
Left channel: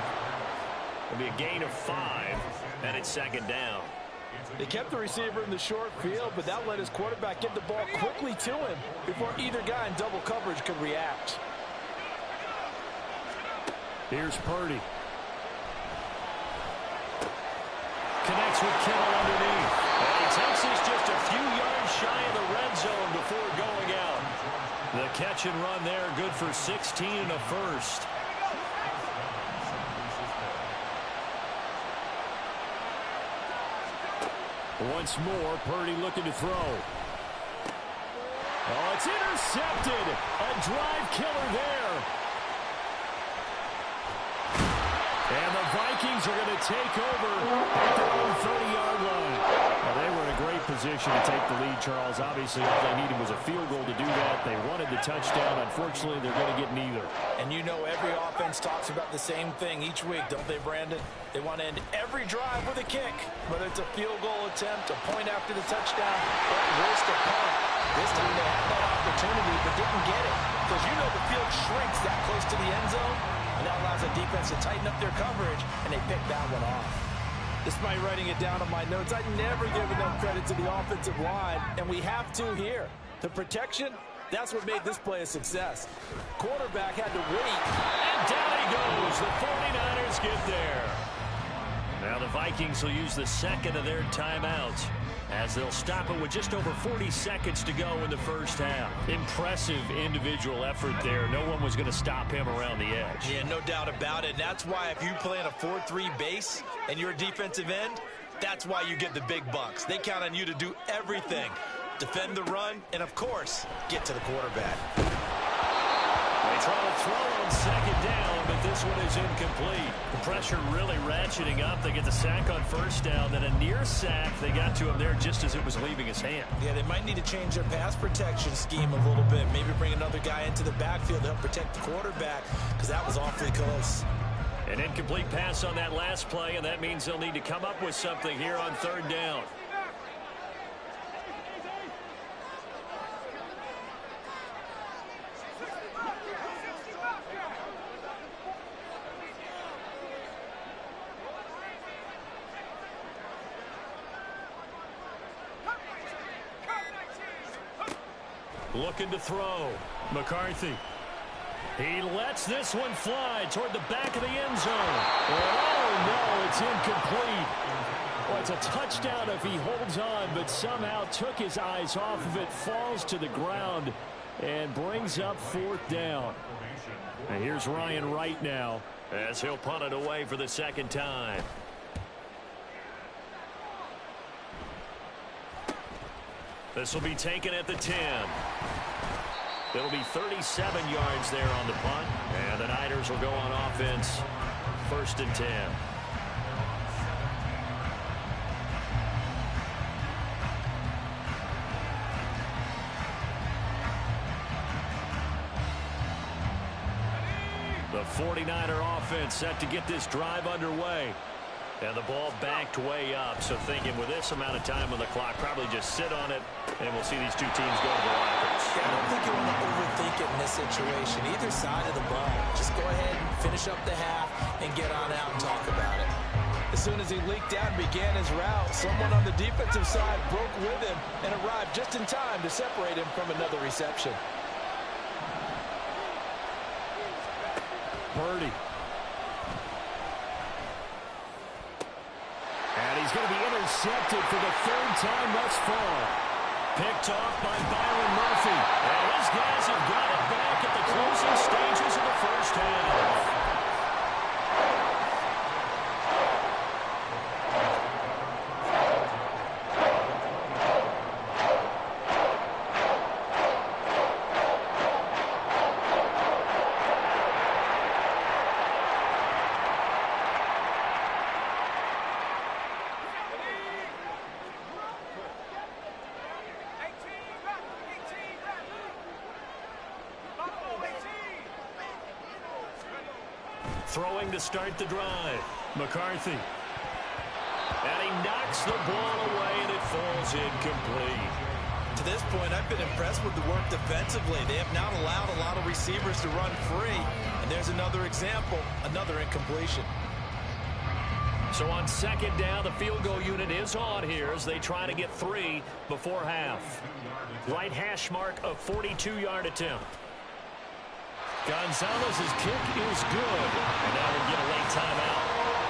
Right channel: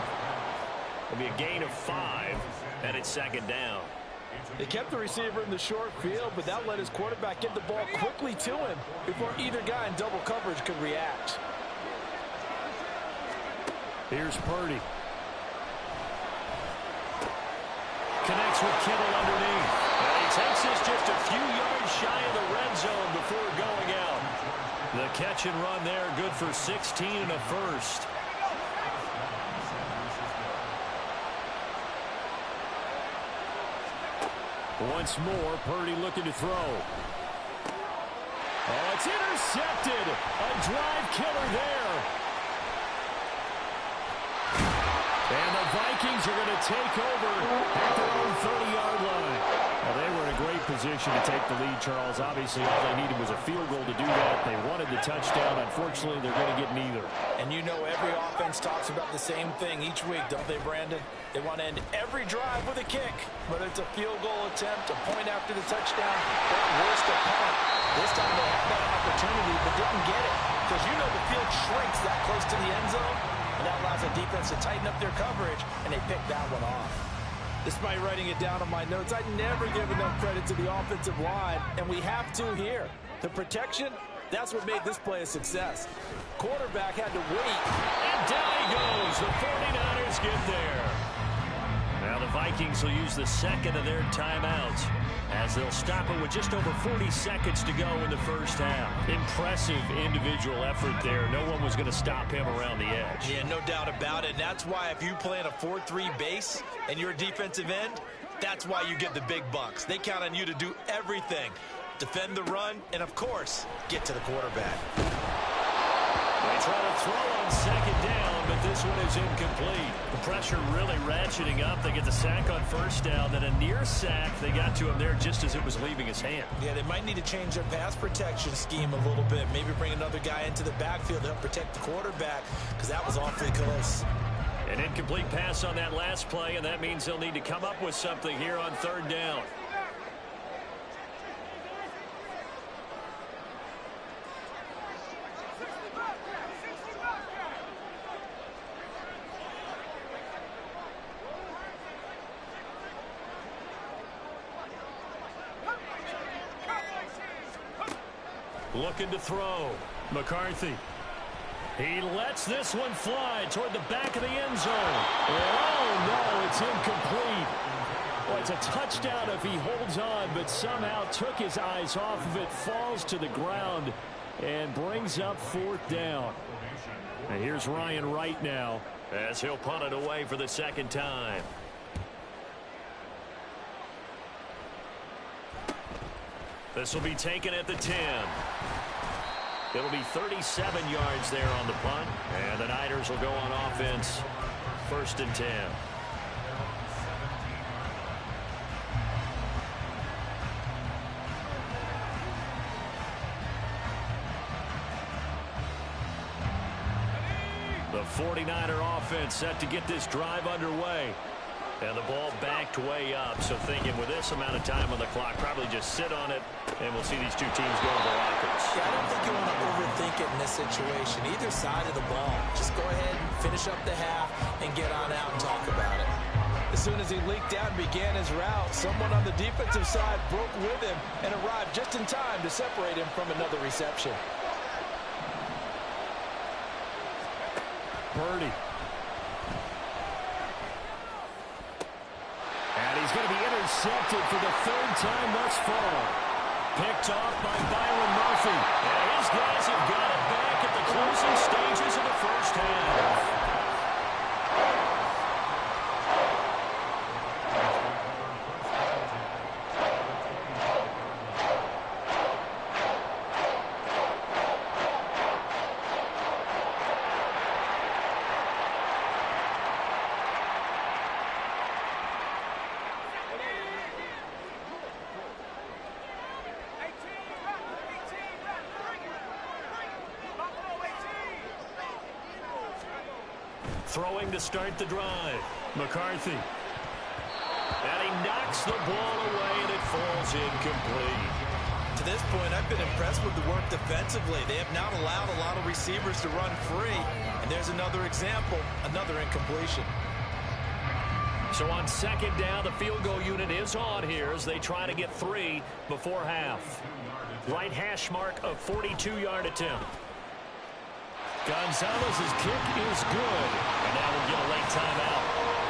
It'll be a gain of 5, and it's 2nd down. They kept the receiver in the short field, but that let his quarterback get the ball quickly to him before either guy in double coverage could react. Here's Purdy. Connects with Kittle underneath. And he takes this just a few yards shy of the red zone before going out. The catch and run there, good for 16 and a first. Once more, Purdy looking to throw. Oh, it's intercepted. A drive killer there. And the Vikings are going to take over at their own 30-yard line. Well, they were in a great position to take the lead, Charles. Obviously, all they needed was a field goal to do that. They wanted the touchdown. Unfortunately, they're going to get neither. And you know every offense talks about the same thing each week, don't they, Brandon? They want to end every drive with a kick, whether it's a field goal attempt, a point after the touchdown, or worst, a punt. This time they had that opportunity but didn't get it because you know the field shrinks that close to the end zone. And that allows the defense to tighten up their coverage, and they pick that one off. Despite writing it down on my notes, I never give enough credit to the offensive line, and we have to here. The protection, that's what made this play a success. Quarterback had to wait. And down he goes. The 49ers get there. Now the Vikings will use the 2nd of their timeouts as they'll stop it with just over 40 seconds to go in the first half. Impressive individual effort there. No one was going to stop him around the edge. Yeah, no doubt about it. And that's why if you play in a 4-3 base and you're a defensive end, that's why you get the big bucks. They count on you to do everything. Defend the run and, of course, get to the quarterback. They try to throw on 2nd down, but this one is incomplete. The pressure really ratcheting up. They get the sack on 1st down, then a near sack. They got to him there just as it was leaving his hand. Yeah, they might need to change their pass protection scheme a little bit. Maybe bring another guy into the backfield to help protect the quarterback because that was awfully close. An incomplete pass on that last play, and that means they'll need to come up with something here on 3rd down. Looking to throw. McCarthy. He lets this one fly toward the back of the end zone. And oh, no, it's incomplete. Well, it's a touchdown if he holds on, but somehow took his eyes off of it, falls to the ground, and brings up 4th down. And here's Ryan Wright now as he'll punt it away for the 2nd time. This will be taken at the 10. It'll be 37 yards there on the punt. And the Niners will go on offense. 1st and 10. The 49er offense set to get this drive underway. And the ball backed way up. So thinking with this amount of time on the clock, probably just sit on it, and we'll see these two teams go to the lockers. Yeah, I don't think you want to overthink it in this situation. Either side of the ball. Just go ahead and finish up the half and get on out and talk about it. As soon as he leaked out and began his route, someone on the defensive side broke with him and arrived just in time to separate him from another reception. Purdy. And he's going to be intercepted for the third time thus far. Picked off by Byron Murphy. And his guys have got it back at the closing stages of the first half. Throwing to start the drive. McCarthy. And he knocks the ball away, and it falls incomplete. To this point, I've been impressed with the work defensively. They have not allowed a lot of receivers to run free. And there's another example, another incompletion. So on second down, the field goal unit is on here as they try to get 3 before half. Right hash mark, a 42-yard attempt. Gonzalez's kick is good. And now we'll get a late timeout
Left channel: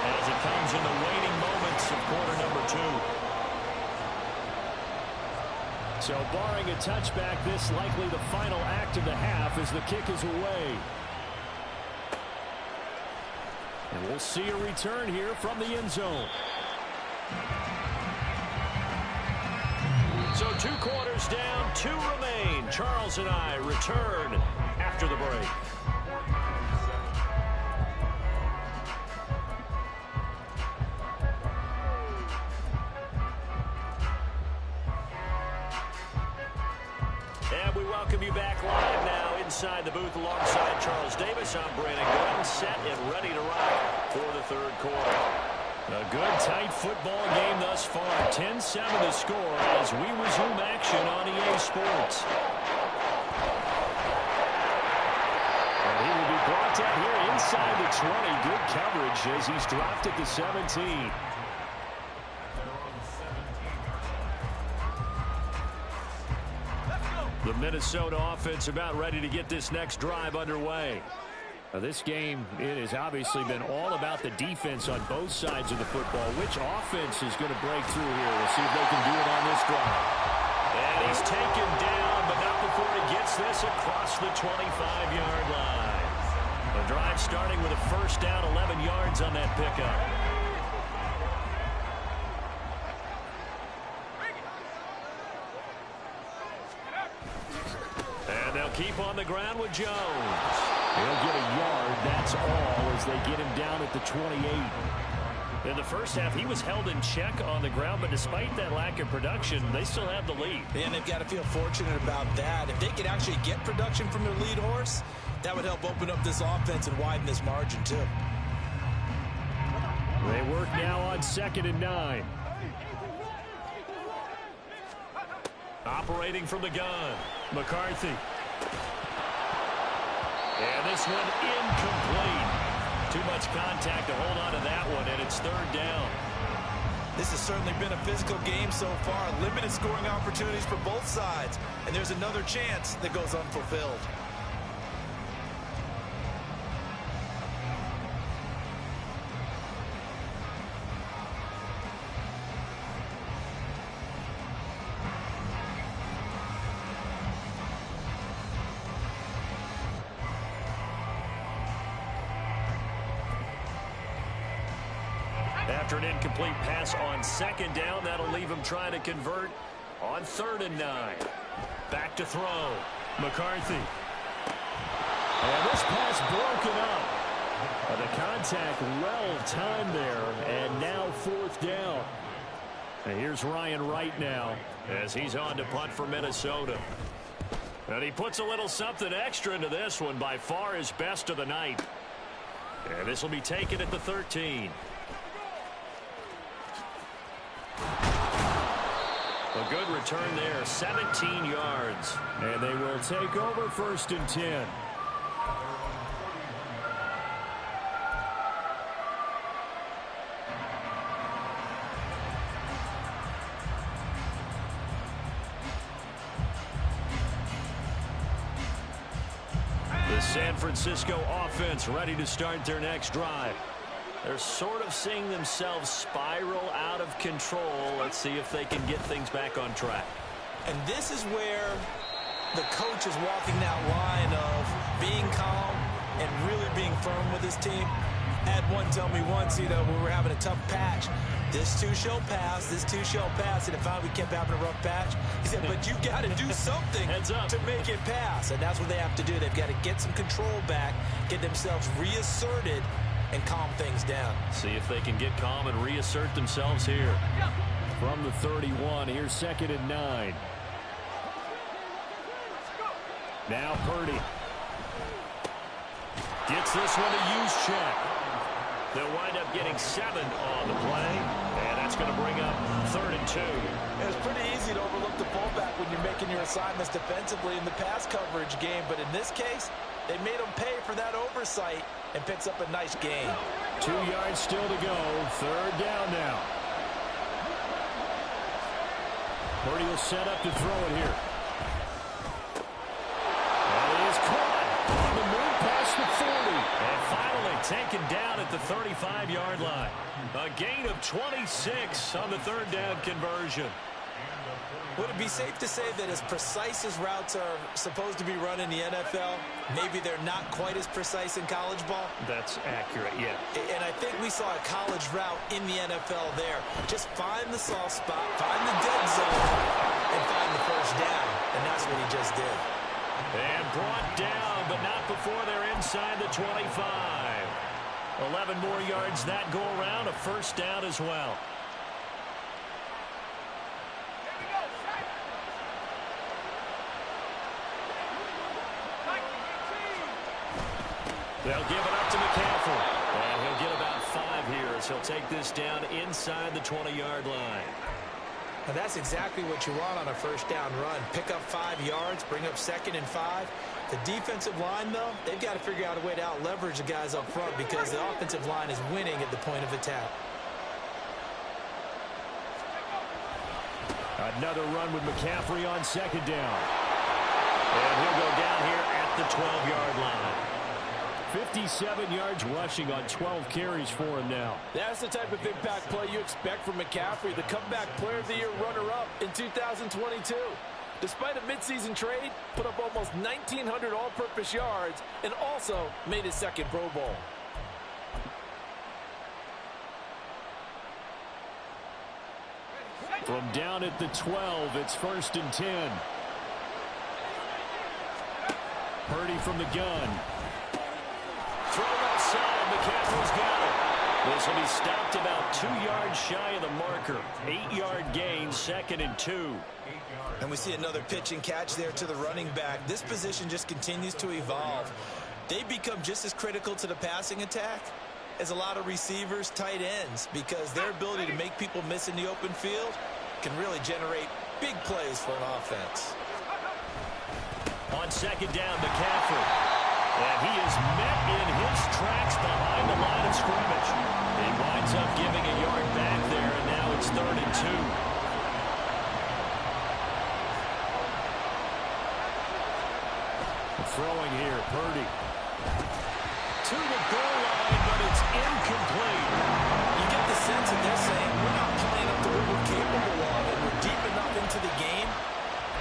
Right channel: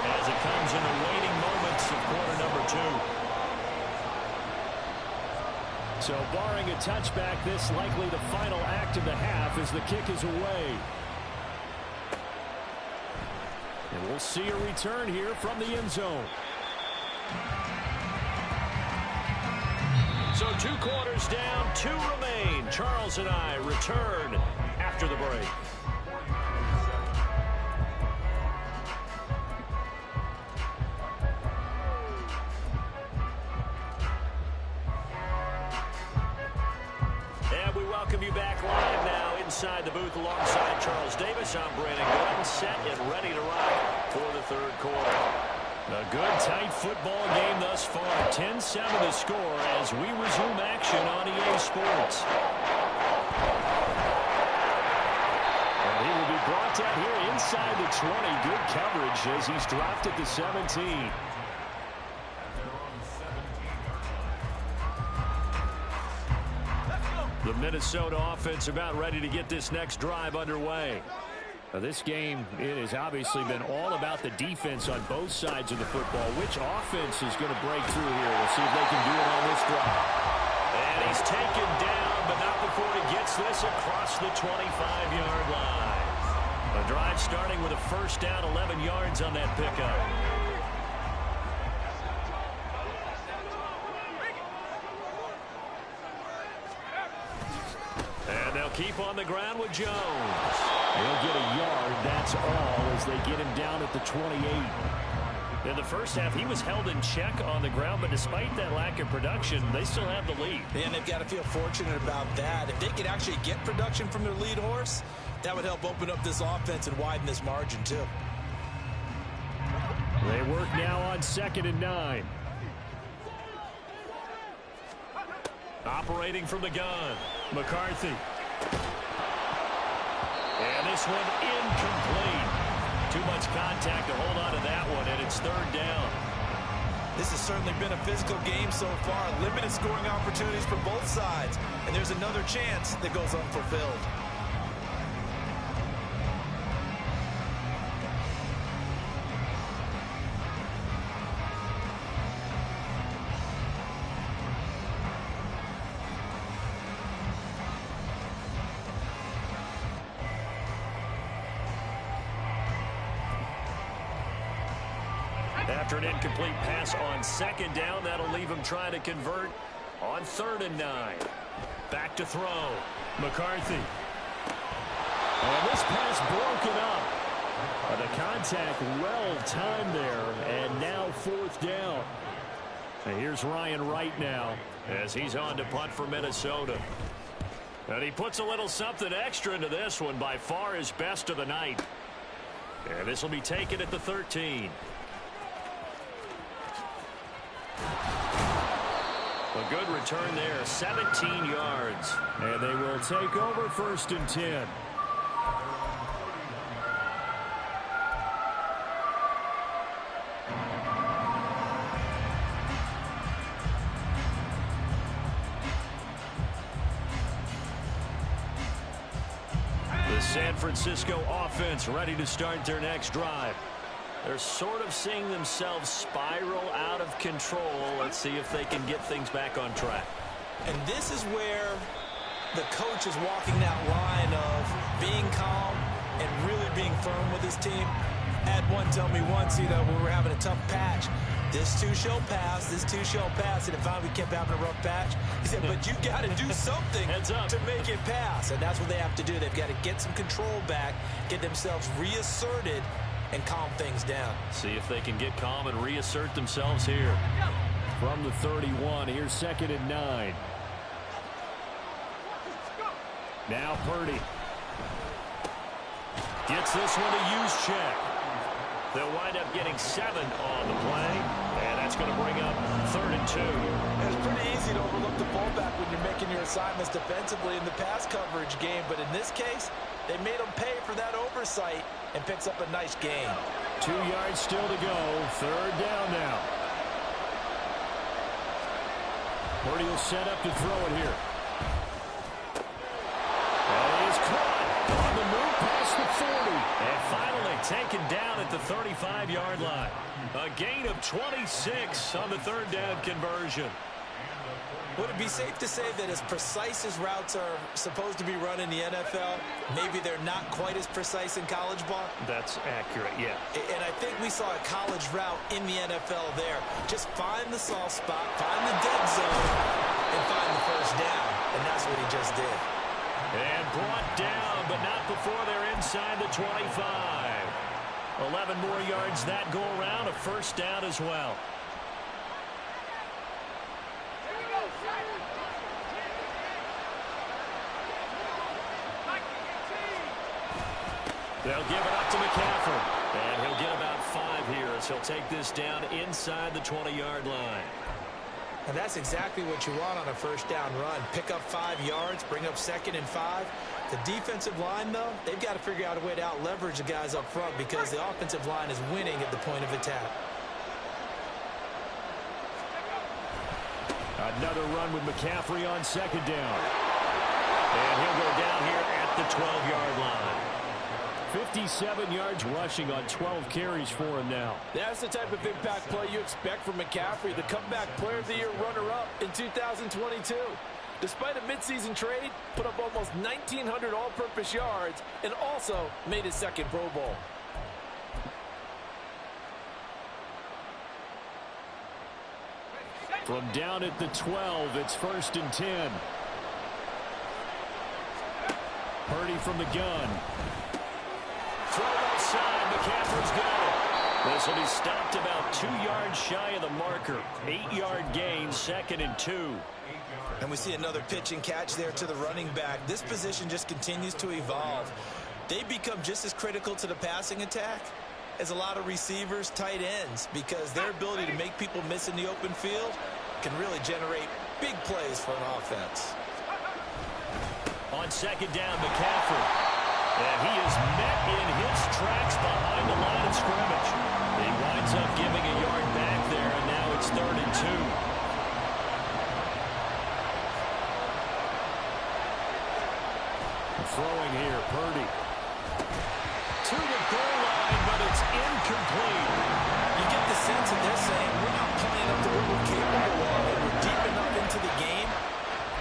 as it comes in the waning moments of quarter number 2. So barring a touchback, this likely the final act of the half as the kick is away. And we'll see a return here from the end zone. So 2 quarters down, 2 remain. Charles and I return after the break. And we welcome you back live now inside the booth alongside Charles Davis. I'm Brandon Gordon, set and ready to rock for the third quarter. A good, tight football game thus far. 10-7 to score as we resume action on EA Sports. And he will be brought down here inside the 20. Good coverage as he's dropped at the 17. The Minnesota offense about ready to get this next drive underway. Now this game, it has obviously been all about the defense on both sides of the football. Which offense is going to break through here? We'll see if they can do it on this drive. And he's taken down, but not before he gets this across the 25-yard line. The drive starting with a first down, 11 yards on that pickup. And they'll keep on the ground with Jones. He'll get a yard, that's all, as they get him down at the 28. In the first half, he was held in check on the ground, but despite that lack of production, they still have the lead. And they've got to feel fortunate about that. If they could actually get production from their lead horse, that would help open up this offense and widen this margin, too. They work now on 2nd and 9. Operating from the gun, McCarthy. And this one incomplete. Too much contact to hold on to that one, and it's 3rd down. This has certainly been a physical game so far. Limited scoring opportunities for both sides. And there's another chance that goes unfulfilled. After an incomplete pass on 2nd down, that'll leave him trying to convert on 3rd and 9. Back to throw. McCarthy. And this pass broken up. The contact well timed there, and now 4th down. And here's Ryan Wright now as he's on to punt for Minnesota. And he puts a little something extra into this one, by far his best of the night. And this will be taken at the 13. A good return there, 17 yards. And they will take over 1st and 10. The San Francisco offense ready to start their next drive. They're sort of seeing themselves spiral out of control. Let's see if they can get things back on track. And this is where the coach is walking that line of being calm and really being firm with his team. I had one tell me once, when we were having a tough patch, this too shall pass, this too shall pass. And if we kept having a rough patch, he said, but you got to do something to make it pass. And that's what they have to do. They've got to get some control back, get themselves reasserted, and calm things down. See if they can get calm and reassert themselves here. From the 31, here's 2nd and 9. Now Purdy. Gets this one to use check. They'll wind up getting 7 on the play, and that's going to bring up 3rd and 2. It's pretty easy to overlook the fullback when you're making your assignments defensively in the pass coverage game, but in this case, they made him pay for that oversight and picks up a nice gain. 2 yards still to go. 3rd down now. Purdy will set up to throw it here. That is caught on the move past the 40. And finally taken down at the 35-yard line. A gain of 26 on the 3rd down conversion. Would it be safe to say that as precise as routes are supposed to be run in the NFL, maybe they're not quite as precise in college ball? That's accurate, yeah. And I think we saw a college route in the NFL there. Just find the soft spot, find the dead zone, and find the 1st down. And that's what he just did. And brought down, but not before they're inside the 25. 11 more yards that go around, a 1st down as well. They'll give it up to McCaffrey. And he'll get about 5 here as he'll take this down inside the 20-yard line. And that's exactly what you want on a 1st down run. Pick up 5 yards, bring up 2nd and 5. The defensive line, though, they've got to figure out a way to out-leverage the guys up front because the offensive line is winning at the point of attack. Another run with McCaffrey on 2nd down. And he'll go down here at the 12-yard line. 57 yards rushing on 12 carries for him now. That's the type of impact play you expect from McCaffrey, the comeback player of the year runner-up in 2022. Despite a midseason trade, put up almost 1,900 all-purpose yards and also made his 2nd Pro Bowl. From down at the 12, it's 1st and 10. Purdy from the gun. Throw outside. McCaffrey's got it. This will be stopped about 2 yards shy of the marker. 8-yard gain, 2nd and 2. And we see another pitch and catch there to the running back. This position just continues to evolve. They become just as critical to the passing attack as a lot of receivers, tight ends, because their ability to make people miss in the open field can really generate big plays for an offense. On 2nd down, McCaffrey. And he is met in his tracks behind the line of scrimmage. He winds up giving a yard back there, and now it's 3rd and 2. Throwing here, Purdy. To the goal line, but it's incomplete. You get the sense that they're saying, we're not playing up to what we're capable of, and we're deep enough into the game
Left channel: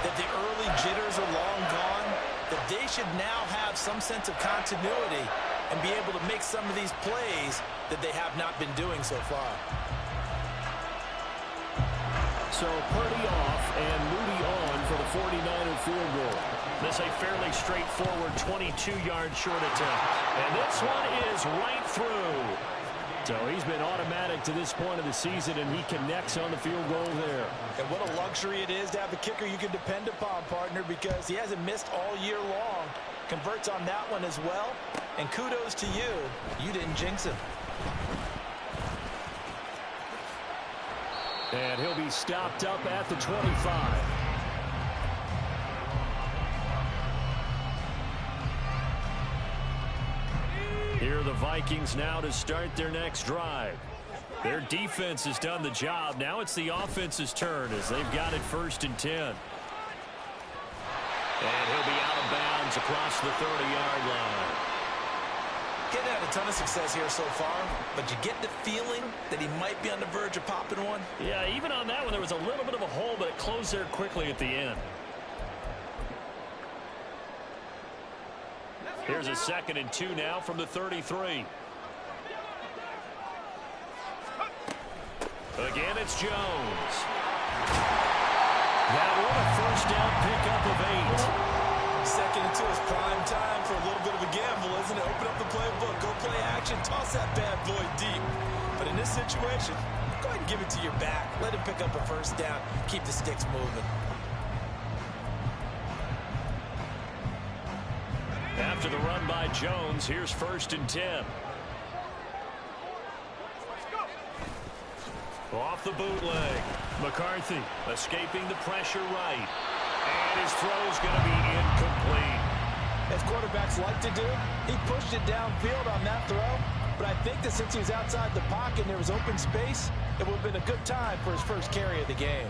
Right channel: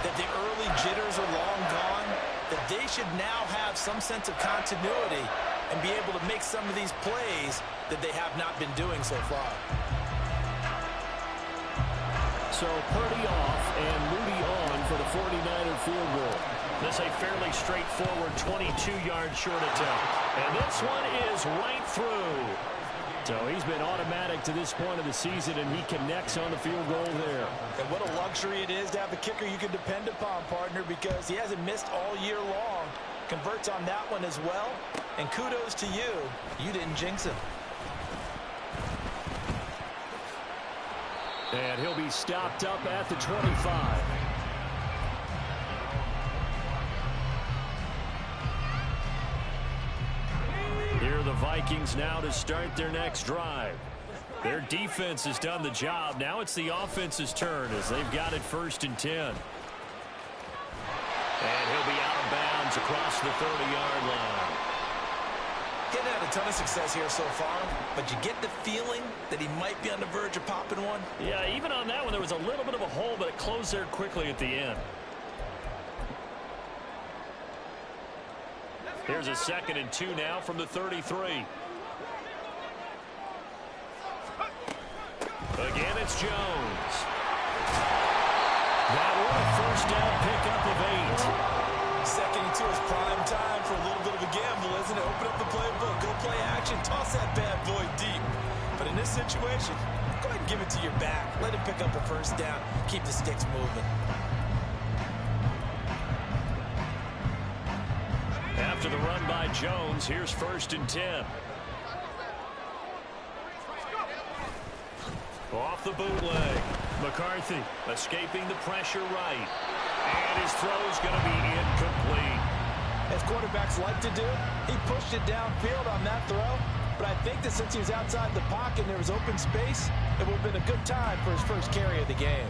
that the early jitters are long gone, that they should now have some sense of continuity and be able to make some of these plays that they have not been doing so far. So Purdy off and Moody on for the 49er field goal. This a fairly straightforward 22-yard short attempt. And this one is right through. So he's been automatic to this point of the season, and he connects on the field goal there. And what a luxury it is to have a kicker you can depend upon, partner, because he hasn't missed all year long. Converts on that one as well. And kudos to you. You didn't jinx him. And he'll be stopped up at the 25. Here are the Vikings now to start their next drive. Their defense has done the job. Now it's the offense's turn as they've got it 1st and 10. And he'll be out of bounds across the 30-yard line. Getting had a ton of success here so far, but you get the feeling that he might be on the verge of popping one. Yeah, even on that one, there was a little bit of a hole, but it closed there quickly at the end. Here's a 2nd and 2 now from the 33. Again, it's Jones. That one, a 1st down pickup of 8. 2nd and 2 is prime time for a little bit of a gamble, isn't it? Open up the playbook, go play action, toss that bad boy deep. But in this situation, go ahead and give it to your back. Let him pick up a 1st down, keep the sticks moving. After the run by Jones, here's 1st and 10. Off the bootleg. McCarthy escaping the pressure right. And his throw's going to be incomplete. As quarterbacks like to do, he pushed it downfield on that throw. But I think that since he was outside the pocket and there was open space, it would have been a good time for his 1st carry of the game.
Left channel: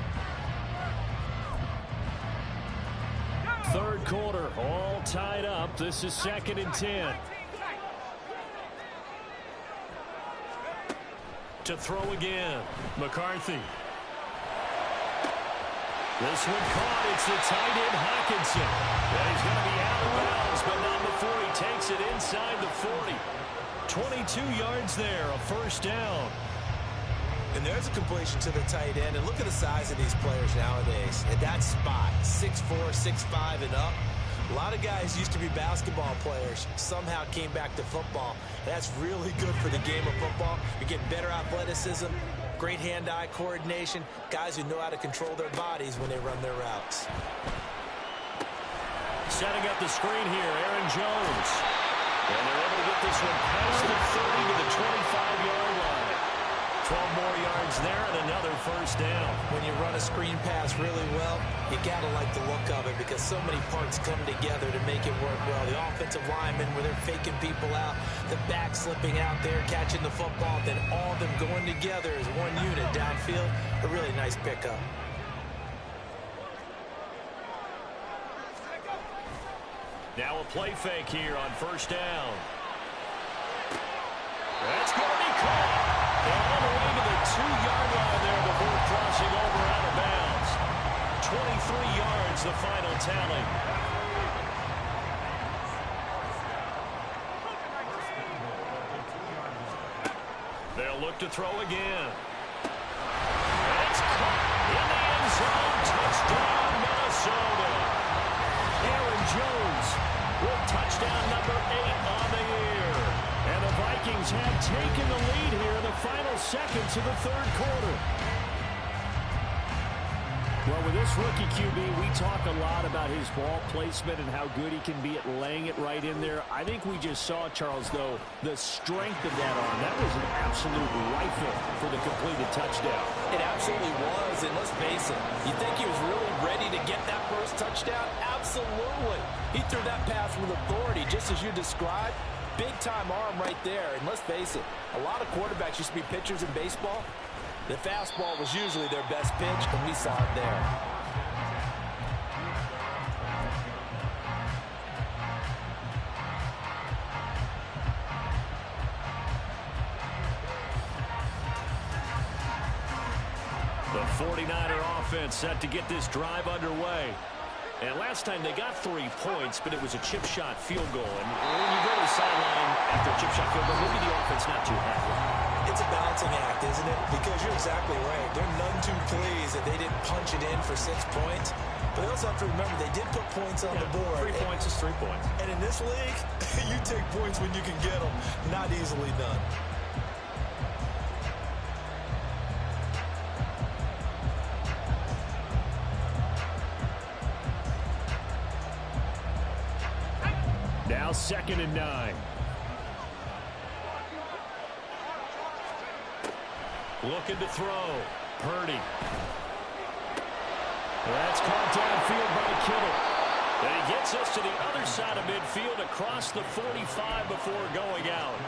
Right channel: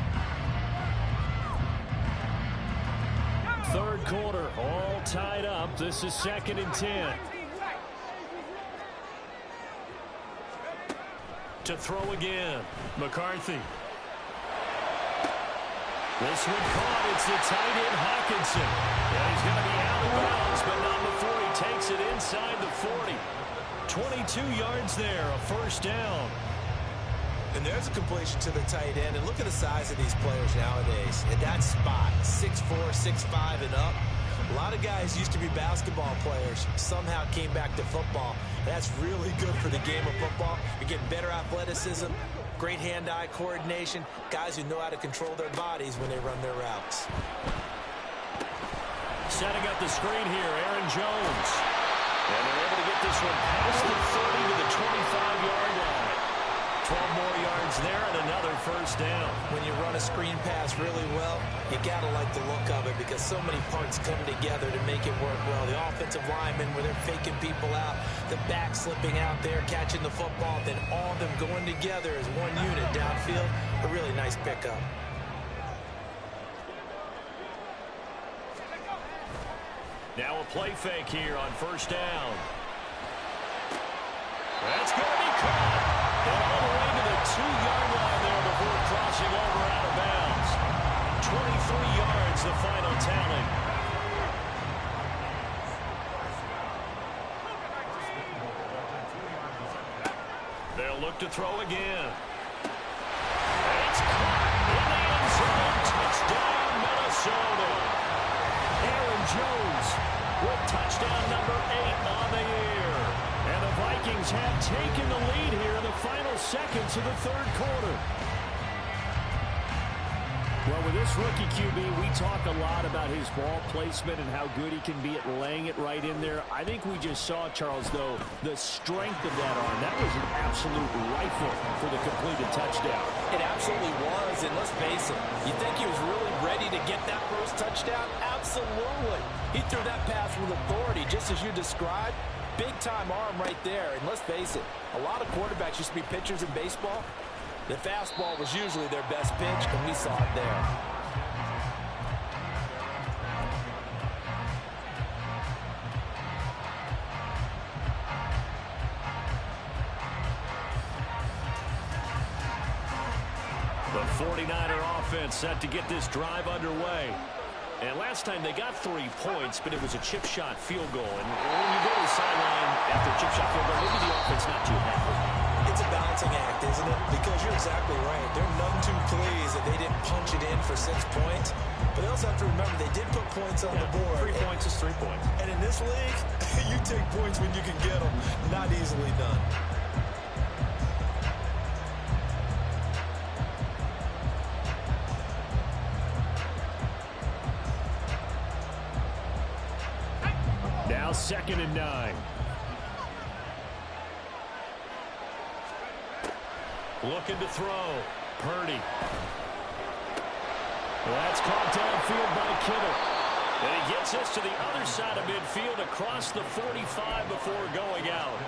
3rd quarter, all tied up. This is 2nd and 10. To throw again. McCarthy. This one caught. It's the tight end Hockenson. And he's going to be out of bounds, but not before he takes it inside the 40. 22 yards there, a 1st down. And there's a completion to the tight end. And look at the size of these players nowadays. At that spot, 6'4", 6'5", and up. A lot of guys used to be basketball players, somehow came back to football. That's really good for the game of football. You're getting better athleticism, great hand-eye coordination, guys who know how to control their bodies when they run their routes. Setting up the screen here, Aaron Jones. And they're able to get this one past the 30 to the 25-yard line. 12 more yards there and another 1st down. When you run a screen pass really well, you got to like the look of it because so many parts come together to make it work well. The offensive linemen where they're faking people out, the back slipping out there, catching the football, then all of them going together as one unit downfield. A really nice pickup. Now a play fake here on 1st down. That's going to be caught. And all the way to the 2-yard line there before crossing over out of bounds. 23 yards, the final tally. They'll look to throw again. It's caught in the end zone. Touchdown, Minnesota. Aaron Jones with touchdown number 8 on the year. And the Vikings have taken the lead here in the final seconds of the 3rd quarter. Well, with this rookie QB, we talk a lot about his ball placement and how good he can be at laying it right in there. I think we just saw, Charles, though, the strength of that arm. That was an absolute rifle for the completed touchdown. It absolutely was, and let's face it, you think he was really ready to get that 1st touchdown? Absolutely. He threw that pass with authority, just as you described. Big-time arm right there, and let's face it, a lot of quarterbacks used to be pitchers in baseball. The fastball was usually their best pitch, and we saw it there. The 49er offense set to get this drive underway. And last time they got 3 points, but it was a chip shot field goal. And when you go to the sideline after a chip shot field goal, maybe the offense not too happy. It's a balancing act, isn't it? Because you're exactly right. They're none too pleased that they didn't punch it in for 6 points. But they also have to remember they did put points on the board. 3 points is 3 points. And in this league, you take points when you can get them. Not easily done. Now 2nd and 9. Looking to throw. Purdy. That's caught downfield by Kittle. And he gets us to the other side of midfield across the 45 before going out.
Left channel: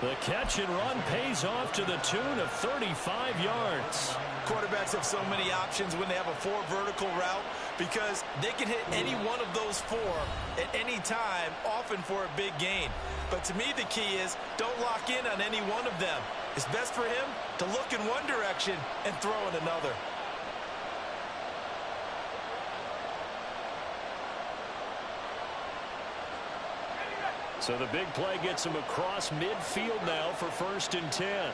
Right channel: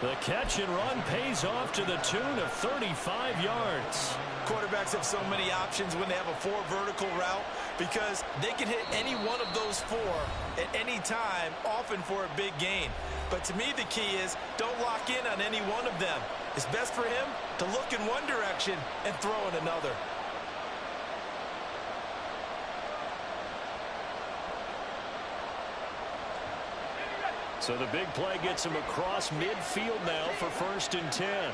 The catch and run pays off to the tune of 35 yards. Quarterbacks have so many options when they have a 4 vertical route because they can hit any one of those 4 at any time, often for a big gain. But to me, the key is don't lock in on any one of them. It's best for him to look in one direction and throw in another. So the big play gets him across midfield now for 1st and 10.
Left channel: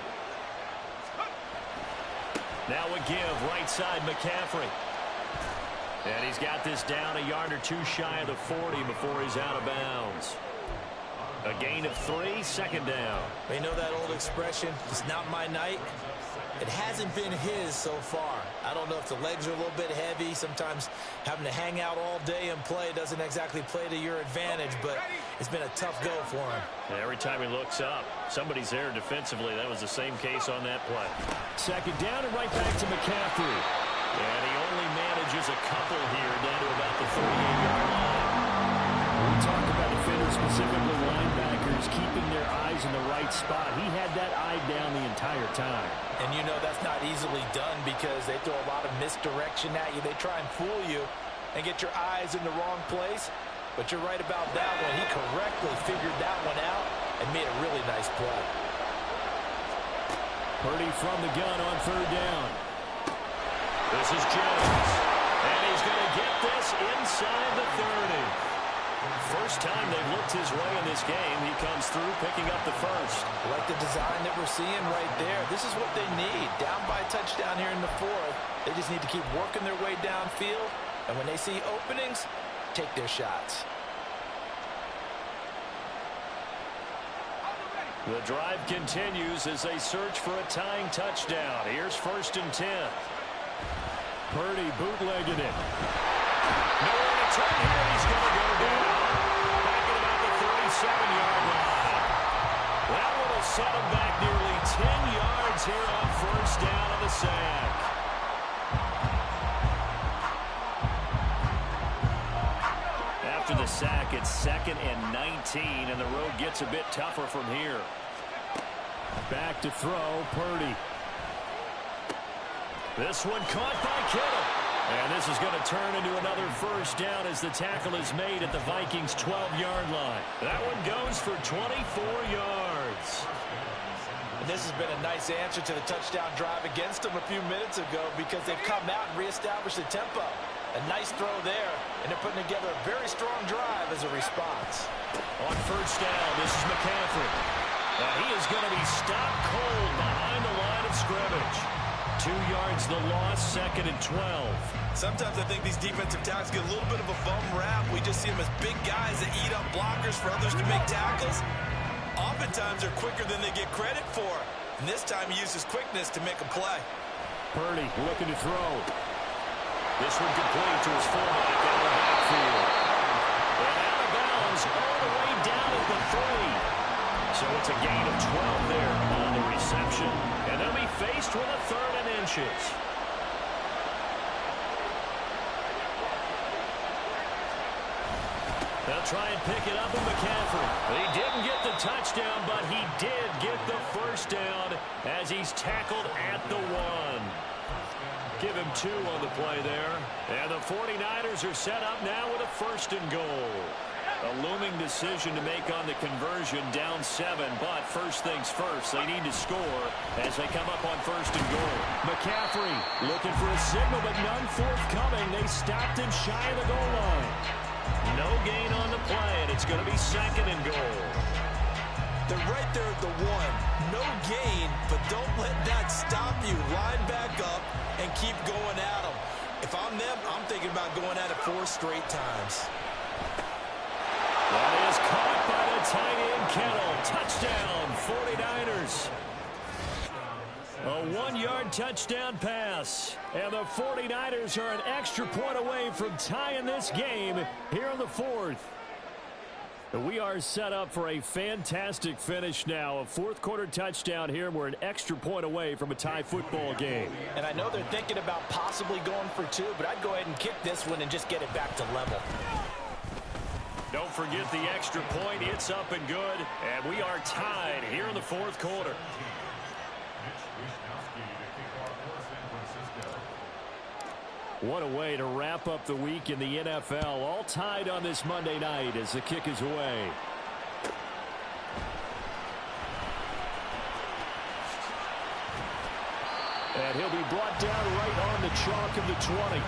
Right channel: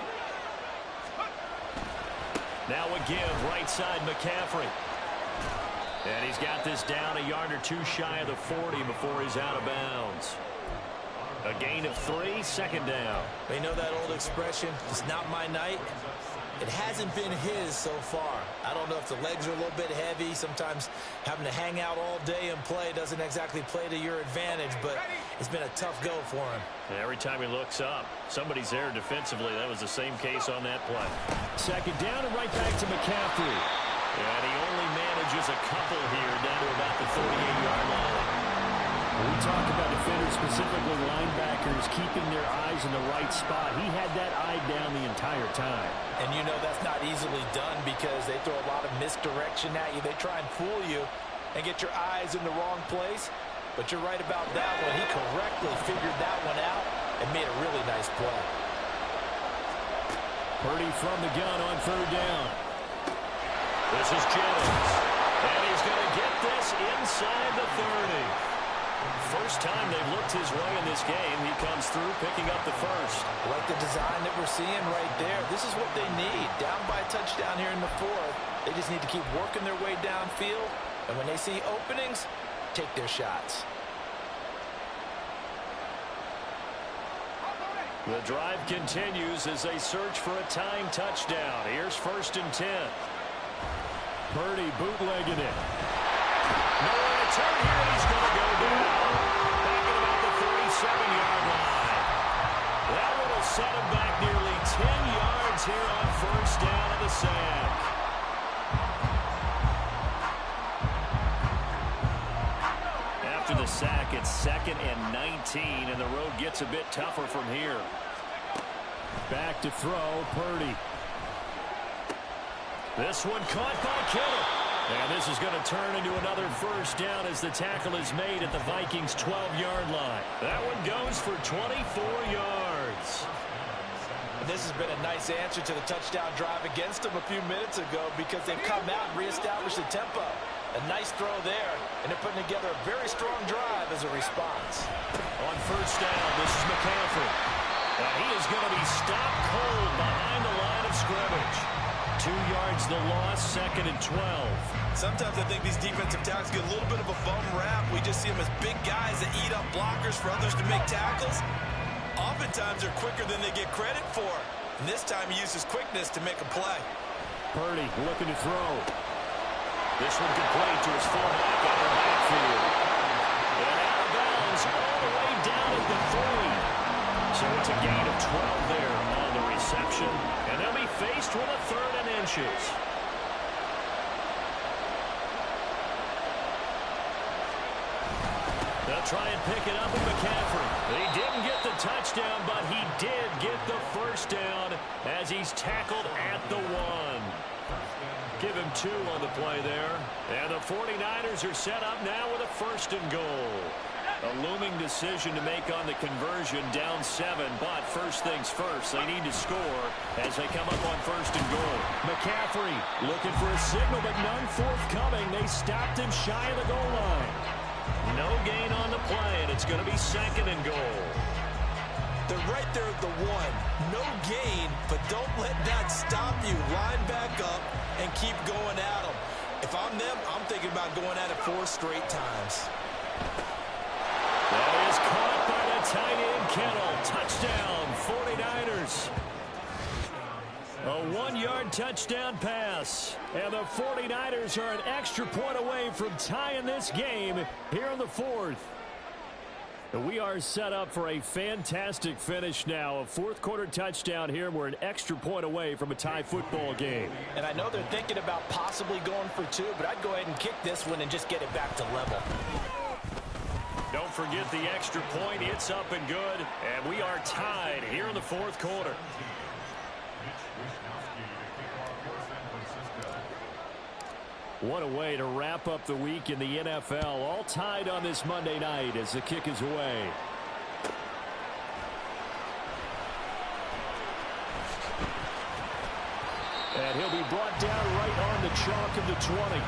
Now a give right side McCaffrey. And he's got this down a yard or 2 shy of the 40 before he's out of bounds. A gain of 3, 2nd down. You know that old expression, it's not my night? It hasn't been his so far. I don't know if the legs are a little bit heavy. Sometimes having to hang out all day and play doesn't exactly play to your advantage, but it's been a tough go for him. And every time he looks up, somebody's there defensively. That was the same case on that play. 2nd down and right back to McCaffrey. And he only manages a couple here down to about the 38-yard line. We talk about defenders, specifically linebackers, keeping their eyes in the right spot. He had that eye down the entire time. And you know that's not easily done because they throw a lot of misdirection at you. They try and fool you and get your eyes in the wrong place. But you're right about that one. He correctly figured that one out and made a really nice play. Purdy from the gun on 3rd down. This is Jennings. And he's going to get this inside the 30. First time they've looked his way in this game. He comes through picking up the 1st. I like the design that we're seeing right there. This is what they need. Down by a touchdown here in the 4th. They just need to keep working their way downfield. And when they see openings, take their shots. The drive continues as they search for a tying touchdown. Here's 1st and 10. Purdy bootlegging it. Nowhere to turn here, and he's going to go down. Back at about the 37-yard line. That one will set him back nearly 10 yards here on 1st down of the sack. After the sack, it's 2nd and 19, and the road gets a bit tougher from here. Back to throw, Purdy. This one caught by Kittle. And this is going to turn into another 1st down as the tackle is made at the Vikings' 12-yard line. That one goes for 24 yards. And this has been a nice answer to the touchdown drive against them a few minutes ago because they've come out and reestablished the tempo. A nice throw there, and they're putting together a very strong drive as a response. On 1st down, this is McCaffrey. And he is going to be stopped cold behind the line of scrimmage. 2 yards the loss, 2nd and 12. Sometimes I think these defensive tackles get a little bit of a bum rap. We just see them as big guys that eat up blockers for others to make tackles. Oftentimes they're quicker than they get credit for. And this time he uses quickness to make a play. Purdy looking to throw. This one complete to his fullback out of the backfield. And out of bounds all the way down at the 3. So it's a gain of 12 there on the reception. And they'll be faced with a 3rd and inches. They'll try and pick it up with McCaffrey. He didn't get the touchdown, but he did get the 1st down as he's tackled at the 1. Give him 2 on the play there. And the 49ers are set up now with a 1st and goal. A looming decision to make on the conversion, down 7, but first things first, they need to score as they come up on 1st and goal. McCaffrey looking for a signal, but none forthcoming. They stopped him shy of the goal line. No gain on the play, and it's going to be 2nd and goal. They're right there at the 1. No gain, but don't let that stop you. Line back up and keep going at them. If I'm them, I'm thinking about going at it 4 straight times. That is caught by the tight end, Kittle. Touchdown, 49ers. A 1-yard touchdown pass. And the 49ers are an extra point away from tying this game here in the 4th. We are set up for a fantastic finish now. A fourth-quarter touchdown here. We're an extra point away from a tie football game. And I know they're thinking about possibly going for two, but I'd go ahead and kick this one and just get it back to level. Don't forget the extra point. It's up and good. And we are tied here in the fourth quarter. What a way to wrap up the week in the NFL. All tied on this Monday night as the kick is away. And he'll be brought down right on the chalk of the 20.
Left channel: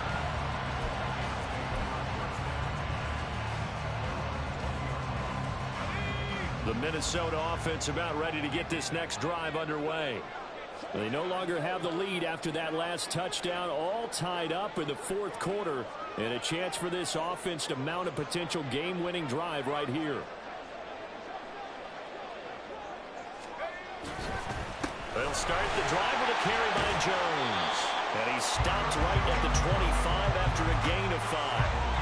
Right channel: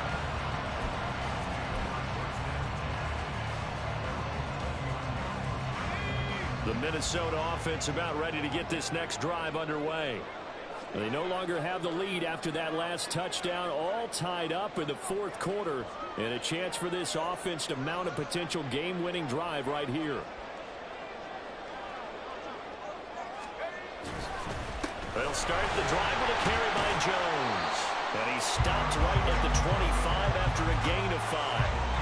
The Minnesota offense about ready to get this next drive underway. They no longer have the lead after that last touchdown, all tied up in the fourth quarter, and a chance for this offense to mount a potential game-winning drive right here. They'll start the drive with a carry by Jones. And he stopped right at the 25 after a gain of 5.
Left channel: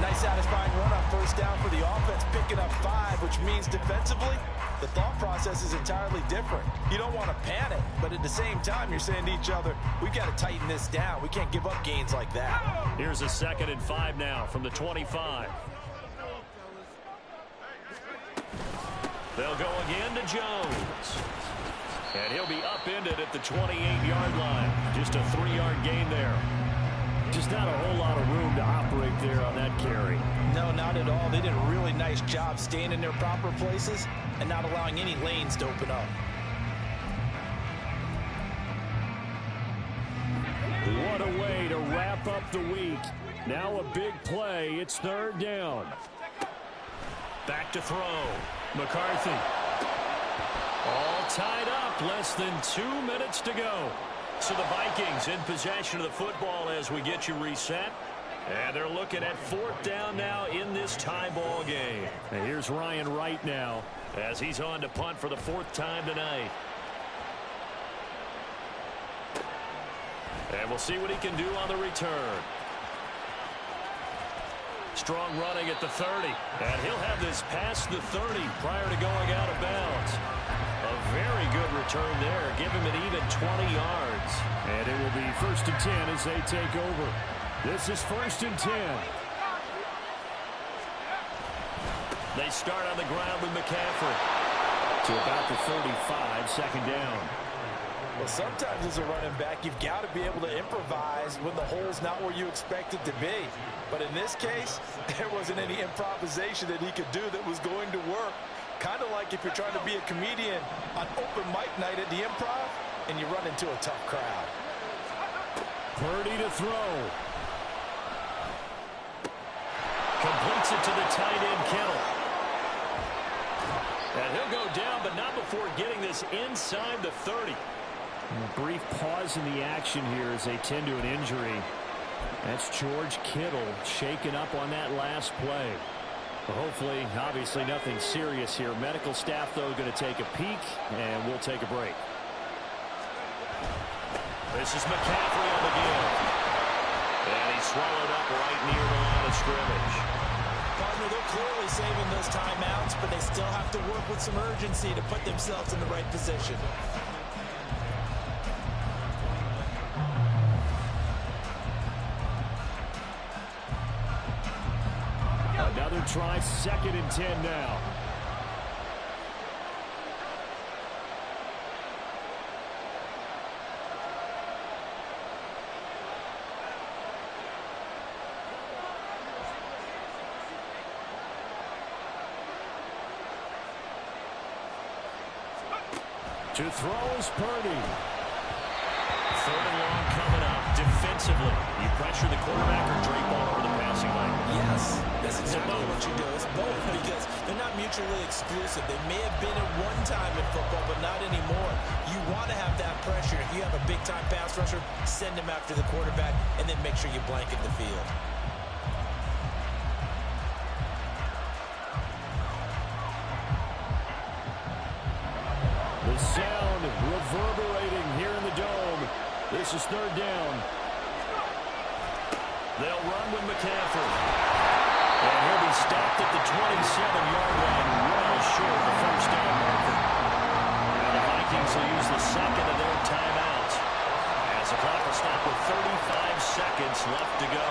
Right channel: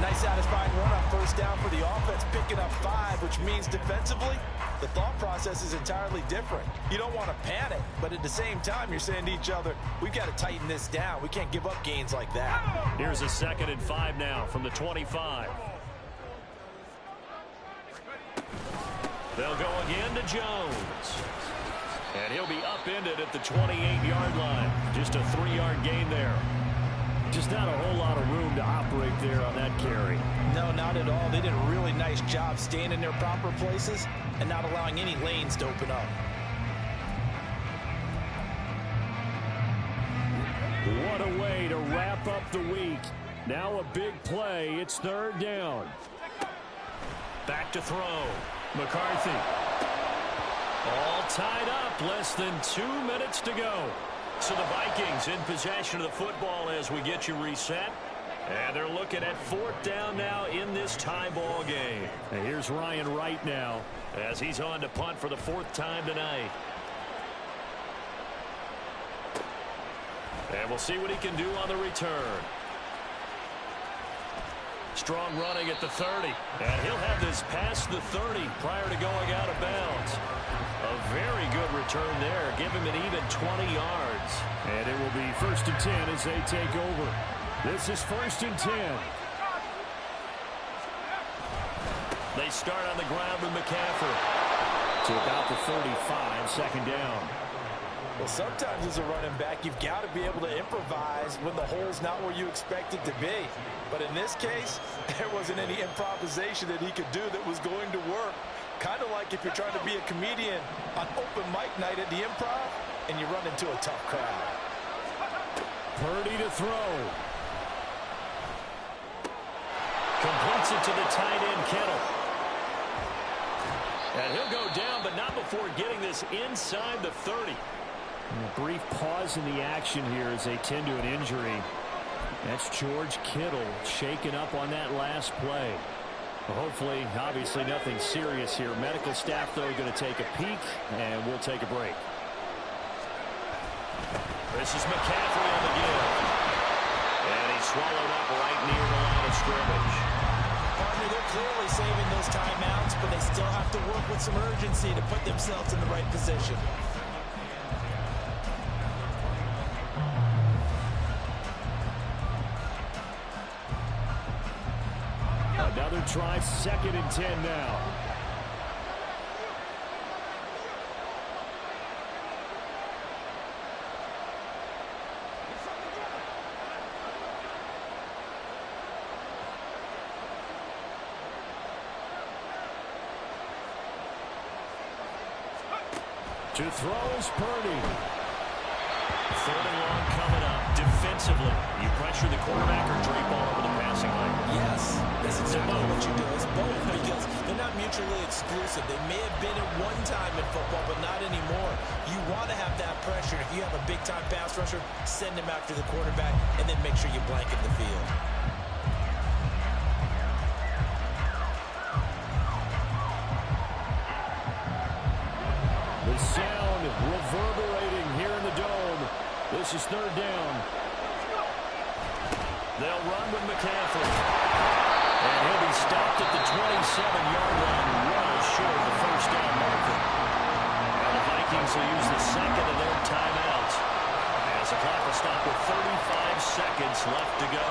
Nice satisfying run on first down for the offense, picking up 5, which means defensively, the thought process is entirely different. You don't want to panic, but at the same time, you're saying to each other, we've got to tighten this down. We can't give up gains like that. Here's a 2nd and 5 now from the 25. They'll go again to Jones. And he'll be upended at the 28-yard line. Just a 3-yard gain there. Just not a whole lot of room to operate there on that carry. No, not at all. They did a really nice job staying in their proper places and not allowing any lanes to open up. What a way to wrap up the week. Now a big play. It's 3rd down. Back to throw. McCarthy. All tied up. Less than 2 minutes to go. So the Vikings in possession of the football as we get you reset. And they're looking at 4th down now in this tie ball game. And here's Ryan Wright now as he's on to punt for the 4th time tonight. And we'll see what he can do on the return. Strong running at the 30. And he'll have this past the 30 prior to going out of bounds. A very good return there. Give him an even 20 yards. And it will be 1st and 10 as they take over. This is 1st and 10. They start on the ground with McCaffrey. To about the 35, 2nd down. Well, sometimes as a running back, you've got to be able to improvise when the hole's not where you expect it to be. But in this case, there wasn't any improvisation that he could do that was going to work. Kind of like if you're trying to be a comedian on open mic night at the Improv and you run into a tough crowd. Purdy to throw. Completes it to the tight end, Kittle. And he'll go down, but not before getting this inside the 30. A brief pause in the action here as they tend to an injury. That's George Kittle shaken up on that last play. Hopefully, obviously nothing serious here. Medical staff, though, going to take a peek, and we'll take a break. This is McCaffrey on the give. And he's swallowed up right near the line of scrimmage. Partner, they're clearly saving those timeouts, but they still have to work with some urgency to put themselves in the right position. Another try, 2nd and 10 now. To throw is Purdy. 3rd and long coming up. Defensively, you pressure the quarterback or drape all over the passing lane? Yes, that's exactly what you do. It's both because they're not mutually exclusive. They may have been at one time in football, but not anymore. You want to have that pressure. If you have a big-time pass rusher, send him after the quarterback, and then make sure you blanket the field. The sound reverberating here in the dome. This is 3rd down. They'll run with McCaffrey. And he'll be stopped at the 27-yard line, well short of the first down marker. Now the Vikings will use the second of their timeouts, as the clock will stop with 35 seconds left to go.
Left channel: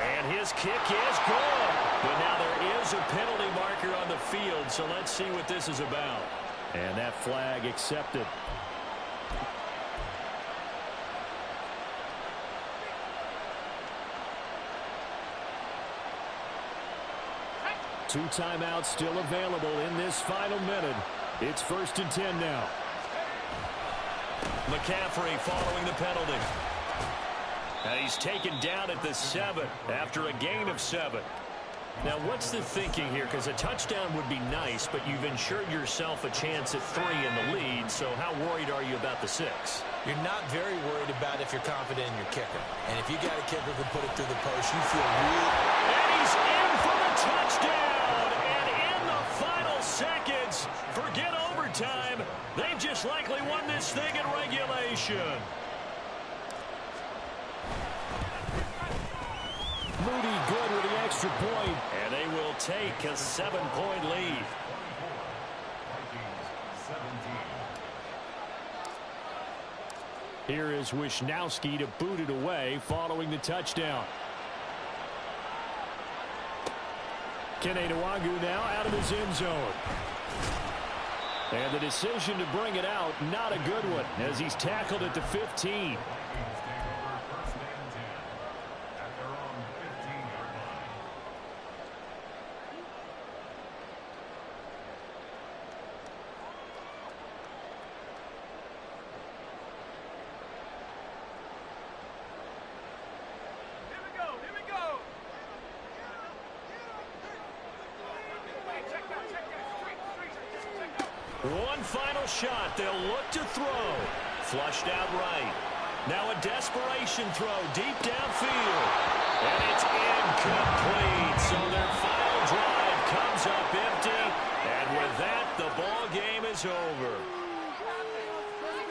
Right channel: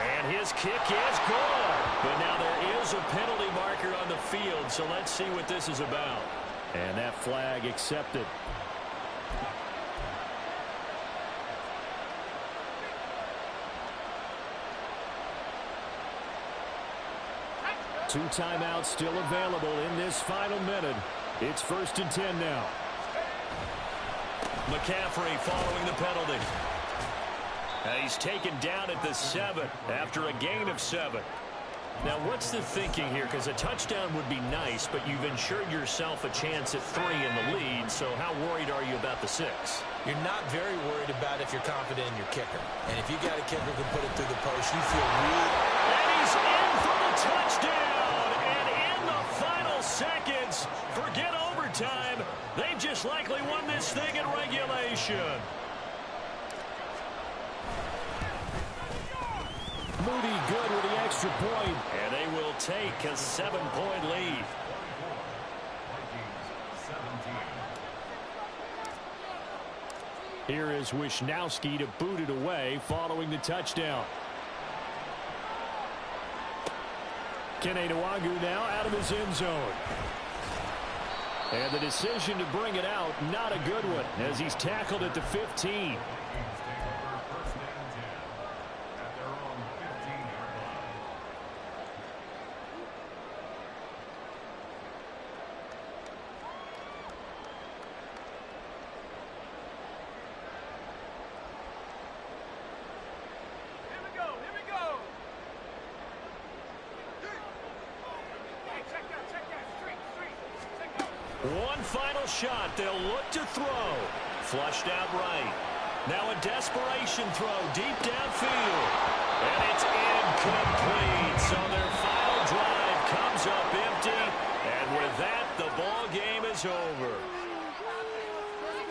And his kick is good. But now there is a penalty marker on the field, so let's see what this is about. And that flag accepted. Two timeouts still available in this final minute. It's 1st and 10 now. McCaffrey following the penalty. He's taken down at the 7 after a gain of 7. Now, what's the thinking here? Because a touchdown would be nice, but you've ensured yourself a chance at 3 in the lead, so how worried are you about the 6? You're not very worried about if you're confident in your kicker. And if you got a kicker who can put it through the post, you feel really... And he's in for the touchdown! And in the final seconds, forget overtime. They've just likely won this thing in regulation. Moody good with the extra point. And they will take a 7-point lead. Here is Wisnowski to boot it away following the touchdown. Kene Nwangwu now out of his end zone. And the decision to bring it out, not a good one, as he's tackled at the 15. One final shot. They'll look to throw. Flushed out right. Now a desperation throw deep downfield. And it's incomplete. So their final drive comes up empty. And with that, the ball game is over.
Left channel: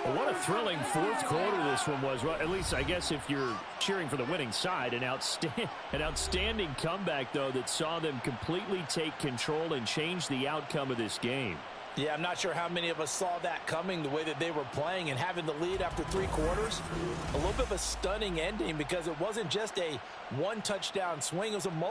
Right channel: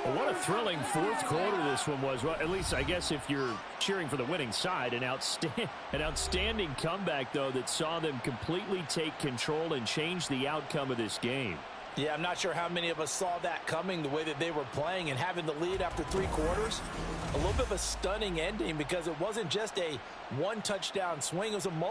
Well, what a thrilling fourth quarter this one was. Well, at least I guess if you're cheering for the winning side, an outstanding comeback, though, that saw them completely take control and change the outcome of this game. Yeah, I'm not sure how many of us saw that coming, the way that they were playing and having the lead after 3 quarters. A little bit of a stunning ending because it wasn't just a one-touchdown swing. It was a